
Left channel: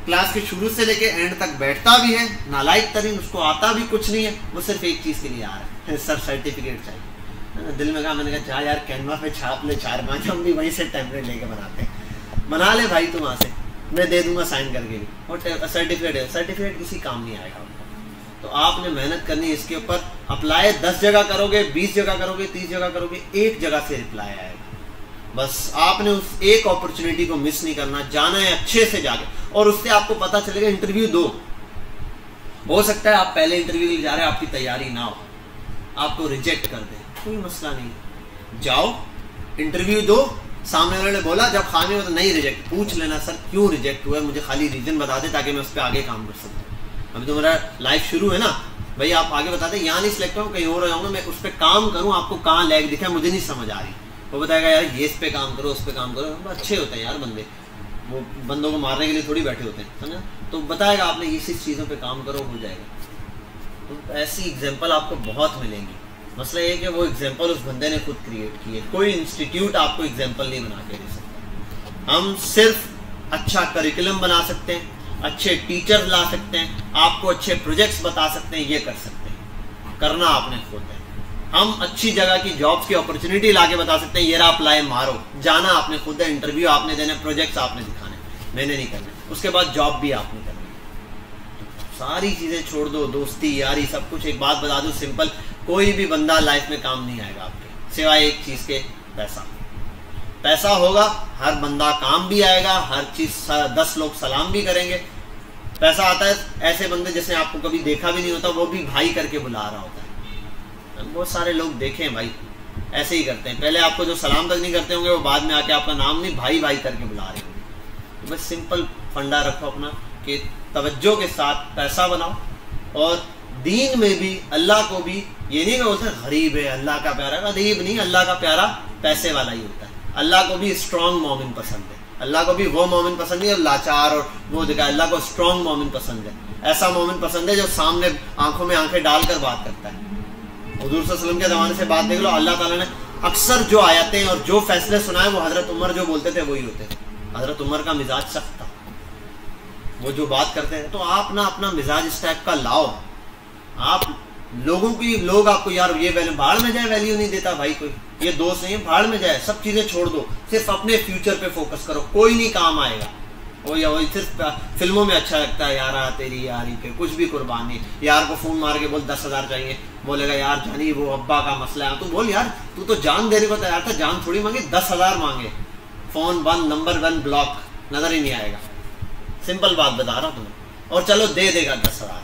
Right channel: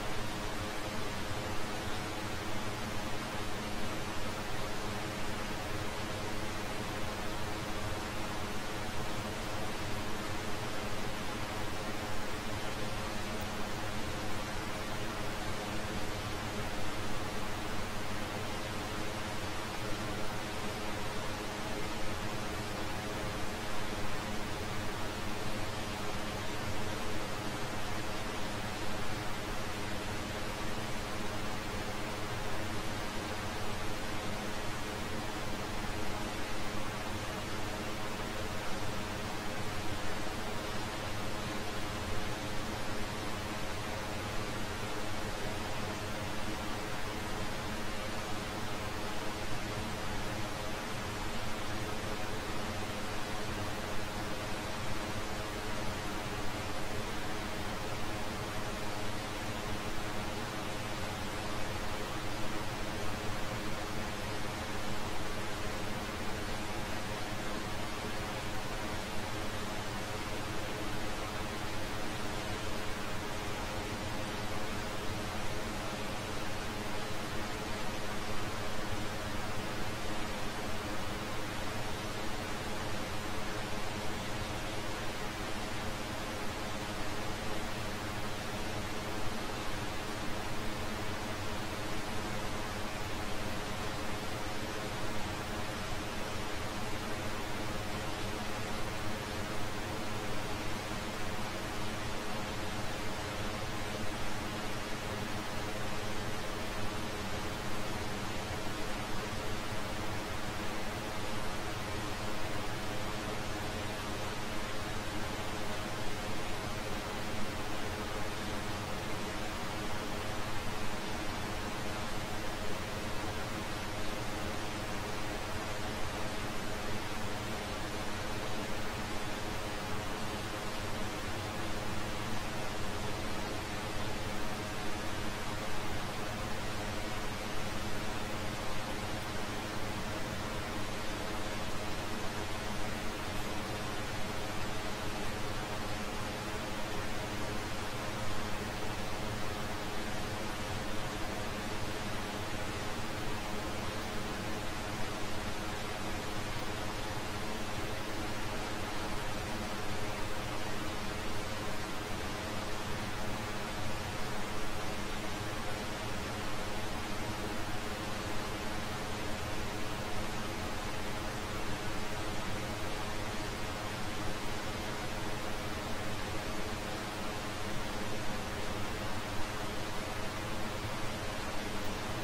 क्लास के शुरू से लेके एंड तक बैठता भी है, नालायक तरीन, उसको आता भी कुछ नहीं है, वो सिर्फ एक चीज़ के लिए आ रहा है, सर सर्टिफिकेट चाहिए। दिल में कहा, मैंने कहा चाह यार कैनवा पे छाप ले 4-5, हम भी वहीं से टेम्पलेट लेके बनाते हैं, बना ले भाई तुम वहाँ से, मैं दे दूंगा साइन करके भी, और सर्टिफिकेट है, सर्टिफिकेट किसी काम नहीं आएगा। तो आपने मेहनत करनी इसके ऊपर, अप्लाई 10 जगह करोगे, 20 जगह करोगे, 30 जगह करोगे, एक जगह से रिप्लाई आएगा। बस आपने उस एक अपॉर्चुनिटी को मिस नहीं करना, जाना है अच्छे से जाके, और उससे आपको पता चलेगा। इंटरव्यू दो, हो सकता है आप पहले इंटरव्यू के लिए जा रहे हैं, आपकी तैयारी ना हो, आपको रिजेक्ट कर दे, कोई मसला नहीं, जाओ इंटरव्यू दो। सामने वाले ने बोला जब खाने में तो नहीं रिजेक्ट, पूछ लेना सर क्यों रिजेक्ट हुआ, मुझे खाली रीजन बता दे ताकि मैं उस पर आगे काम कर सकूँ। अभी तो मेरा लाइफ शुरू है ना भाई, आप आगे बता दें यहाँ नहीं सिलेक्ट हूँ, कहीं और जाऊँगा, मैं उस पर काम करूँ, आपको कहाँ लैग दिखा मुझे नहीं समझ आ रही, वो बताएगा यार ये इस पे काम करो, उस पर काम करो। तो अच्छे होते हैं यार बंदे, वो बंदों को मारने के लिए थोड़ी बैठे होते हैं, है ना, तो बताएगा आपने इस चीज़ों पे काम करो, हो जाएगा। तो ऐसी एग्जांपल आपको बहुत मिलेंगे। मसला ये है कि वो एग्जांपल उस बंदे ने खुद क्रिएट की है, कोई इंस्टीट्यूट आपको एग्जांपल नहीं बना के दे सकता। हम सिर्फ अच्छा करिकुलम बना सकते हैं, अच्छे टीचर ला सकते हैं, आपको अच्छे प्रोजेक्ट्स बता सकते हैं, ये कर सकते हैं, करना आपने खुद है। हम अच्छी जगह की जॉब्स की अपॉर्चुनिटी ला के बता सकते हैं, ये रहा अप्लाई मारो, जाना आपने खुद है, इंटरव्यू आपने देना, प्रोजेक्ट्स आपने दिखाने, मैंने नहीं करना, उसके बाद जॉब भी आपने करनी। सारी चीज़ें छोड़ दो, दोस्ती यारी सब कुछ। एक बात बता दूं सिंपल, कोई भी बंदा लाइफ में काम नहीं आएगा आपके, सिवाय एक चीज़ के, पैसा। पैसा होगा हर बंदा काम भी आएगा, हर चीज़ 10 लोग सलाम भी करेंगे। पैसा आता है, ऐसे बंदे जिसने आपको कभी देखा भी नहीं होता वो भी भाई करके बुला रहा होता है। बहुत सारे लोग देखे हैं भाई ऐसे ही करते हैं, पहले आपको जो सलाम तक नहीं करते होंगे वो बाद में आके आपका नाम नहीं भाई भाई करके बुला रहे हैं। बस सिंपल फंडा रखो अपना कि तवज्जो के साथ पैसा बनाओ, और दीन में भी अल्लाह को भी, ये नहीं बोलते गरीब है अल्लाह का प्यारा, गरीब नहीं, अल्लाह का प्यारा पैसे वाला ही होता है। अल्लाह को भी स्ट्रॉन्ग मोमिन पसंद है, अल्लाह को भी वो मोमिन पसंद नहीं और लाचार और वो दिखा, अल्लाह को स्ट्रॉन्ग मोमिन पसंद है, ऐसा मोमिन पसंद है जो सामने आंखों में आंखें डालकर बात करता है। हुजूर सल्लल्लाहु अलैहि वसल्लम के ज़माने से बात देख लो, अल्लाह ताला ने अक्सर जो आयतें और जो फैसले सुनाए वो हज़रत उमर जो बोलते थे वही होते थे। हज़रत उमर का मिजाज सख्त था, वो जो बात करते हैं, तो आप ना अपना मिजाज इस टाइप का लाओ। आप लोगों की, लोग आपको यार ये वैल्यू, भाड़ में जाए वैल्यू नहीं देता भाई कोई, ये दोस्त नहीं है, भाड़ में जाए, सब चीज़ें छोड़ दो, सिर्फ अपने फ्यूचर पे फोकस करो, कोई नहीं काम आएगा। वही सिर्फ फिल्मों में अच्छा लगता है, यार तेरी यारी पे कुछ भी कुर्बान नहीं, यार को फ़ोन मार के बोल 10,000 चाहिए, बोलेगा यार जानी वो अब्बा का मसला है, तो बोल यार तू तो जान देने को तैयार था, जान थोड़ी मांगे, 10,000 मांगे, फ़ोन बंद, नंबर 1 ब्लॉक, नज़र ही नहीं आएगा। सिंपल बात बता रहा हूँ तुम्हें, और चलो दे देगा 10,000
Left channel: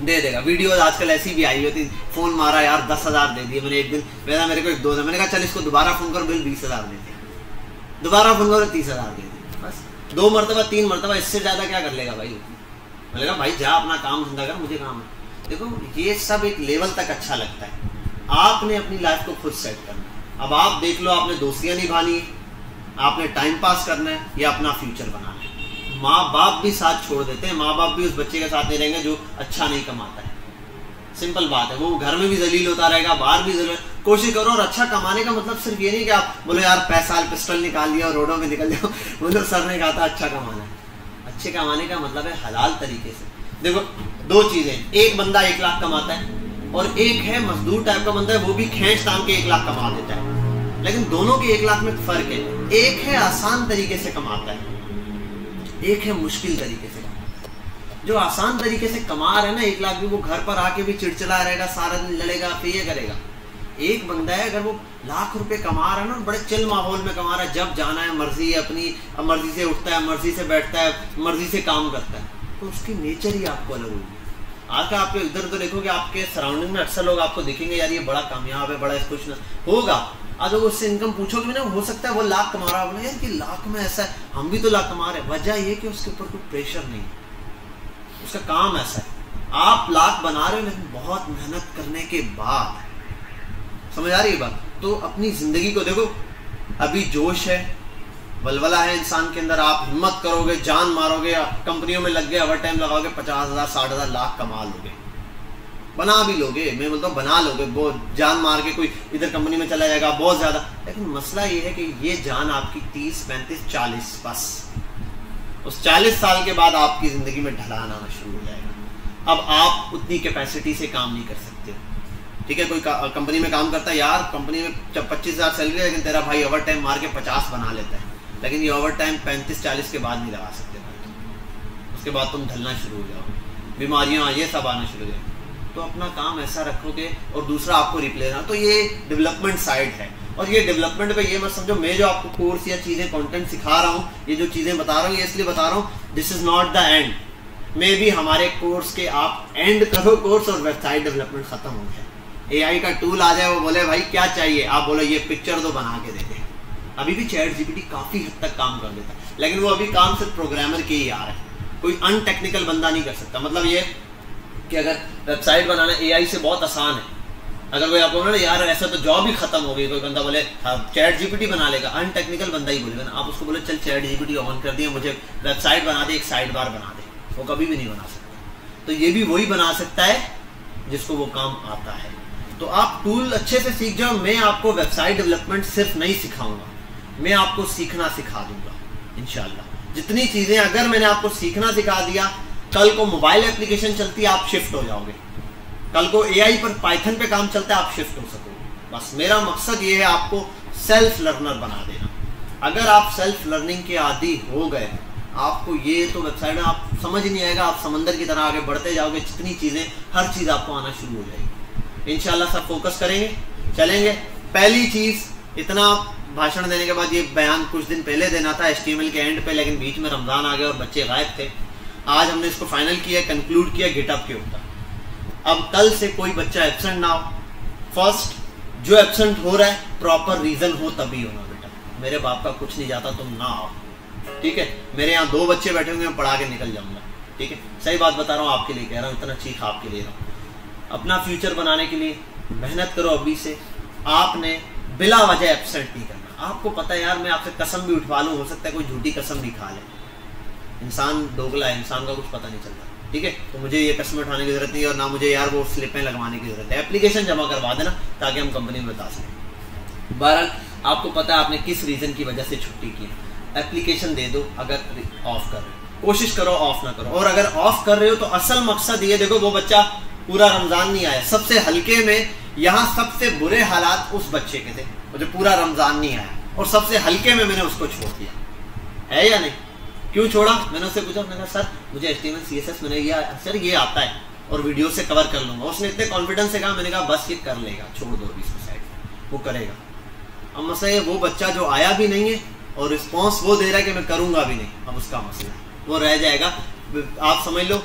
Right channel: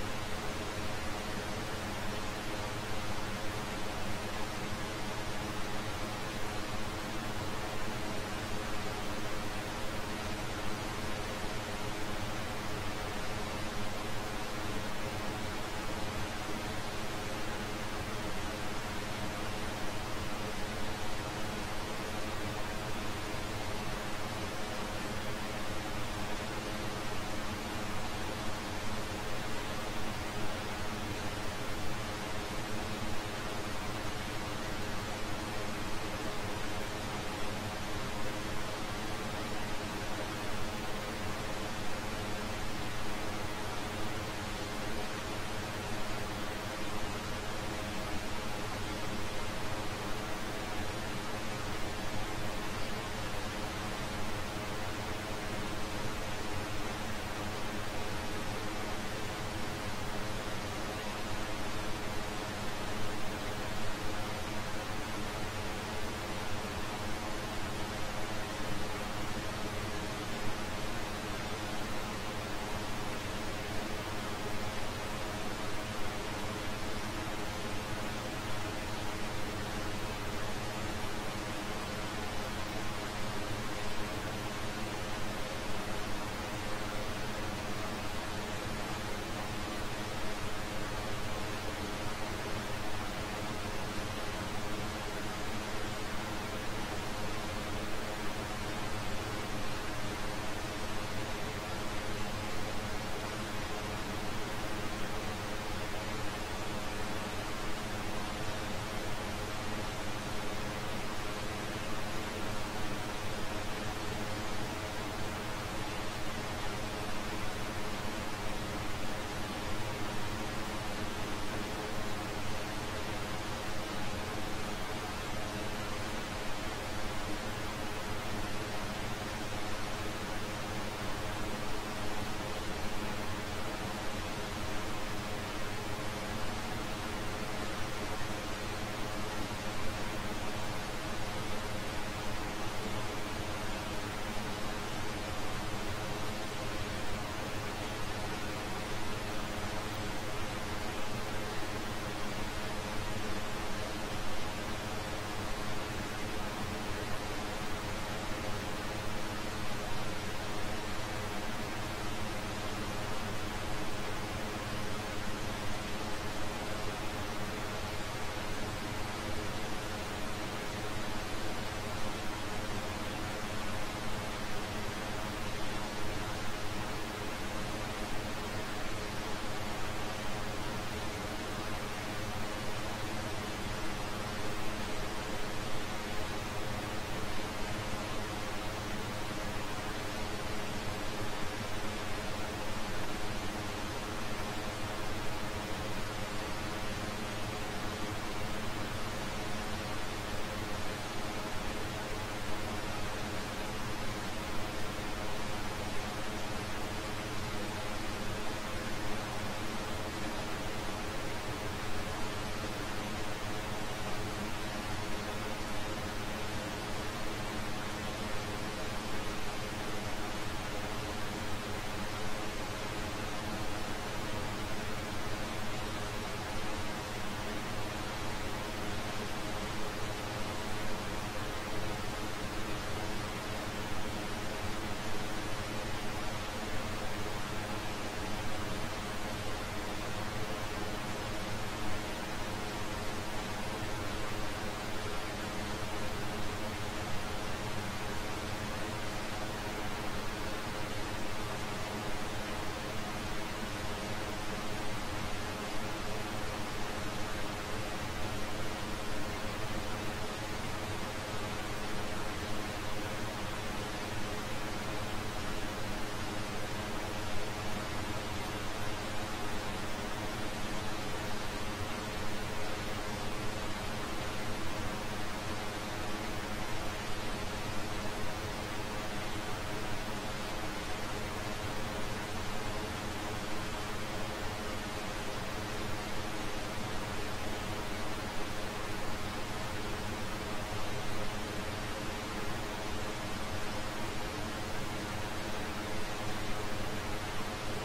दे देगा। वीडियो आजकल ऐसी भी आई होती, फ़ोन मारा यार 10,000 दे दिए। मैंने एक दिन मेरे को एक दोस्त है, मैंने कहा चल इसको दोबारा फ़ोन करो, बिल 20,000 दे दिया, दोबारा फ़ोन करो 30,000 दे दिया, बस 2 मरतबा 3 मरतबा, इससे ज़्यादा क्या कर लेगा भाई। मैंने कहा भाई जा अपना काम धंधा कर, मुझे काम है। देखो ये सब एक लेवल तक अच्छा लगता है, आपने अपनी लाइफ को खुद सेट करना। अब आप देख लो, आपने दोस्तियाँ निभानी है, आपने टाइम पास करना है, या अपना फ्यूचर बनाना है। माँ बाप भी साथ छोड़ देते हैं, माँ बाप भी उस बच्चे के साथ नहीं रहेंगे जो अच्छा नहीं कमाता है। सिंपल बात है, वो घर में भी जलील होता रहेगा, बाहर भी जलील। कोशिश करो, और अच्छा कमाने का मतलब सिर्फ ये नहीं कि आप बोलो यार पैसा पिस्टल निकाल लिया और रोडों में निकल जाओ, मतलब सर ने कहा था अच्छा कमाना। अच्छे कमाने का मतलब है हलाल तरीके से। देखो 2 चीज़ें, एक बंदा 1 लाख कमाता है, और एक है मजदूर टाइप का बंदा है, वो भी खींच तान के 1 लाख कमा देता है। लेकिन दोनों के 1 लाख में फ़र्क है, एक है आसान तरीके से कमाता है, एक है मुश्किल तरीके से। जो आसान तरीके से कमा रहे हैं ना 1 लाख भी, वो घर पर आके भी चिड़चिड़ा रहेगा, सारा दिन लड़ेगा, फिर ये करेगा। एक बंदा है अगर वो लाख रुपए कमा रहा है ना, बड़े चिल माहौल में कमा रहा है, जब जाना है मर्जी है अपनी, मर्जी से उठता है, मर्जी से बैठता है, मर्जी से काम करता है, तो उसकी नेचर ही आपको अलग होगी। आकर आपके इधर उधर देखोगे, आपके सराउंडिंग में अक्सर लोग आपको देखेंगे यार ये बड़ा कामयाब है, बड़ा कुछ ना होगा। अगर उससे इनकम पूछोगे भी ना, हो सकता है वो लाख कमा रहा है, यार कि लाख में ऐसा है, हम भी तो लाख कमा रहे हैं। वजह ये कि उसके ऊपर कोई प्रेशर नहीं है, उसका काम ऐसा है। आप लाख बना रहे हो लेकिन बहुत मेहनत करने के बाद, समझ आ रही है बात। तो अपनी ज़िंदगी को देखो, अभी जोश है, बलबला है इंसान के अंदर, आप हिम्मत करोगे, जान मारोगे, कंपनियों में लग गए, ओवर टाइम लगाओगे, 50,000 60,000 लाख कमा लोगे, बना भी लोगे। मैं बोलता हूँ बना लोगे, वो जान मार के कोई इधर कंपनी में चला जाएगा बहुत ज़्यादा। लेकिन मसला ये है कि ये जान आपकी 30 35 40, बस उस 40 साल के बाद आपकी ज़िंदगी में ढलाना शुरू हो जाएगा। अब आप उतनी कैपेसिटी से काम नहीं कर सकते। ठीक है, कोई कंपनी में काम करता है, यार कंपनी में जब 25,000 सैलरी, लेकिन तेरा भाई ओवर टाइम मार के 50 बना लेता है, लेकिन ये ओवर टाइम 35 40 के बाद नहीं लगा सकते। उसके बाद तुम ढलना शुरू हो जाओ, बीमारियाँ ये सब आना शुरू हो जाए। तो अपना काम ऐसा रखोगे और दूसरा आपको रिप्ले ना, तो ये डेवलपमेंट साइड है। और ये डेवलपमेंट पे ये मत समझो मैं जो आपको कोर्स या चीज़ें कंटेंट सिखा रहा हूँ, ये जो चीज़ें बता रहा हूँ, ये इसलिए बता रहा हूँ, this is not the end. मे भी हमारे कोर्स के आप एंड करो कोर्स और वेबसाइट डेवलपमेंट ख़त्म हो जाए, AI का टूल आ जाए, वो बोले भाई क्या चाहिए, आप बोलो ये पिक्चर तो बना के दे देगा। अभी भी ChatGPT काफ़ी हद तक काम कर देता है, लेकिन वो अभी काम सिर्फ प्रोग्रामर के ही आ रहा है, कोई अनटेक्निकल बंदा नहीं कर सकता। मतलब ये कि अगर वेबसाइट बनाना AI से बहुत आसान है, अगर कोई आपको बोले यार ऐसा तो जॉब ही खत्म हो गई, कोई बंदा बोले ChatGPT बना लेगा, अनटेक्निकल बंदा ही बोलेगा ना। आप उसको बोले चल ChatGPT ऑन कर दिए, मुझे वेबसाइट बना दे, एक साइड बार बना दे, वो कभी भी नहीं बना सकता। तो ये भी वही बना सकता है जिसको वो काम आता है। तो आप टूल अच्छे से सीख जाओ। मैं आपको वेबसाइट डेवलपमेंट सिर्फ नहीं सिखाऊंगा, मैं आपको सीखना सिखा दूंगा इंशाल्लाह। जितनी चीज़ें अगर मैंने आपको सीखना सिखा दिया, कल को मोबाइल एप्लीकेशन चलती है आप शिफ्ट हो जाओगे, कल को AI पर पाइथन पे काम चलता है आप शिफ्ट हो सकोगे। बस मेरा मकसद ये है आपको सेल्फ लर्नर बना देना। अगर आप सेल्फ लर्निंग के आदी हो गए, आपको ये तो वेबसाइट में आप समझ ही नहीं आएगा, आप समंदर की तरह आगे बढ़ते जाओगे, जितनी चीज़ें हर चीज़ आपको आना शुरू हो जाएगी। इंशाल्लाह सब फोकस करेंगे, चलेंगे। पहली चीज़, इतना भाषण देने के बाद ये बयान कुछ दिन पहले देना था HTML के एंड पे, लेकिन बीच में रमज़ान आ गया और बच्चे गायब थे। आज हमने इसको फाइनल किया, कंक्लूड किया GitHub के ऊपर। अब कल से कोई बच्चा एब्सेंट ना हो। फर्स्ट, जो एब्सेंट हो रहा है प्रॉपर रीज़न हो तभी होना बेटा। मेरे बाप का कुछ नहीं जाता, तुम ना आओ, ठीक है। मेरे यहाँ 2 बच्चे बैठे होंगे, मैं पढ़ा के निकल जाऊँगा, ठीक है। सही बात बता रहा हूँ, आपके लिए कह रहा हूँ, इतना चीख आपके लिए। अपना फ्यूचर बनाने के लिए मेहनत करो अभी से। आपने बिला वजह एब्सेंट नहीं करना। आपको पता है यार, मैं आपसे कसम भी उठवा लूँ, हो सकता है कोई झूठी कसम भी खा ले। इंसान दोगला है, इंसान का कुछ पता नहीं चलता, ठीक है। तो मुझे ये कसम उठाने की जरूरत नहीं है, और ना मुझे यार वो स्लिपें लगवाने की जरूरत है। एप्लीकेशन जमा करवा देना ताकि हम कंपनी में बता सकें। बहरहाल आपको पता है आपने किस रीज़न की वजह से छुट्टी की, एप्लीकेशन दे दो। अगर ऑफ कर, कोशिश करो ऑफ ना करो। और अगर ऑफ कर रहे हो तो असल मकसद ये देखो, वो बच्चा पूरा रमज़ान नहीं आया, सबसे हल्के में यहाँ सबसे बुरे हालात उस बच्चे के थे मुझे पूरा रमज़ान नहीं आया, और सबसे हल्के में मैंने उसको छोड़ दिया, है या नहीं? क्यों छोड़ा? मैंने उससे पूछा, मैंने कहा सर मुझे HTML CSS मैंने सर ये आता है और वीडियो से कवर कर लूँगा। उसने इतने कॉन्फिडेंस से कहा, मैंने कहा बस ये कर लेगा, छोड़ दो इसकी साइड, वो करेगा। अब मसला ये, वो बच्चा जो आया भी नहीं है और रिस्पॉन्स वो दे रहा है कि मैं करूँगा भी नहीं, अब उसका मसला वो रह जाएगा। आप समझ लो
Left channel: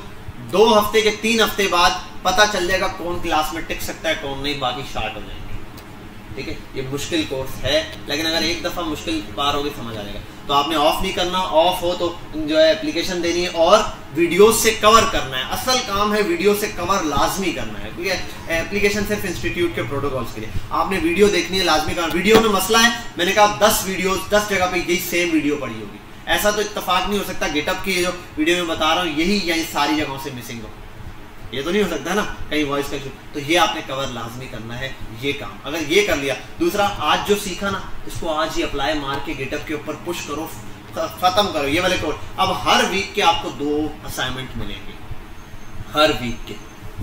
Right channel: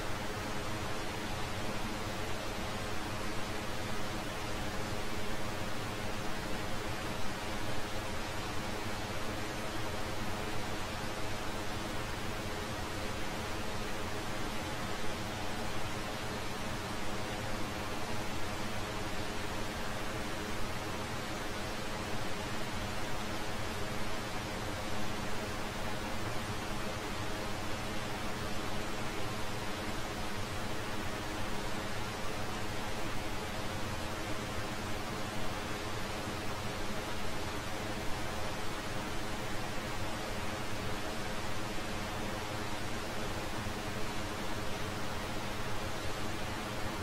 2 हफ्ते के 3 हफ्ते बाद पता चल जाएगा कौन क्लास में टिक सकता है कौन नहीं, बाकी स्टार्ट हो जाएगा, ठीक है। ये मुश्किल कोर्स है, लेकिन अगर एक दफ़ा मुश्किल पार होगी समझ आ जाएगा। तो आपने ऑफ नहीं करना, ऑफ हो तो जो है एप्लीकेशन देनी है और वीडियोस से कवर करना है। असल काम है वीडियो से कवर लाजमी करना है, ठीक है। एप्लीकेशन सिर्फ इंस्टीट्यूट के प्रोटोकॉल्स के लिए, आपने वीडियो देखनी है लाजमी करना। वीडियो में मसला है, मैंने कहा 10 वीडियो 10 जगह पे यही सेम वीडियो पड़ी होगी, ऐसा तो इत्तेफाक नहीं हो सकता GitHub की जो वीडियो में बता रहा हूँ यही सारी जगहों से मिसिंग हो, ये तो नहीं हो सकता ना, कहीं वॉइस का। तो ये आपने कवर लाजमी करना है, ये काम अगर ये कर लिया। दूसरा, आज जो सीखा ना उसको आज ही अप्लाई मार के GitHub के ऊपर पुश करो, ख़त्म करो ये वाले कोड। अब हर वीक के आपको 2 असाइनमेंट मिलेंगे, हर वीक के,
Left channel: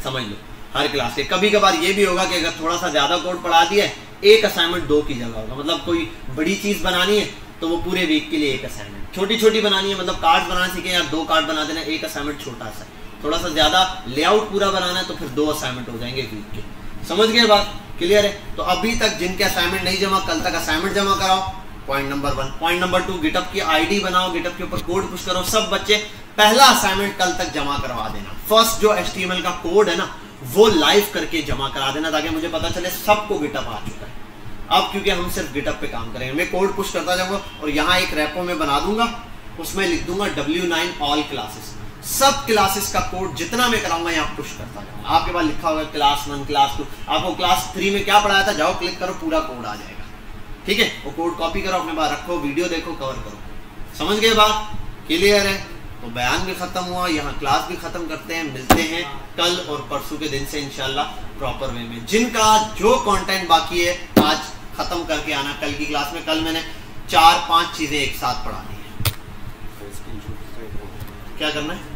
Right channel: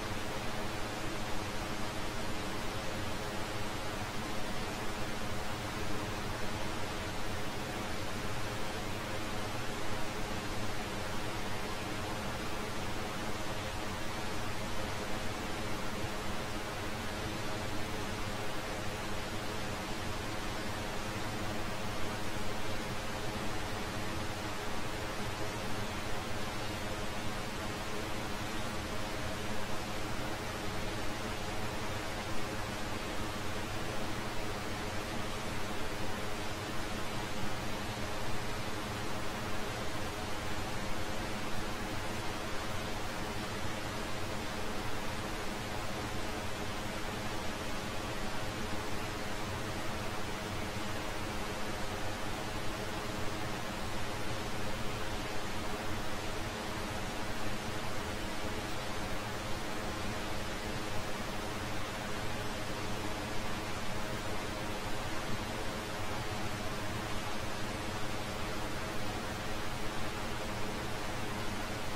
समझ लो हर क्लास के। कभी कभार ये भी होगा कि अगर थोड़ा सा ज़्यादा कोड पढ़ा दिया है, 1 असाइनमेंट 2 की जगह होगा। मतलब कोई बड़ी चीज़ बनानी है तो वो पूरे वीक के लिए 1 असाइनमेंट, छोटी छोटी बनानी है, मतलब कार्ड बनाना सीखें यार 2 कार्ड बना देना, 1 असाइनमेंट छोटा सा। थोड़ा सा ज़्यादा लेआउट पूरा बनाना है तो फिर 2 असाइनमेंट हो जाएंगे वीक के। समझ गए बात? क्लियर है? तो अभी तक जिनके असाइनमेंट नहीं जमा, कल तक असाइनमेंट जमा कराओ, point number 1। Point number 2, GitHub की ID बनाओ, GitHub के ऊपर कोड पुश करो। सब बच्चे पहला असाइनमेंट कल तक जमा करवा देना। फर्स्ट जो HTML का कोड है ना वो लाइव करके जमा करा देना, ताकि मुझे पता चले सबको GitHub आ चुका है। अब क्योंकि हम सिर्फ GitHub पे काम करेंगे, मैं कोड पुश करता जाऊँगा और यहाँ एक रेपो में बना दूंगा, उसमें लिख दूंगा W9 ऑल क्लासेस। सब क्लासेस का कोड जितना मैं कराऊंगा यहाँ पुश करता हूँ। आपके पास लिखा होगा क्लास 1 क्लास 2, आपको क्लास 3 में क्या पढ़ाया था, जाओ क्लिक करो, पूरा कोड आ जाएगा, ठीक है। वो कोड कॉपी करो, अपने पास रखो, वीडियो देखो, कवर करो। समझ गए बात? क्लियर है? तो बयान भी ख़त्म हुआ, यहाँ क्लास भी ख़त्म करते हैं। मिलते हैं कल और परसों के दिन से इंशाल्लाह प्रॉपर वे में। जिनका जो कंटेंट बाकी है आज ख़त्म करके आना कल की क्लास में। कल मैंने 4-5 चीज़ें एक साथ पढ़ा दी। क्या करना है?